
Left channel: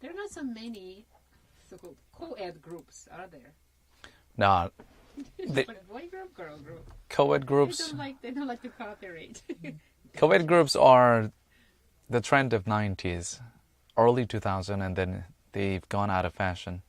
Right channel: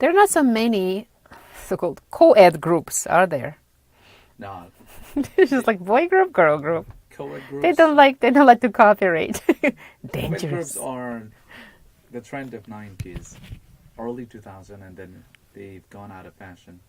There are not so many so-called co-ed groups, are there? 나 It's just like boy group, girl group. co-ed They groups. don't like to cooperate. Co-ed groups Dangerous. are the trend of 90s, early 2000, and then they've gone out of fashion.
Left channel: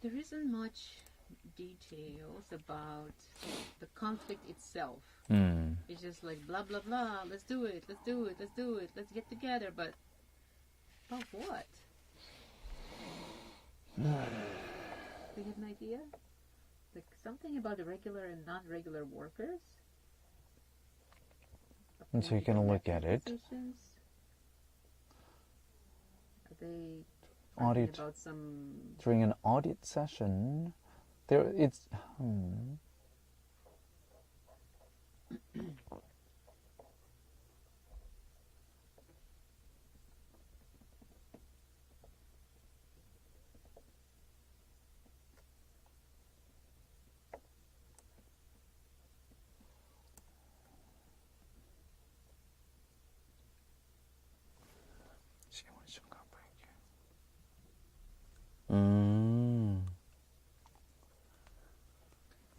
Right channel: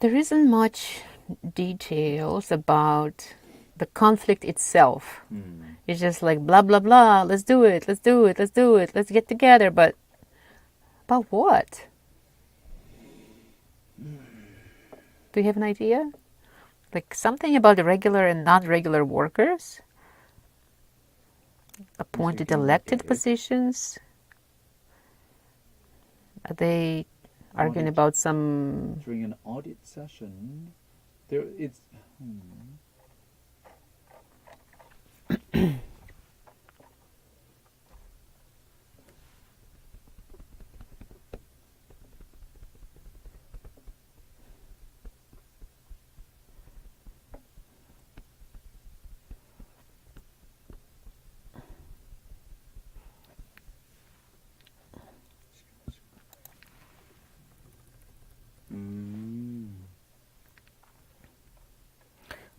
There isn't much details about the conflict itself. It's just like blah blah blah. Let's do it. Let's do it. Let's do it. Let's get together. But about what? Do you have an idea? Like something about the regular and non-regular workers? Appointed can look elected at it. positions? Are they arguing Audit. about some... During an audit session, there it's.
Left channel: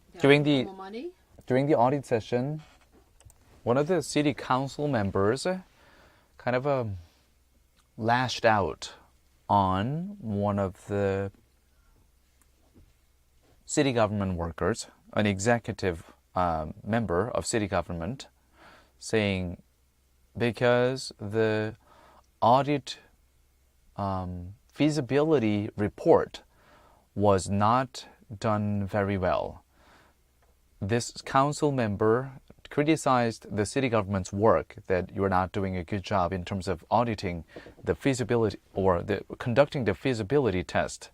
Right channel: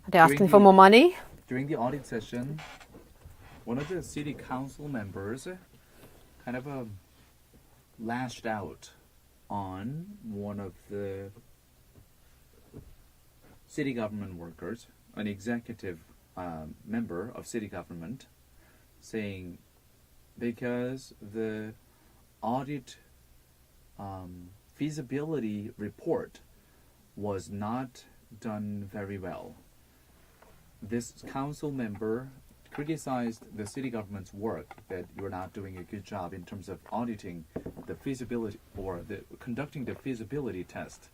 Are they asking for more money? During the audit session, one of the city council members kind of lashed out on one of the city government workers, an executive member of city government, saying because the audit feasibility report was not done very well. This council member criticized the city government's work, that you're not doing a good job in terms of auditing the feasibility or conducting the feasibility test.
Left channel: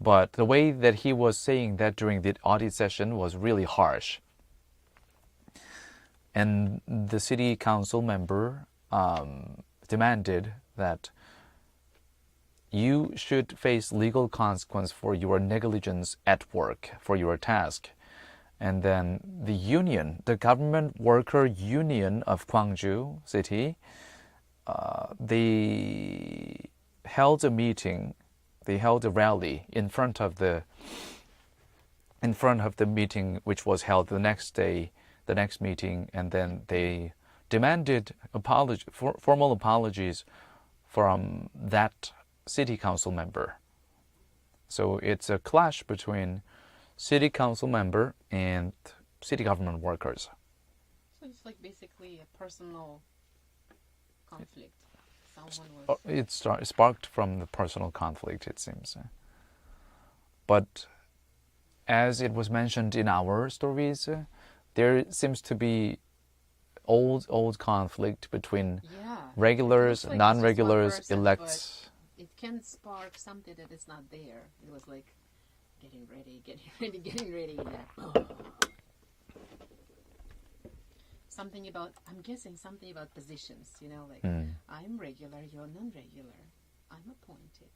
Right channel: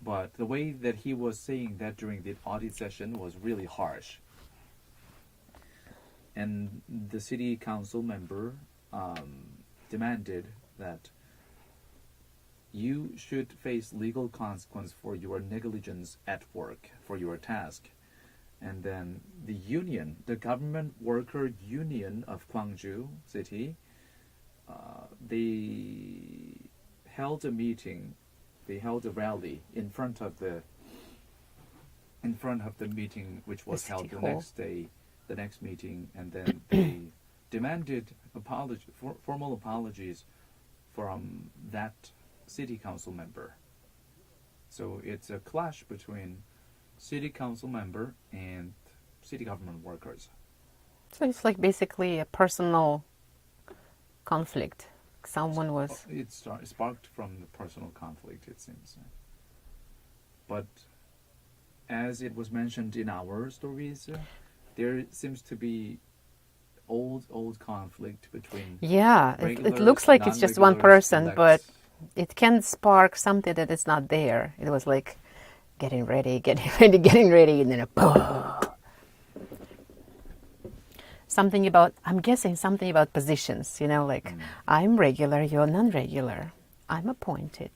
But the way that he was saying that during the audit session was really harsh. And the city council member demanded that you should face legal consequence for your negligence at work, for your task. And then the union, the government worker union of Gwangju city, they held a meeting, they held a rally in front of the meeting, which was held the next day, the next meeting, and then they demanded formal apologies from that city council member. So it's a clash between city council member and city government workers. So it's like basically a personal conflict. Someone was... It sparked from the personal conflict, it seems. But as it was mentioned in our stories, there seems to be old conflict between regulars, it looks like it's just one person, elects. But it can spark something that is not there. It was like getting ready, and then a boom. Something about, I'm guessing something about positions, you know, like I'm regular, you're non-regular. I'm appointed.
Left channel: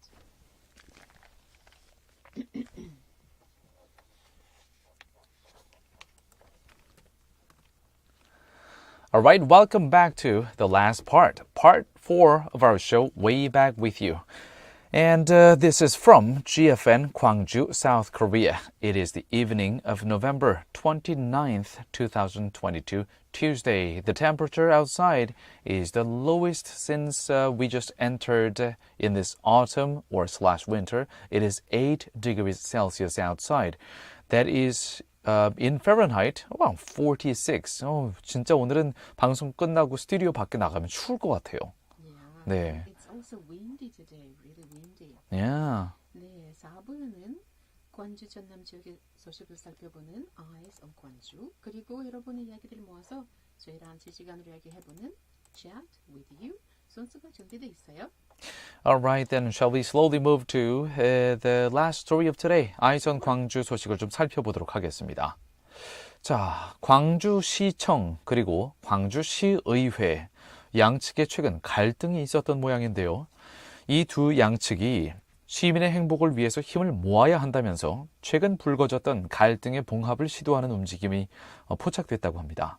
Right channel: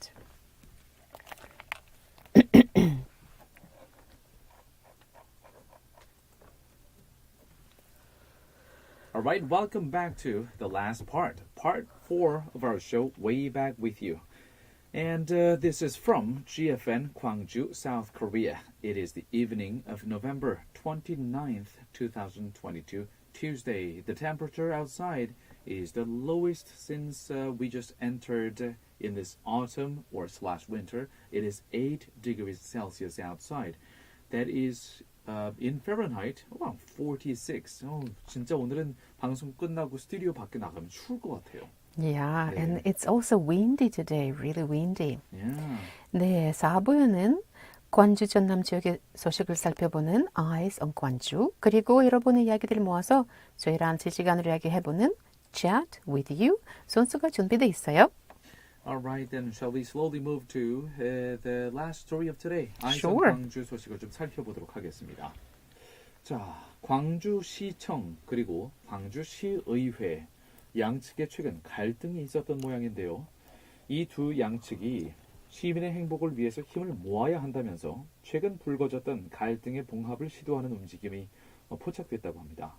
All right, welcome back to the last part 4 of our show, Way Back With You. And this is from GFN Gwangju, South Korea. It is the evening of November 29th, 2022, Tuesday. The temperature outside is the lowest since we just entered in this autumn or / winter. It is 8 degrees Celsius outside. That is in Fahrenheit, around 46. 진짜 오늘은 방송 끝나고 스튜디오 밖에 나가면 추울 것 같아요. Yeah, 네. and it's also windy today, really windy. Yeah. 네, 4부에는 광주 전남 지역의 소식을 살펴보는 Eyes on Gwangju, 그리고 여러분의 이야기들을 모아서 저희랑 실시간으로 이야기해보는 Chat with You 순서가 준비되어 있어요. All right, then shall we slowly move to the last story of today? Eyes on Sure. 광주 소식을 좀 살펴보도록 하겠습니다. 자, 광주시청 그리고 광주시의회 양측에 최근 갈등이 있었던 모양인데요. 이 두 양측이 시민의 행복을 위해서 힘을 모아야 한다면서 최근 불거졌던 갈등의 봉합을 시도하는 움직임이 포착됐다고 합니다.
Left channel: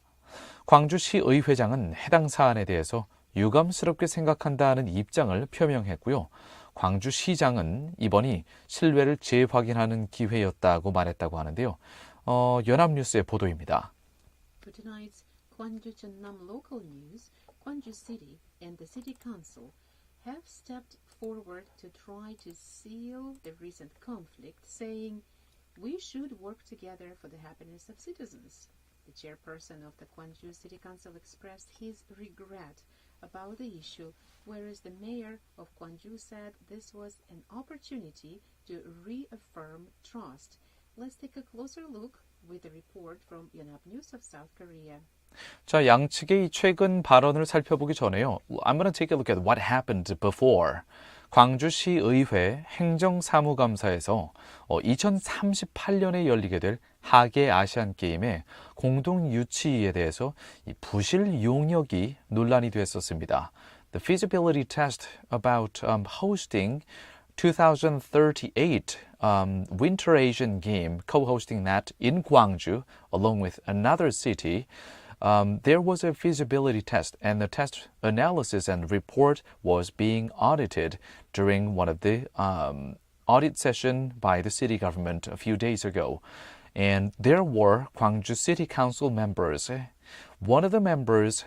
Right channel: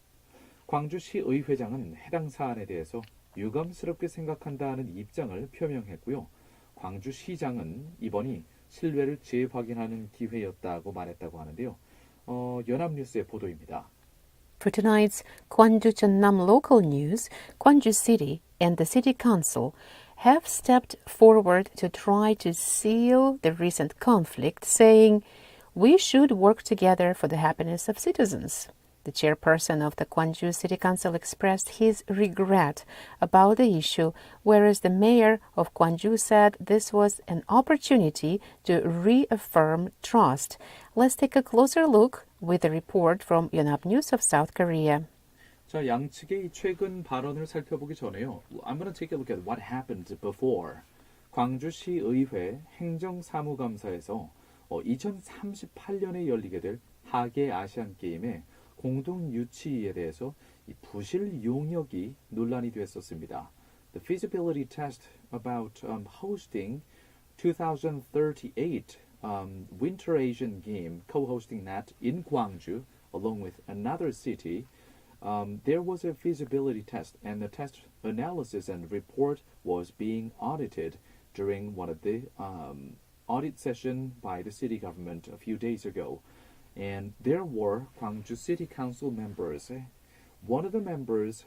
광주시의회장은 해당 사안에 대해서 유감스럽게 생각한다는 입장을 표명했고요. 광주시장은 이번이 신뢰를 재확인하는 기회였다고 말했다고 하는데요. 연합뉴스의 보도입니다. For tonight's 광주전남 local news, Gwangju City and the City Council have stepped forward to try to seal the recent conflict, saying, "We should work together for the happiness of citizens." The chairperson of the Gwangju City Council expressed his regret about the issue, whereas the mayor of Gwangju said this was an opportunity to reaffirm trust. Let's take a closer look with a report from 연합뉴스 of South Korea. 자, 양측의 최근 발언을 살펴보기 전에요. I'm going to take a look at what happened before. 광주시의회 행정사무감사에서 2038년에 열리게 될 하계 아시안 게임의 공동 유치에 대해서 이 부실 용역이 논란이 됐었습니다. The feasibility test about hosting 2038 Winter Asian Game, co-hosting that in Gwangju along with another city. There was a feasibility test, and the test analysis and report was being audited during one of the audit session by the city government a few days ago. And there were Gwangju City Council members. One of the members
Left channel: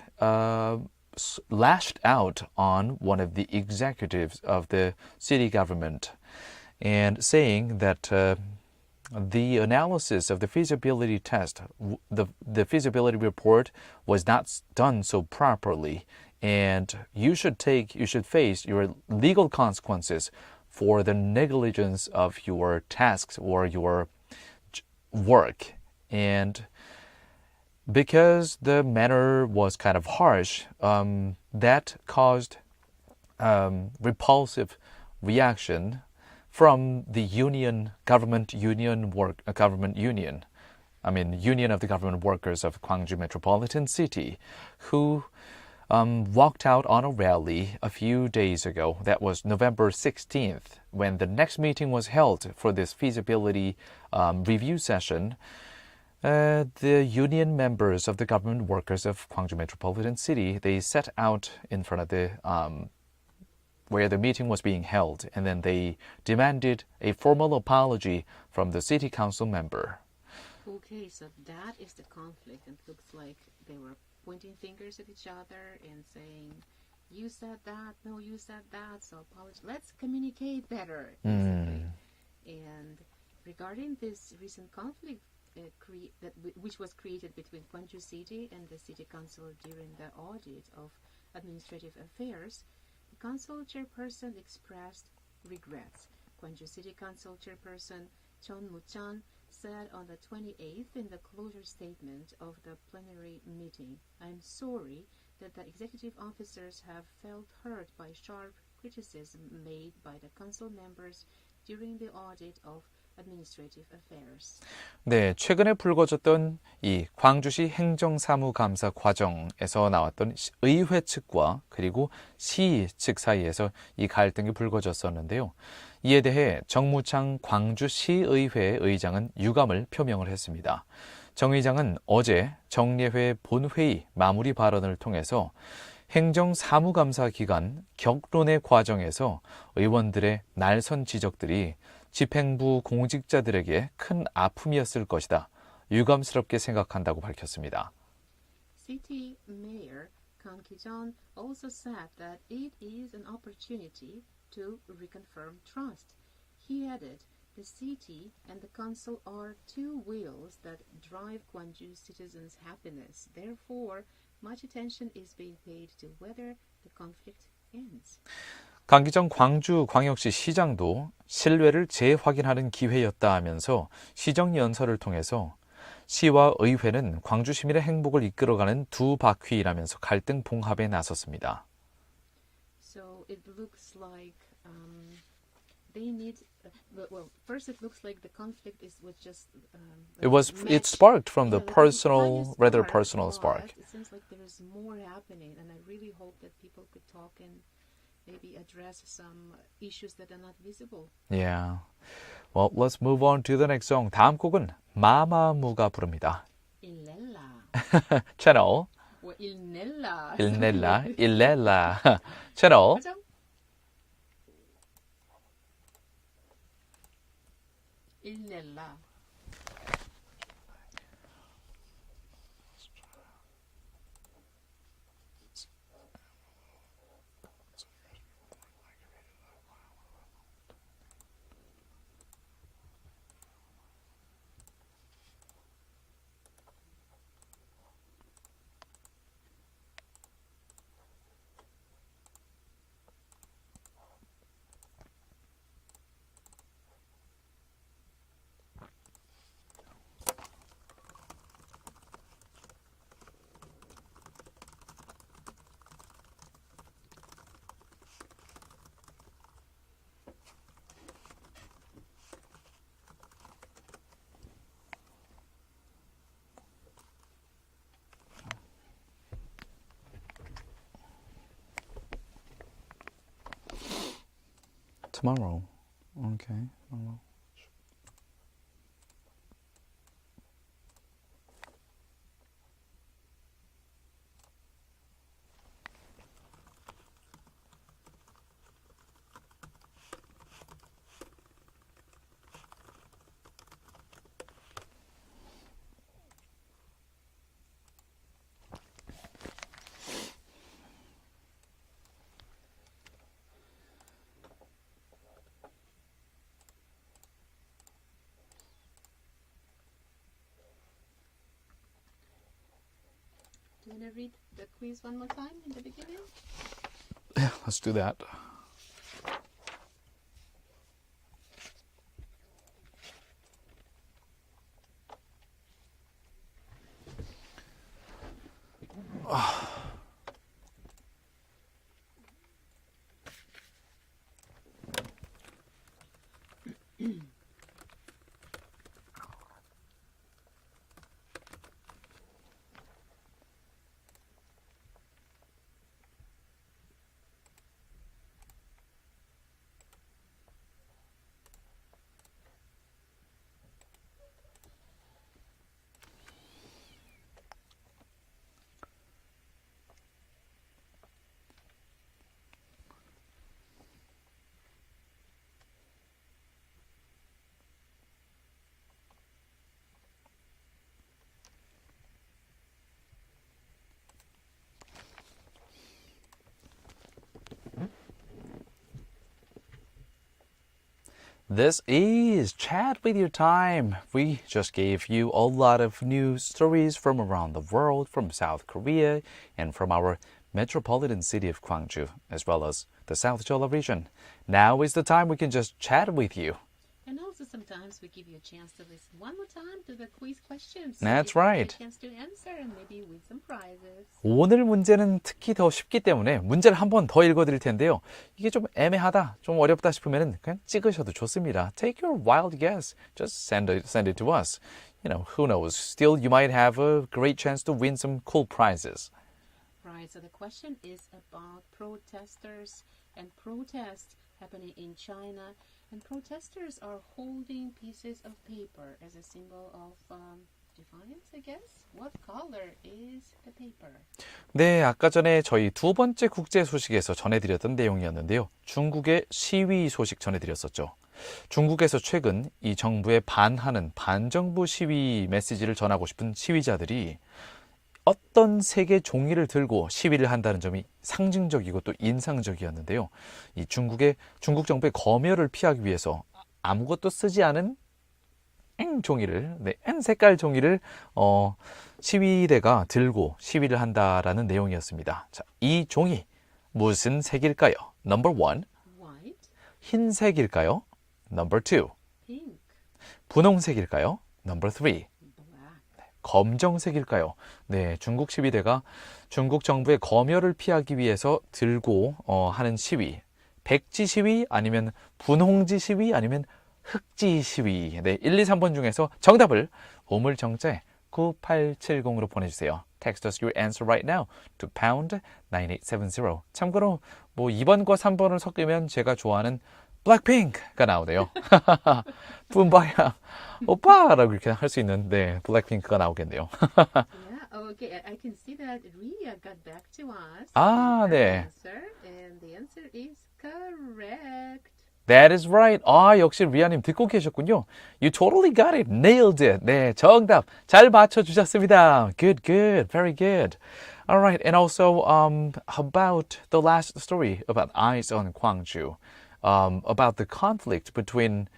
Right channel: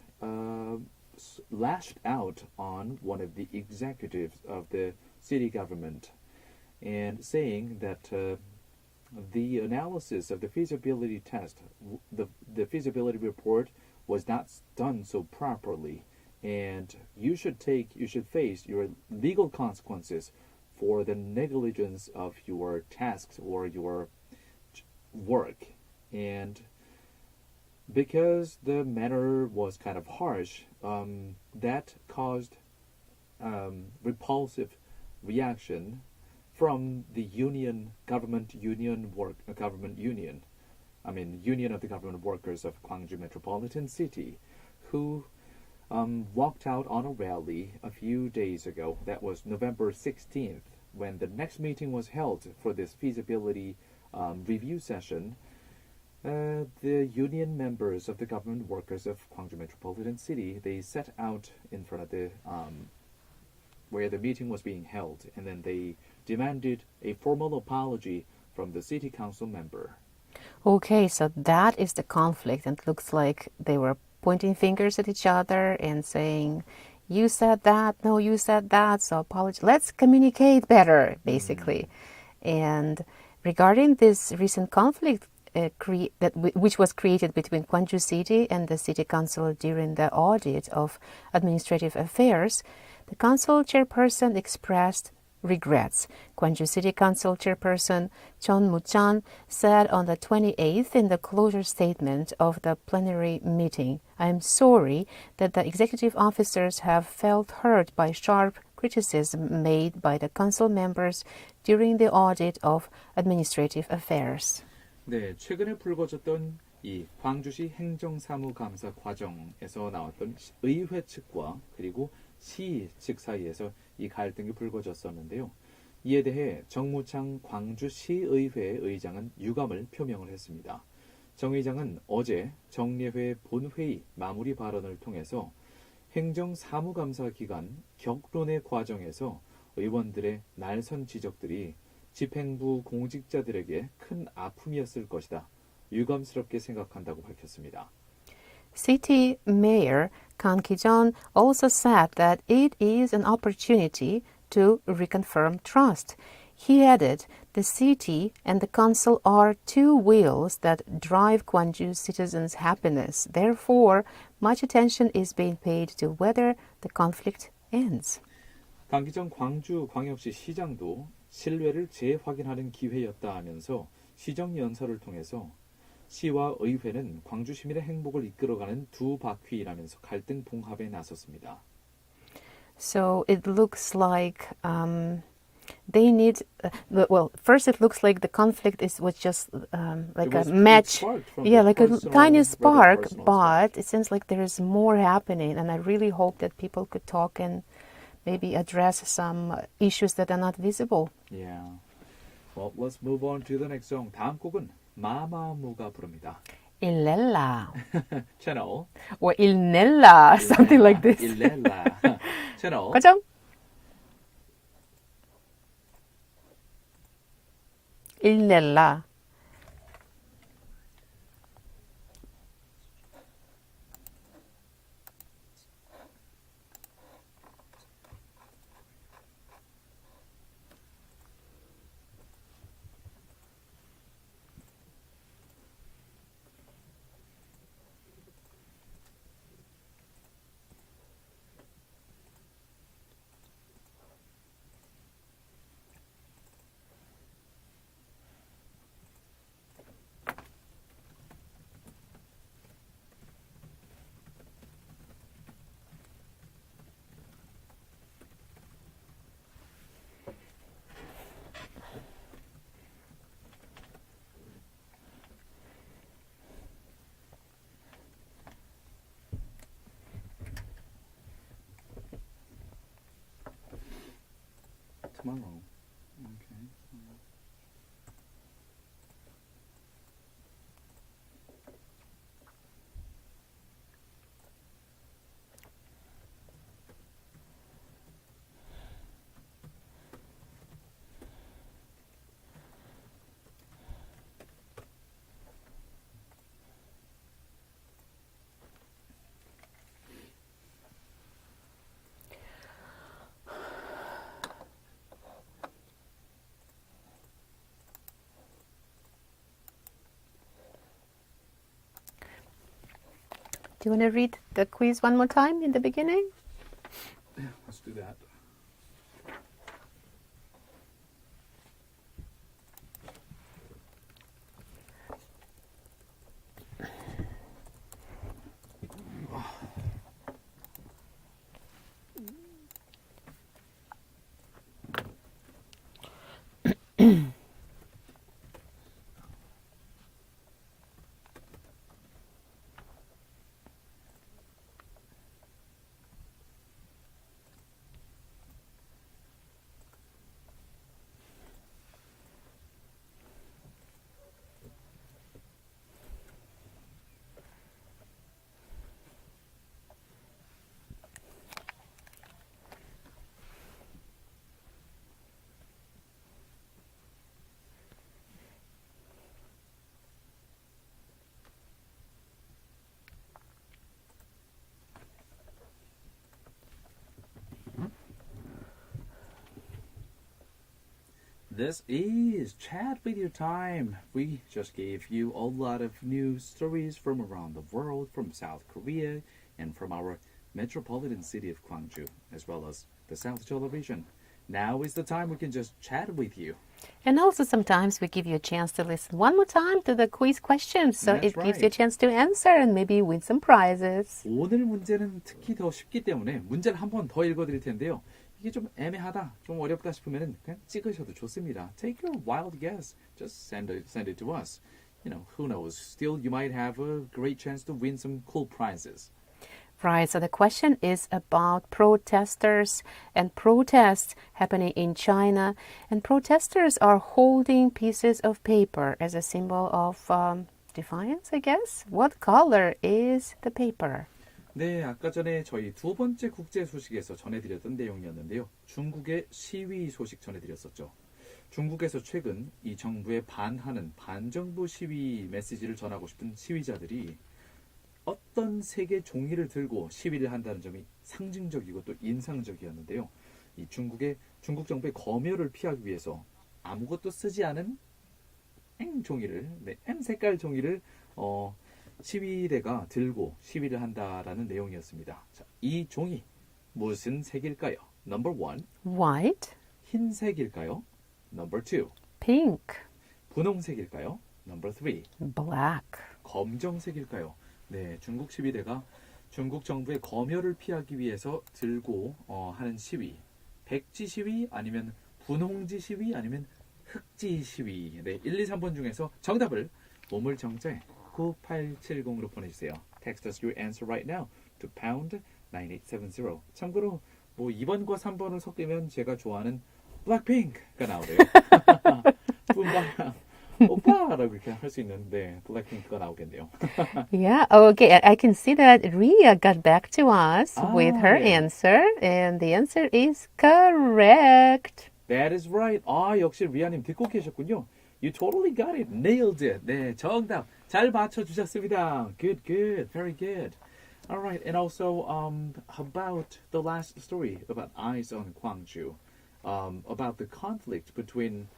lashed out on one of the executives of the city government and saying that the analysis of the feasibility test, the feasibility report was not done so properly. and you should face your legal consequences for the negligence of your tasks or your work. And because the manner was kind of harsh, that caused repulsive reaction from the union of the government workers of Gwangju Metropolitan City, who walked out on a rally a few days ago. That was November 16th, when the next meeting was held for this feasibility review session. The union members of the government workers of Gwangju Metropolitan City, they set out in front of the where the meeting was being held, and then they demanded a formal apology from the city council member. Okay, so that is the conflict, and it looks like they were pointing fingers at each other and saying, you said that, no, you said that, so apology. Let's communicate better, basically. And regarding this recent conflict which was created between Gwangju City and the City Council during the audit of administrative affairs, the council chairperson expressed regrets. Gwangju City Council Chairperson Chon Mu-chan said on the 28th in the closure statement of the plenary meeting, "I am sorry that the executive officers have felt hurt by sharp criticism made by the council members during the audit of administrative affairs." 네, 최근에 불거졌던 이 광주시 행정사무감사 과정에서 나왔던 의회 측과 그리고 시 측 사이에서 이 갈등이 불거졌었는데요. 이에 대해 정무창 광주시의회 의장은 유감을 표명을 했습니다. 정 의장은 어제 정례회 본회의 마무리 발언을 통해서 행정사무감사 기간 격론의 과정에서 의원들의 날선 지적들이 집행부 공직자들에게 큰 아픔이었을 것이다. 유감스럽게 생각한다고 밝혔습니다. City Mayor Kang Ki-jeon also said that it is an opportunity to reconfirm trust. He added, the city and the council are two wheels that drive Gwangju citizens' happiness. Therefore, much attention is being paid to whether the conflict ends. 강기정 광주광역시 시장도 신뢰를 재확인하는 기회였다 하면서 시정연설을 통해서 시와 의회는 광주 시민의 행복을 이끌어가는 두 바퀴라면서 갈등 봉합에 나섰습니다. So it looks like they need. Well, first it looks like the conflict was just like a match. It sparked from the like personal, a tiny rather spark, personal but spark. it seems like there is more happening, and I really hope that people could talk and maybe address some issues that are not visible. Yeah. Well, let's move on to the next song. 다음 곡은 마마무가 부릅니다. Illela 채널 or Ilnella, something like this. 일렐라 채널 가정. Ilnella. Tomorrow. Okay. Do you want to read the quiz one more time in the beginning? Let's do that. This is Chat With Your Time. We just gave you a lot of news stories from around the world, from South Korea, and from our metropolitan city of Gwangju, as well as the South Jeolla region. Now is the time we can just chat with you. And also sometimes we give you a chance to listen one more time to the quiz questions. So That's it gives you a right. chance to answer and maybe win some prizes. 오늘 문제는 특히 더 쉽기 때문에 문제를 한 번 더 읽어드릴 텐데요. 이게 좀 애매하다, 좀 어렵다 싶으면 그냥 찍으셔도 좋습니다. Take your wild guess. Just send it to us. You know, who knows? Still, you might have a great chance to win some cool prizes. Right, so the question is about protesters and protests happening in China. And protesters are holding pieces of paper as a symbol of defiance, I guess. What color is the paper? 네, 아까 전에 저희 두 번째 국제 소식에서 전해드렸던 내용이었는데요. 중국의 시위 소식 전해드렸었죠. 중국에서 최근 이 정부에 반하는 반정부 시위 메시지를 전하고 싶은 시위자들이 어떤 색의 종이를 들고 시위를 한다는 점이 상징적이고 또 인상적이었는데요. 이 중국 정부의 검열을 피하기 위해서 아무것도 쓰지 않은 종이를, 색깔 종이를 시위대가 들고 시위를 한다라는 내용이었습니다. 자, 이 종이 무슨 색일까요? Number 1. White. 흰색일까요? Number 2. Pink. 분홍색일까요? Number 3. Black. 검정색일까요? 네, 중국 시위대가 중국 정부의 검열을 피하기 위해서 들고 하는 시위. 백지 시위 아니면 분홍지 시위 아니면 흑지 시위. 네, 1, 2, 3번 중에서 정답을 우물정자 9870으로 보내주세요. Text us your answer right now to pound 9870. 참고로 뭐 2번과 3번을 섞으면 제가 좋아하는 블랙핑크가 나오네요. 뿜바야 오빠라고 이렇게 할 수 있는 블랙핑크가 나오겠네요. Yeah, okay. I can see that Ria got back to us with her 네. answer. And the answer is correct. That is right. 역시 리아님 듣고 계셨군요. You totally got it. Nailed it. 네, 정답 잘 맞춰주셨습니다. Good, good. Very good. All right. And also, about the last story about Eyes on Gwangju, about the conflict between,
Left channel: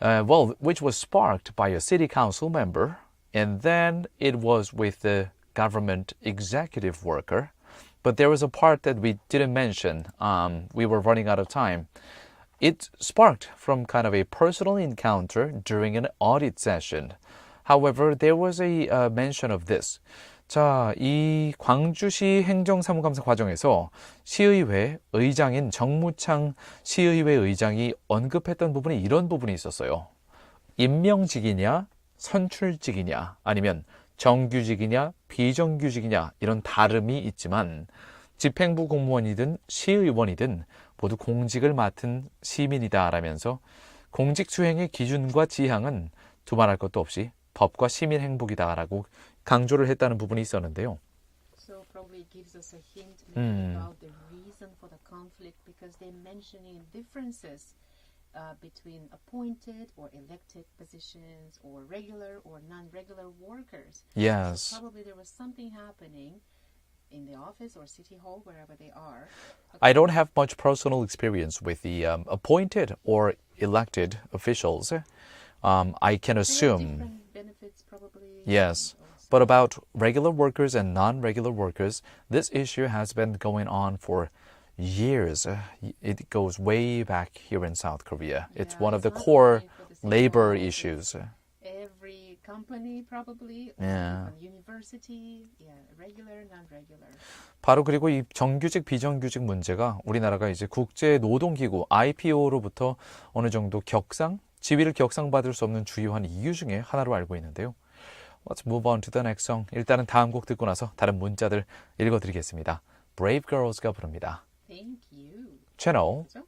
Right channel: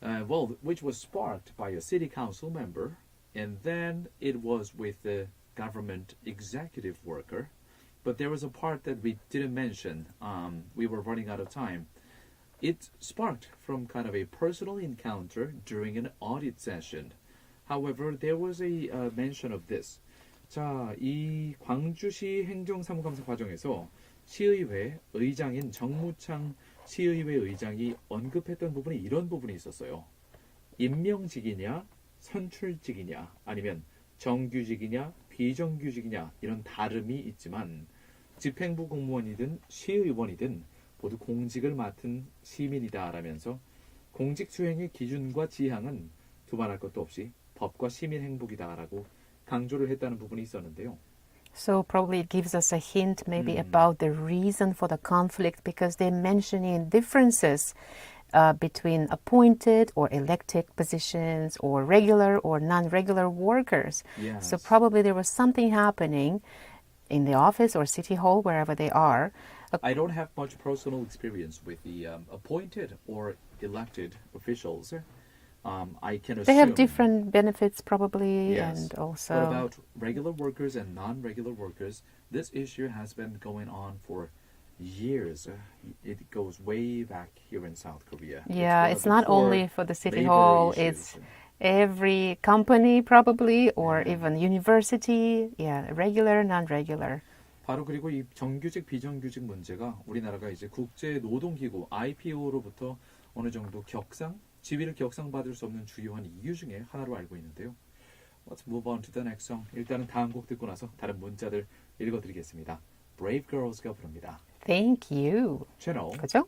which was sparked by a city council member, and then it was with the government executive worker. But there was a part that we didn't mention. We were running out of time. It sparked from kind of a personal encounter during an audit session. However, there was a mention of this. 자, 이 광주시 행정사무감사 과정에서 시의회 의장인 정무창 시의회 의장이 언급했던 부분이 이런 부분이 있었어요. 임명직이냐, 선출직이냐, 아니면 정규직이냐, 비정규직이냐 이런 다름이 있지만 집행부 공무원이든 시의원이든 모두 공직을 맡은 시민이다라면서 공직 수행의 기준과 지향은 두말할 것도 없이 법과 시민 행복이다라고 강조를 했다는 부분이 있었는데요. So probably it gives us a hint maybe about the reason for the conflict because they're mentioning differences between appointed or elected positions or regular or non-regular workers. Yes. So probably there was something happening in the office or city hall, wherever they are. I don't have much personal experience with the appointed or elected officials, I can They assume. have different benefits probably. Yes, And also, but about regular workers and non-regular workers, this issue has been going on for years. It goes way back here in South Korea. yeah, It's one of it's the not core only for the city labor hall, issues. it's every company probably, or Yeah. even university. Yeah, regular, non-regular. 바로 그리고 이 정규직 비정규직 문제가 우리나라가 이제 국제 노동기구 IPO로부터 어느 정도 지위를 격상받을 수 없는 주요한 이유 중에 하나로 알고 있는데요. Let's move on to the next song. 일단은 다음 곡 듣고 나서 다른 문자들 읽어드리겠습니다. Brave Girls가 부릅니다. Thank you. 채널 그죠?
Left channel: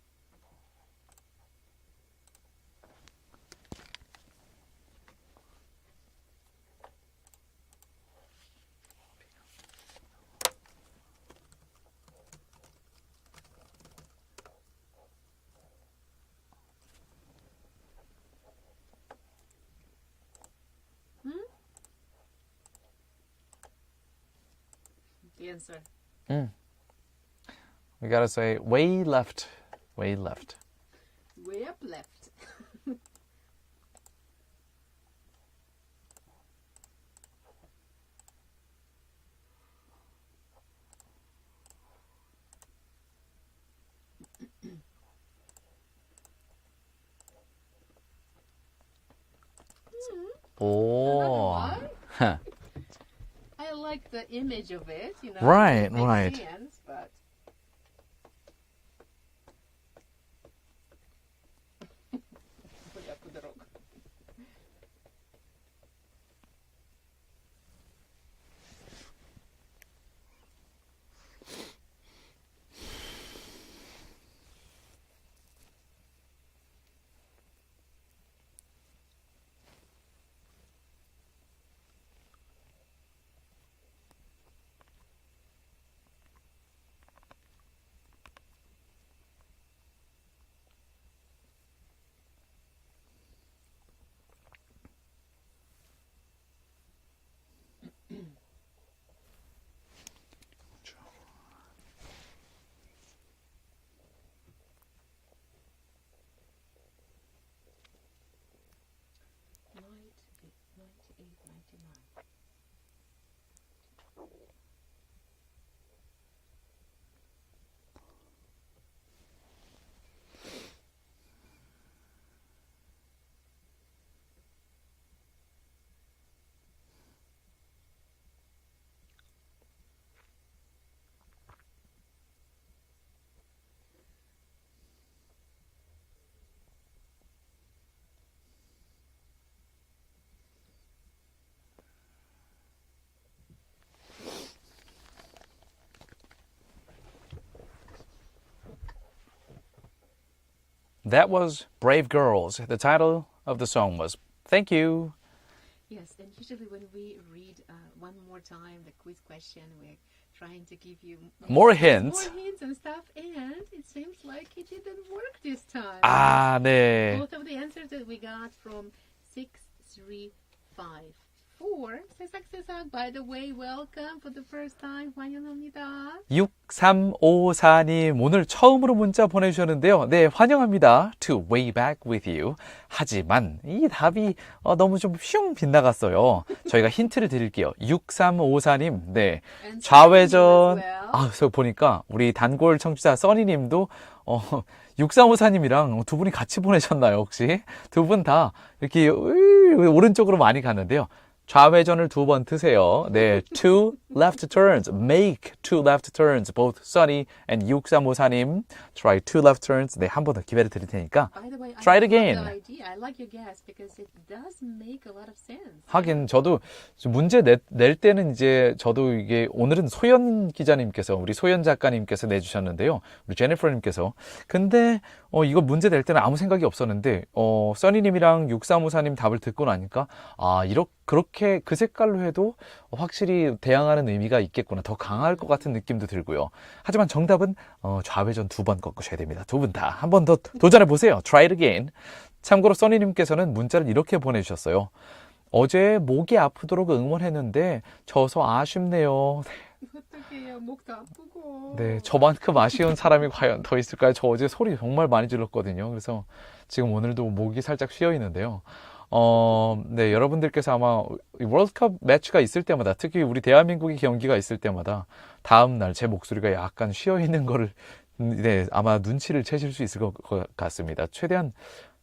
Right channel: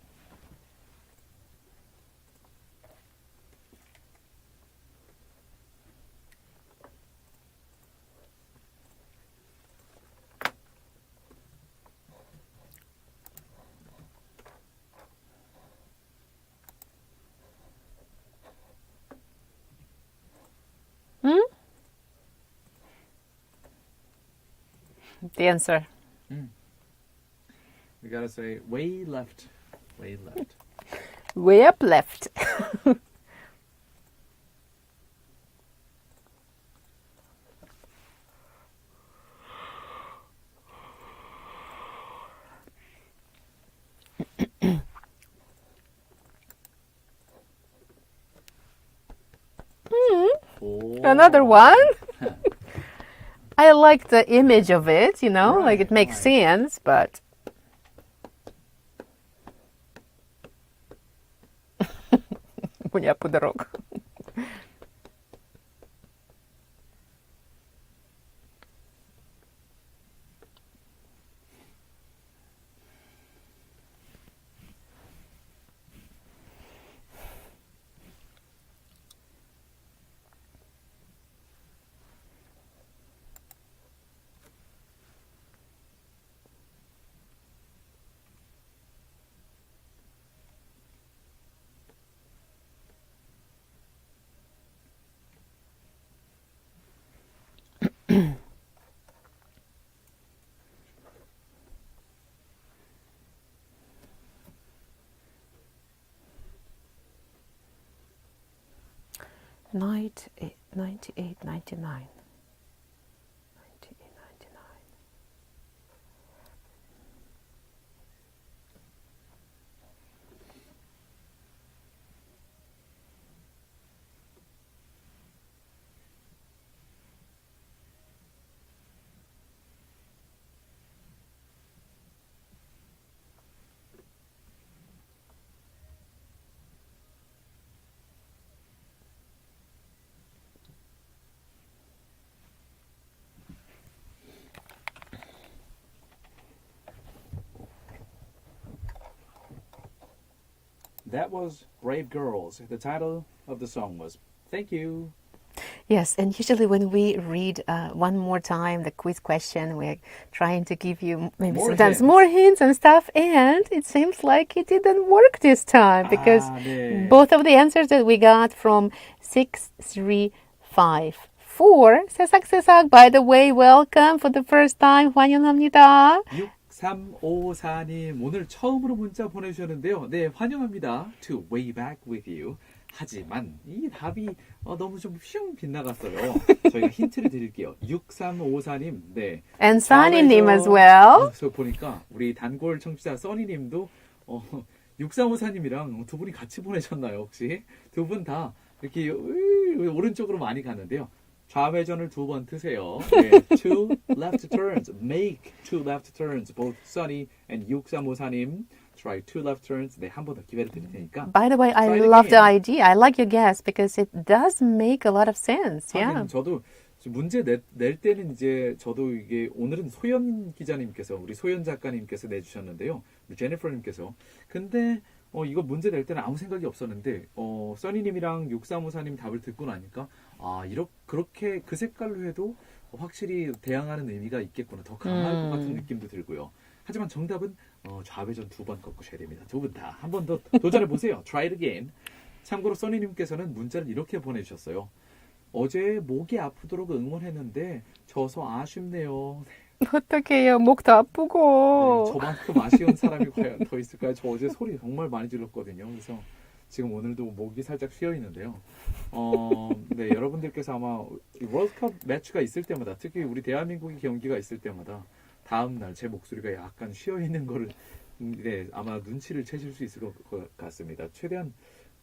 The answer. We gotta say way left, way left. Way up left. 오. Another one. I like the image of it, you know, like Right, it makes right. sense, but 문이 아프도록. Night 98, 99. 98, 99. That was Brave Girls. The title of the song was Thank You. Yes, and usually when we read one more time the quiz question, we're trying to give you maybe More sometimes hints. more hints and stuff, and it seems like it didn't work this time because 네. both of the answers that we got from 6354. 새싹새싹, by the way, welcome for the first time. 환영합니다. 6354님 오늘 처음으로 문자 보내주셨는데요. 네, 환영합니다. To way back with you. 하지만 이 답이 너무 좀 슝 빗나갔어요. 저희가 힌트를 드릴게요. 6354님, 네. And Sunny님 as well. 그래서 보니까 우리 단골 청취자 써니님도 6354님이랑 두 분이 같이 보내셨나요, 혹시? 두 분 다 이렇게 오른쪽으로 많이 갔는데요. 좌회전을 두 번 트세요. 네, two left turns. Make two left turns. Both Sunny and 6354님. Try two left turns. 네, 한 번 더 기회를 드릴 테니까. By the way, I Try it love the again. idea. I like your guess because it does make a lot of sense. 하긴 Yeah. 저도 문제 낼 때는 이제 저도 이게 오늘은 소연 기자님께서 우리 소연 작가님께서 내주셨는데요. 우리 제니퍼님께서. 근데 이거 문제 낼 때는 아무 생각이 없었는데 써니님이랑 6354님 답을 듣고 나니까 그렇게 그 색깔로 해도 확실히 대항하는 의미가 있겠구나. 더 강할 것 같은 느낌도 들고요. 하지만 정답은 좌회전 두 번 꺾으셔야 됩니다. 두 분 다 한 번 더 도전해 보세요. Try it again. 참고로 써니님께서는 문자를 이렇게 보내주셨어요. 어제 목이 아프도록 응원했는데 져서 아쉽네요. 어떡해요. 목도 아프고. 네, 저만큼 아쉬운 사람이 과연 더 있을까요? 저 어제 소리 정말 많이 질렀거든요. 그래서 지금 오늘도 목이 살짝 쉬어 있는데요. 네, 여러분들께서 아마 월드컵 매치가 있을 때마다, 특히 우리 대한민국의 경기가 있을 때마다 다음 날 제 목소리가 약간 쉬어 있는 거를 네, 아마 눈치를 채실 수 있을 것 같습니다. 최대한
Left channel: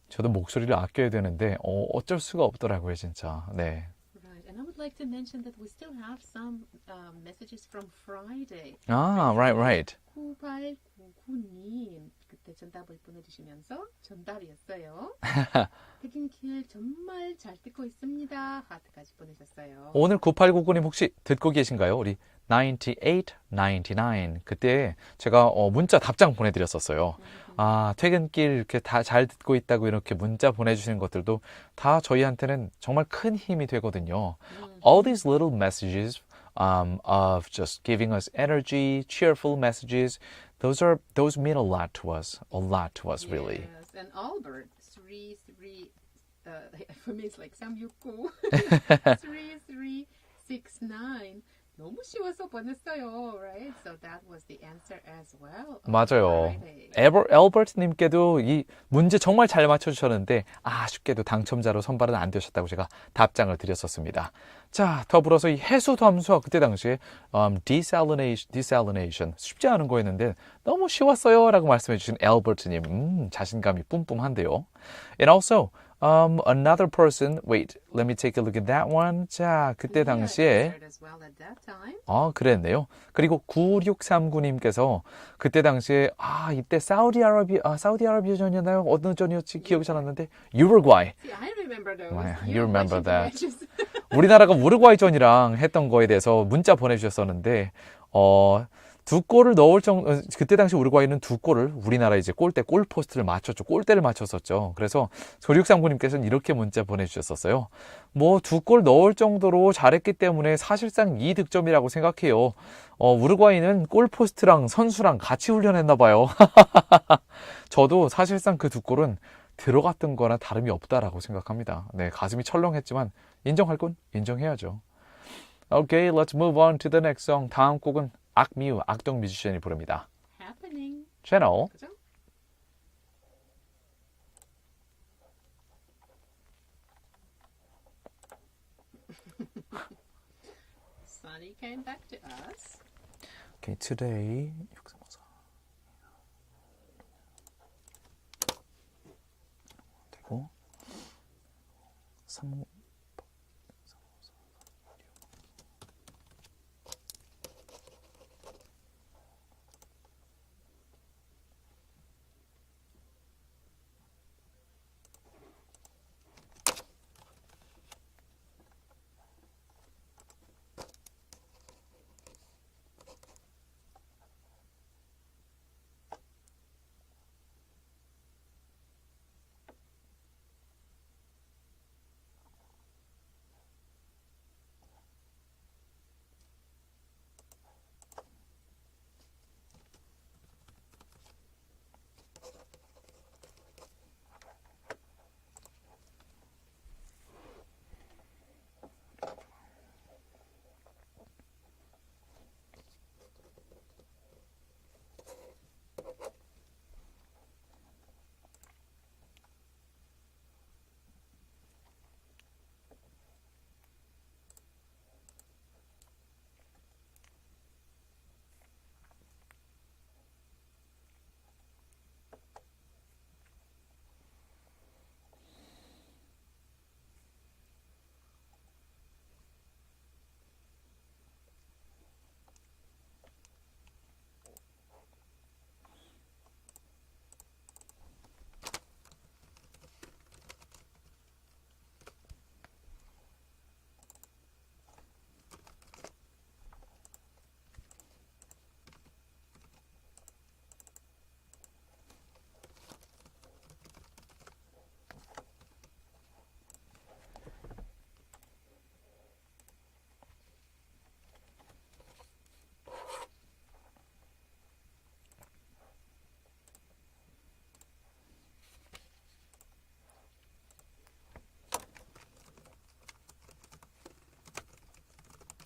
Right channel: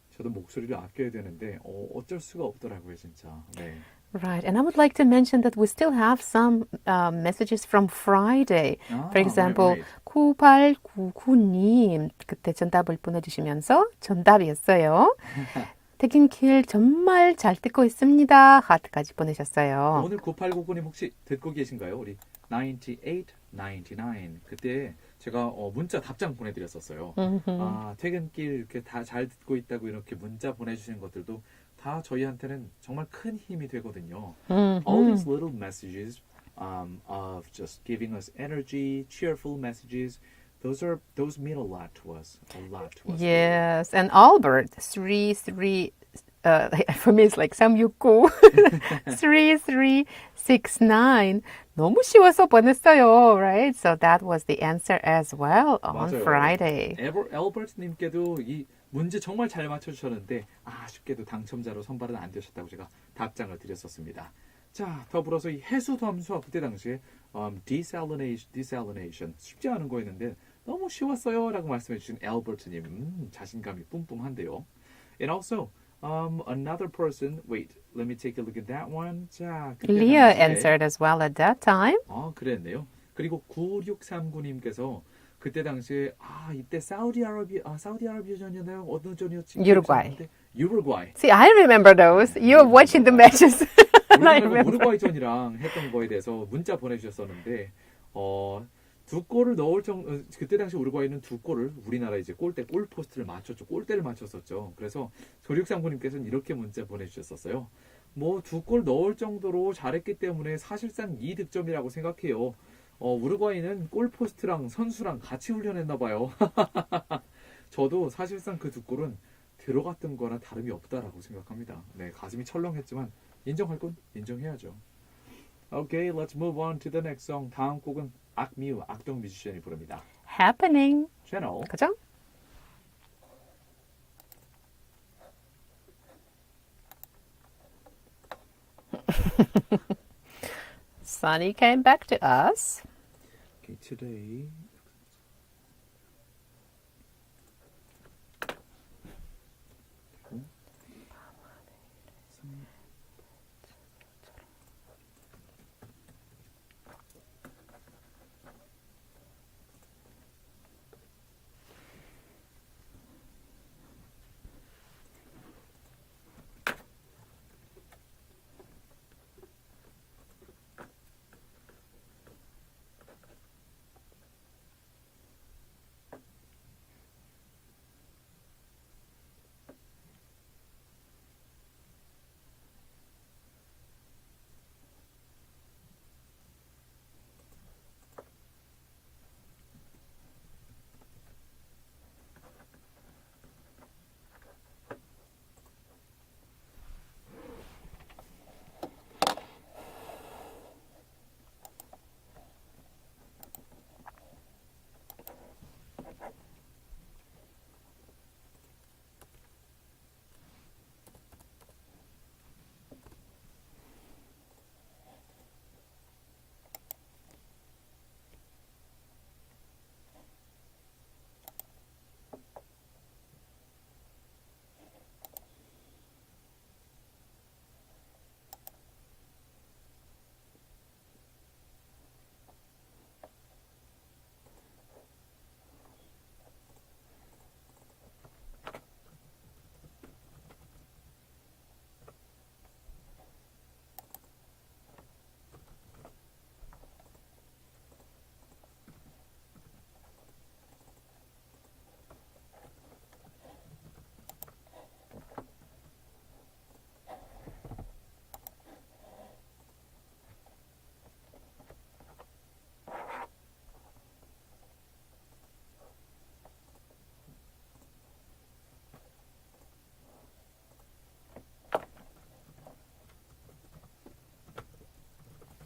저도 목소리를 아껴야 되는데 어쩔 수가 없더라고요, 진짜. 네. Right, and I would like to mention that we still have some messages from Friday. For example, right. 9899님 그때 정답을 보내주시면서 정답이었어요. 퇴근길 정말 잘 듣고 있습니다. 하트까지 보내셨어요. 오늘 9899님 혹시 듣고 계신가요? 우리 9899 그때 제가 문자 답장 보내드렸었어요. 아, 퇴근길 이렇게 다 잘 듣고 있다고 이렇게 문자 보내주시는 것들도 다 저희한테는 정말 큰 힘이 되거든요. All these little messages of just giving us energy, cheerful messages, those mean a lot to us, really. Yes, and Albert 33 for me it's like 369 3369 너무 쉬워서 보냈어요, right? So that was the answer as well on 맞아요. Friday. 엘버트님께도 이 문제 정말 잘 맞춰주셨는데 아쉽게도 당첨자로 선발은 안 되셨다고 제가 답장을 드렸었습니다. 자, 더불어서 이 해수 담수화 그때 당시에 desalination 쉽지 않은 거였는데 너무 쉬웠어요 라고 말씀해 주신 엘버트님 자신감이 뿜뿜한데요. And also another person, wait, let me take a look at that one. 자, 그때 Leah 당시에 answered as well at that time. 그랬네요. 그리고 9639님께서 그때 당시에 이때 사우디아라비아전이었나요? 어느 전이었지? 기억이 잘 안 나는데 우루과이. See, I remember those. 네, You were watching the remember matches. 우리나라가 우루과이전이랑 했던 거에 대해서 문자 보내주셨었는데 두 골을 넣을 그때 당시 우루과이는 두 골을 우리나라 이제 골 포스트를 맞췄죠. 골대를 맞췄었죠. 그래서 9639님께서는 이렇게 문자 보내주셨었어요. 뭐 두 골 넣을 정도로 잘했기 때문에 사실상 2득점이라고 생각해요. 우루과이는 골 포스트랑 선수랑 같이 훈련했나 봐요. 저도 사실상 그 두 골은 들어갔던 거나 다름이 없다라고 생각합니다. 네, 가슴이 철렁했지만 인정할 건 인정해야죠. Okay, let's move on to the next song. 다음 곡은 악뮤, 악동 뮤지션이 부릅니다. Happening. 채널. 그죠? Sunny came back to us. Okay, today. 되고.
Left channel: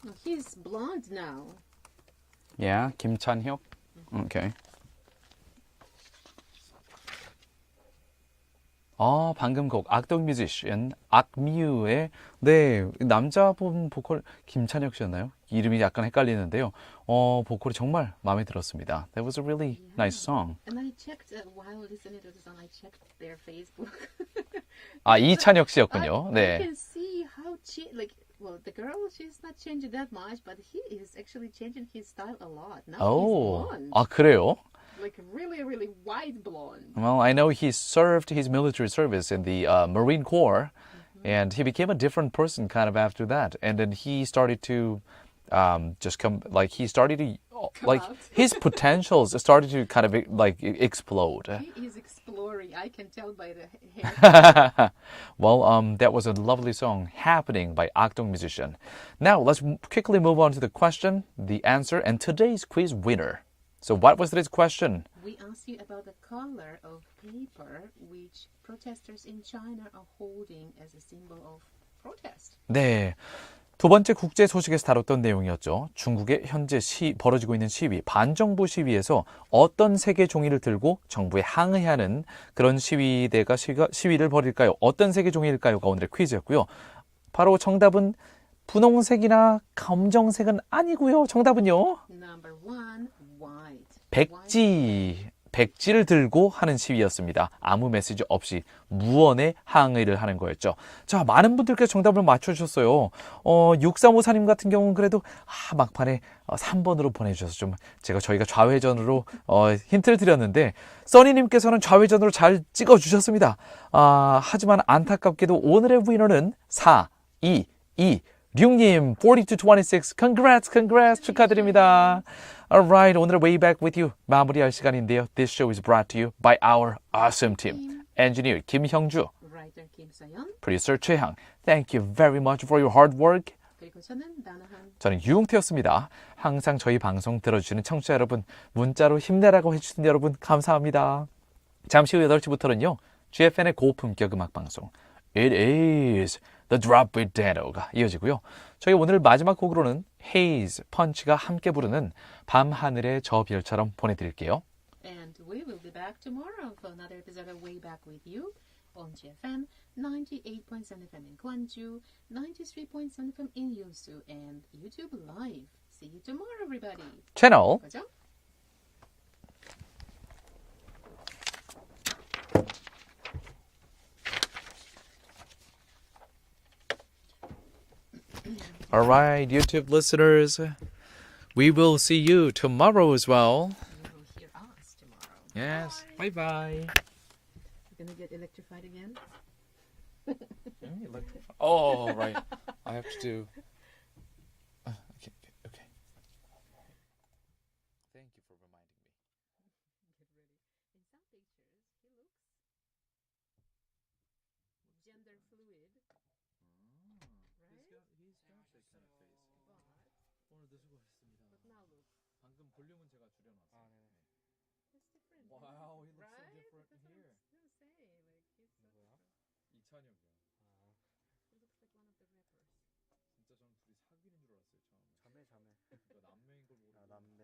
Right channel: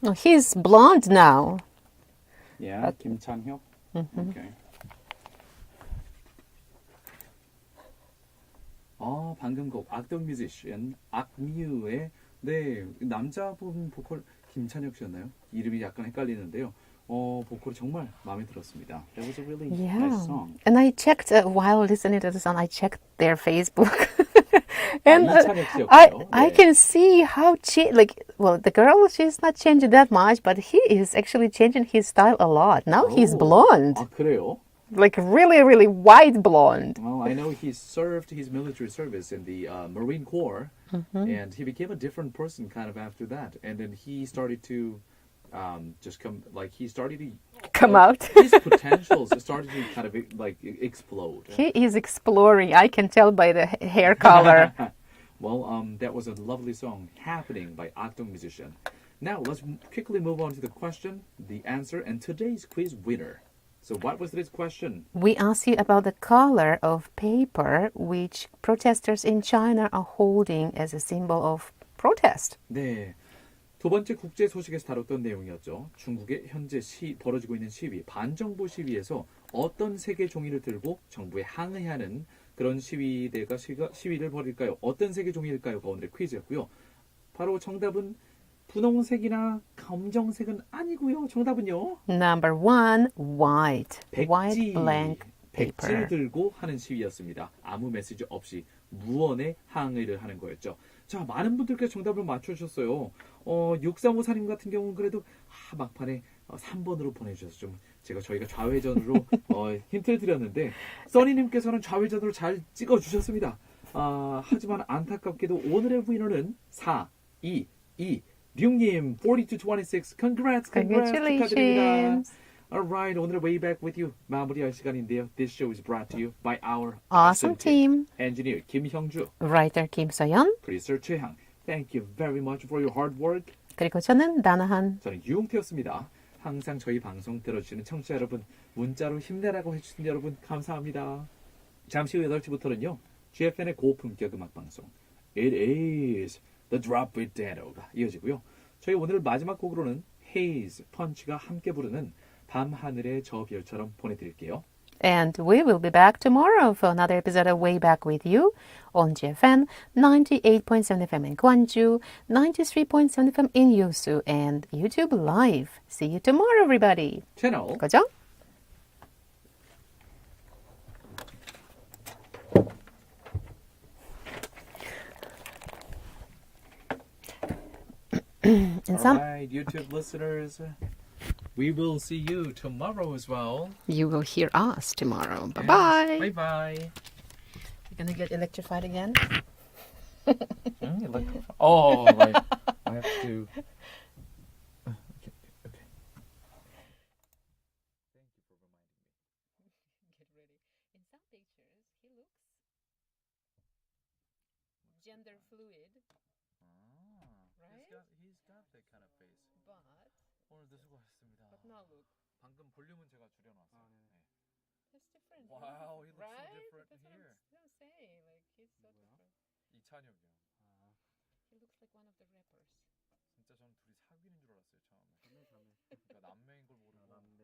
Oh, he's blonde now. Yeah, 김찬혁. Okay. 방금 곡 악동 뮤지션 악뮤의 네 남자분 보컬 김찬혁 씨였나요? 이름이 약간 헷갈리는데요. 보컬이 정말 마음에 들었습니다. That was a really Yeah. nice song. And I checked while listening to the song. I checked their Facebook. 이찬혁 씨였군요. I 네. can see how the girl, she's not changing that much, but he is actually changing his style a lot. Now he's blonde, 그래요? like really, really white blonde. Well, I know he served his military service in the Marine Corps, and he became a different person kind of after that. And then he started to he started to Come like, out. his potentials started to kind of like explode. He is exploring. I can tell by the hair color. Well, that was a lovely song, Happening by Akdong Musician. Now, let's quickly move on to the question, the answer, and today's quiz winner. So what was today's question? We asked you about the color of paper which protesters in China are holding as a symbol of protest. 네. 두 번째 국제 소식에서 다뤘던 내용이었죠. 중국의 현재 벌어지고 있는 시위, 반정부 시위에서 어떤 색의 종이를 들고 정부에 항의하는 그런 시위대가 시위를 벌일까요? 어떤 색의 종이일까요?가 오늘의 퀴즈였고요. 바로 정답은 분홍색이나 검정색은 아니고요. 정답은요. Number 1, white. White blank 백지를 paper. 들고 하는 시위였습니다. 아무 메시지 없이 무언의 항의를 하는 거였죠. 자, 많은 분들께서 정답을 맞춰주셨어요. 6354님 같은 경우는 그래도 막판에 3번으로 보내주셔서 좀 저희가 좌회전으로 힌트를 드렸는데 써니님께서는 좌회전으로 잘 찍어주셨습니다. 하지만 안타깝게도 오늘의 위너는 4226님 4226 congrats 축하드립니다. Alright, 오늘의 Way Back With You 마무리할 시간인데요. This show is brought to you by our awesome team. Engineer 김형주, Writer 김서연. Producer 최향. Thank you very much for your hard work. 그리고 저는 나나한. 저는 유용태였습니다. 항상 저희 방송 들어주시는 청취자 여러분, 문자로 힘내라고 해주신 여러분 감사합니다. 잠시 후 8시부터는요. GFN의 고품격 음악 방송 It is The Drop with Dano가 이어지고요. 저희 오늘 마지막 곡으로는 Haze, 펀치가 함께 부르는 밤하늘의 저 별처럼 보내드릴게요. And we will be back tomorrow for another episode of Way Back With You on GFN 98.7 FM in Gwangju, 93.7 FM in Yosu, and YouTube Live. See you tomorrow, everybody. 채널 그죠? Alright, YouTube listeners, we will see you tomorrow as well. You will hear us tomorrow. Bye-bye. Bye-bye. You're going to get electrified again? Oh, right. I have to do... Okay. Thank you for reminding me. Get ready. In some pictures, he looks gender fluid. Right? He's got that kind of face. 오늘도 수고하셨습니다. But now look. 방금 볼륨은 제가 줄여놨어요. That's different. Wow, he looks right? so different That's here. what I'm saying. Like, he's so different. 이찬혁이요. He looks like one of the rappers. 진짜 저는 둘이 사귀는 줄 알았어요 처음에. 자매. 그러니까 남매인 걸 모르고. 남매.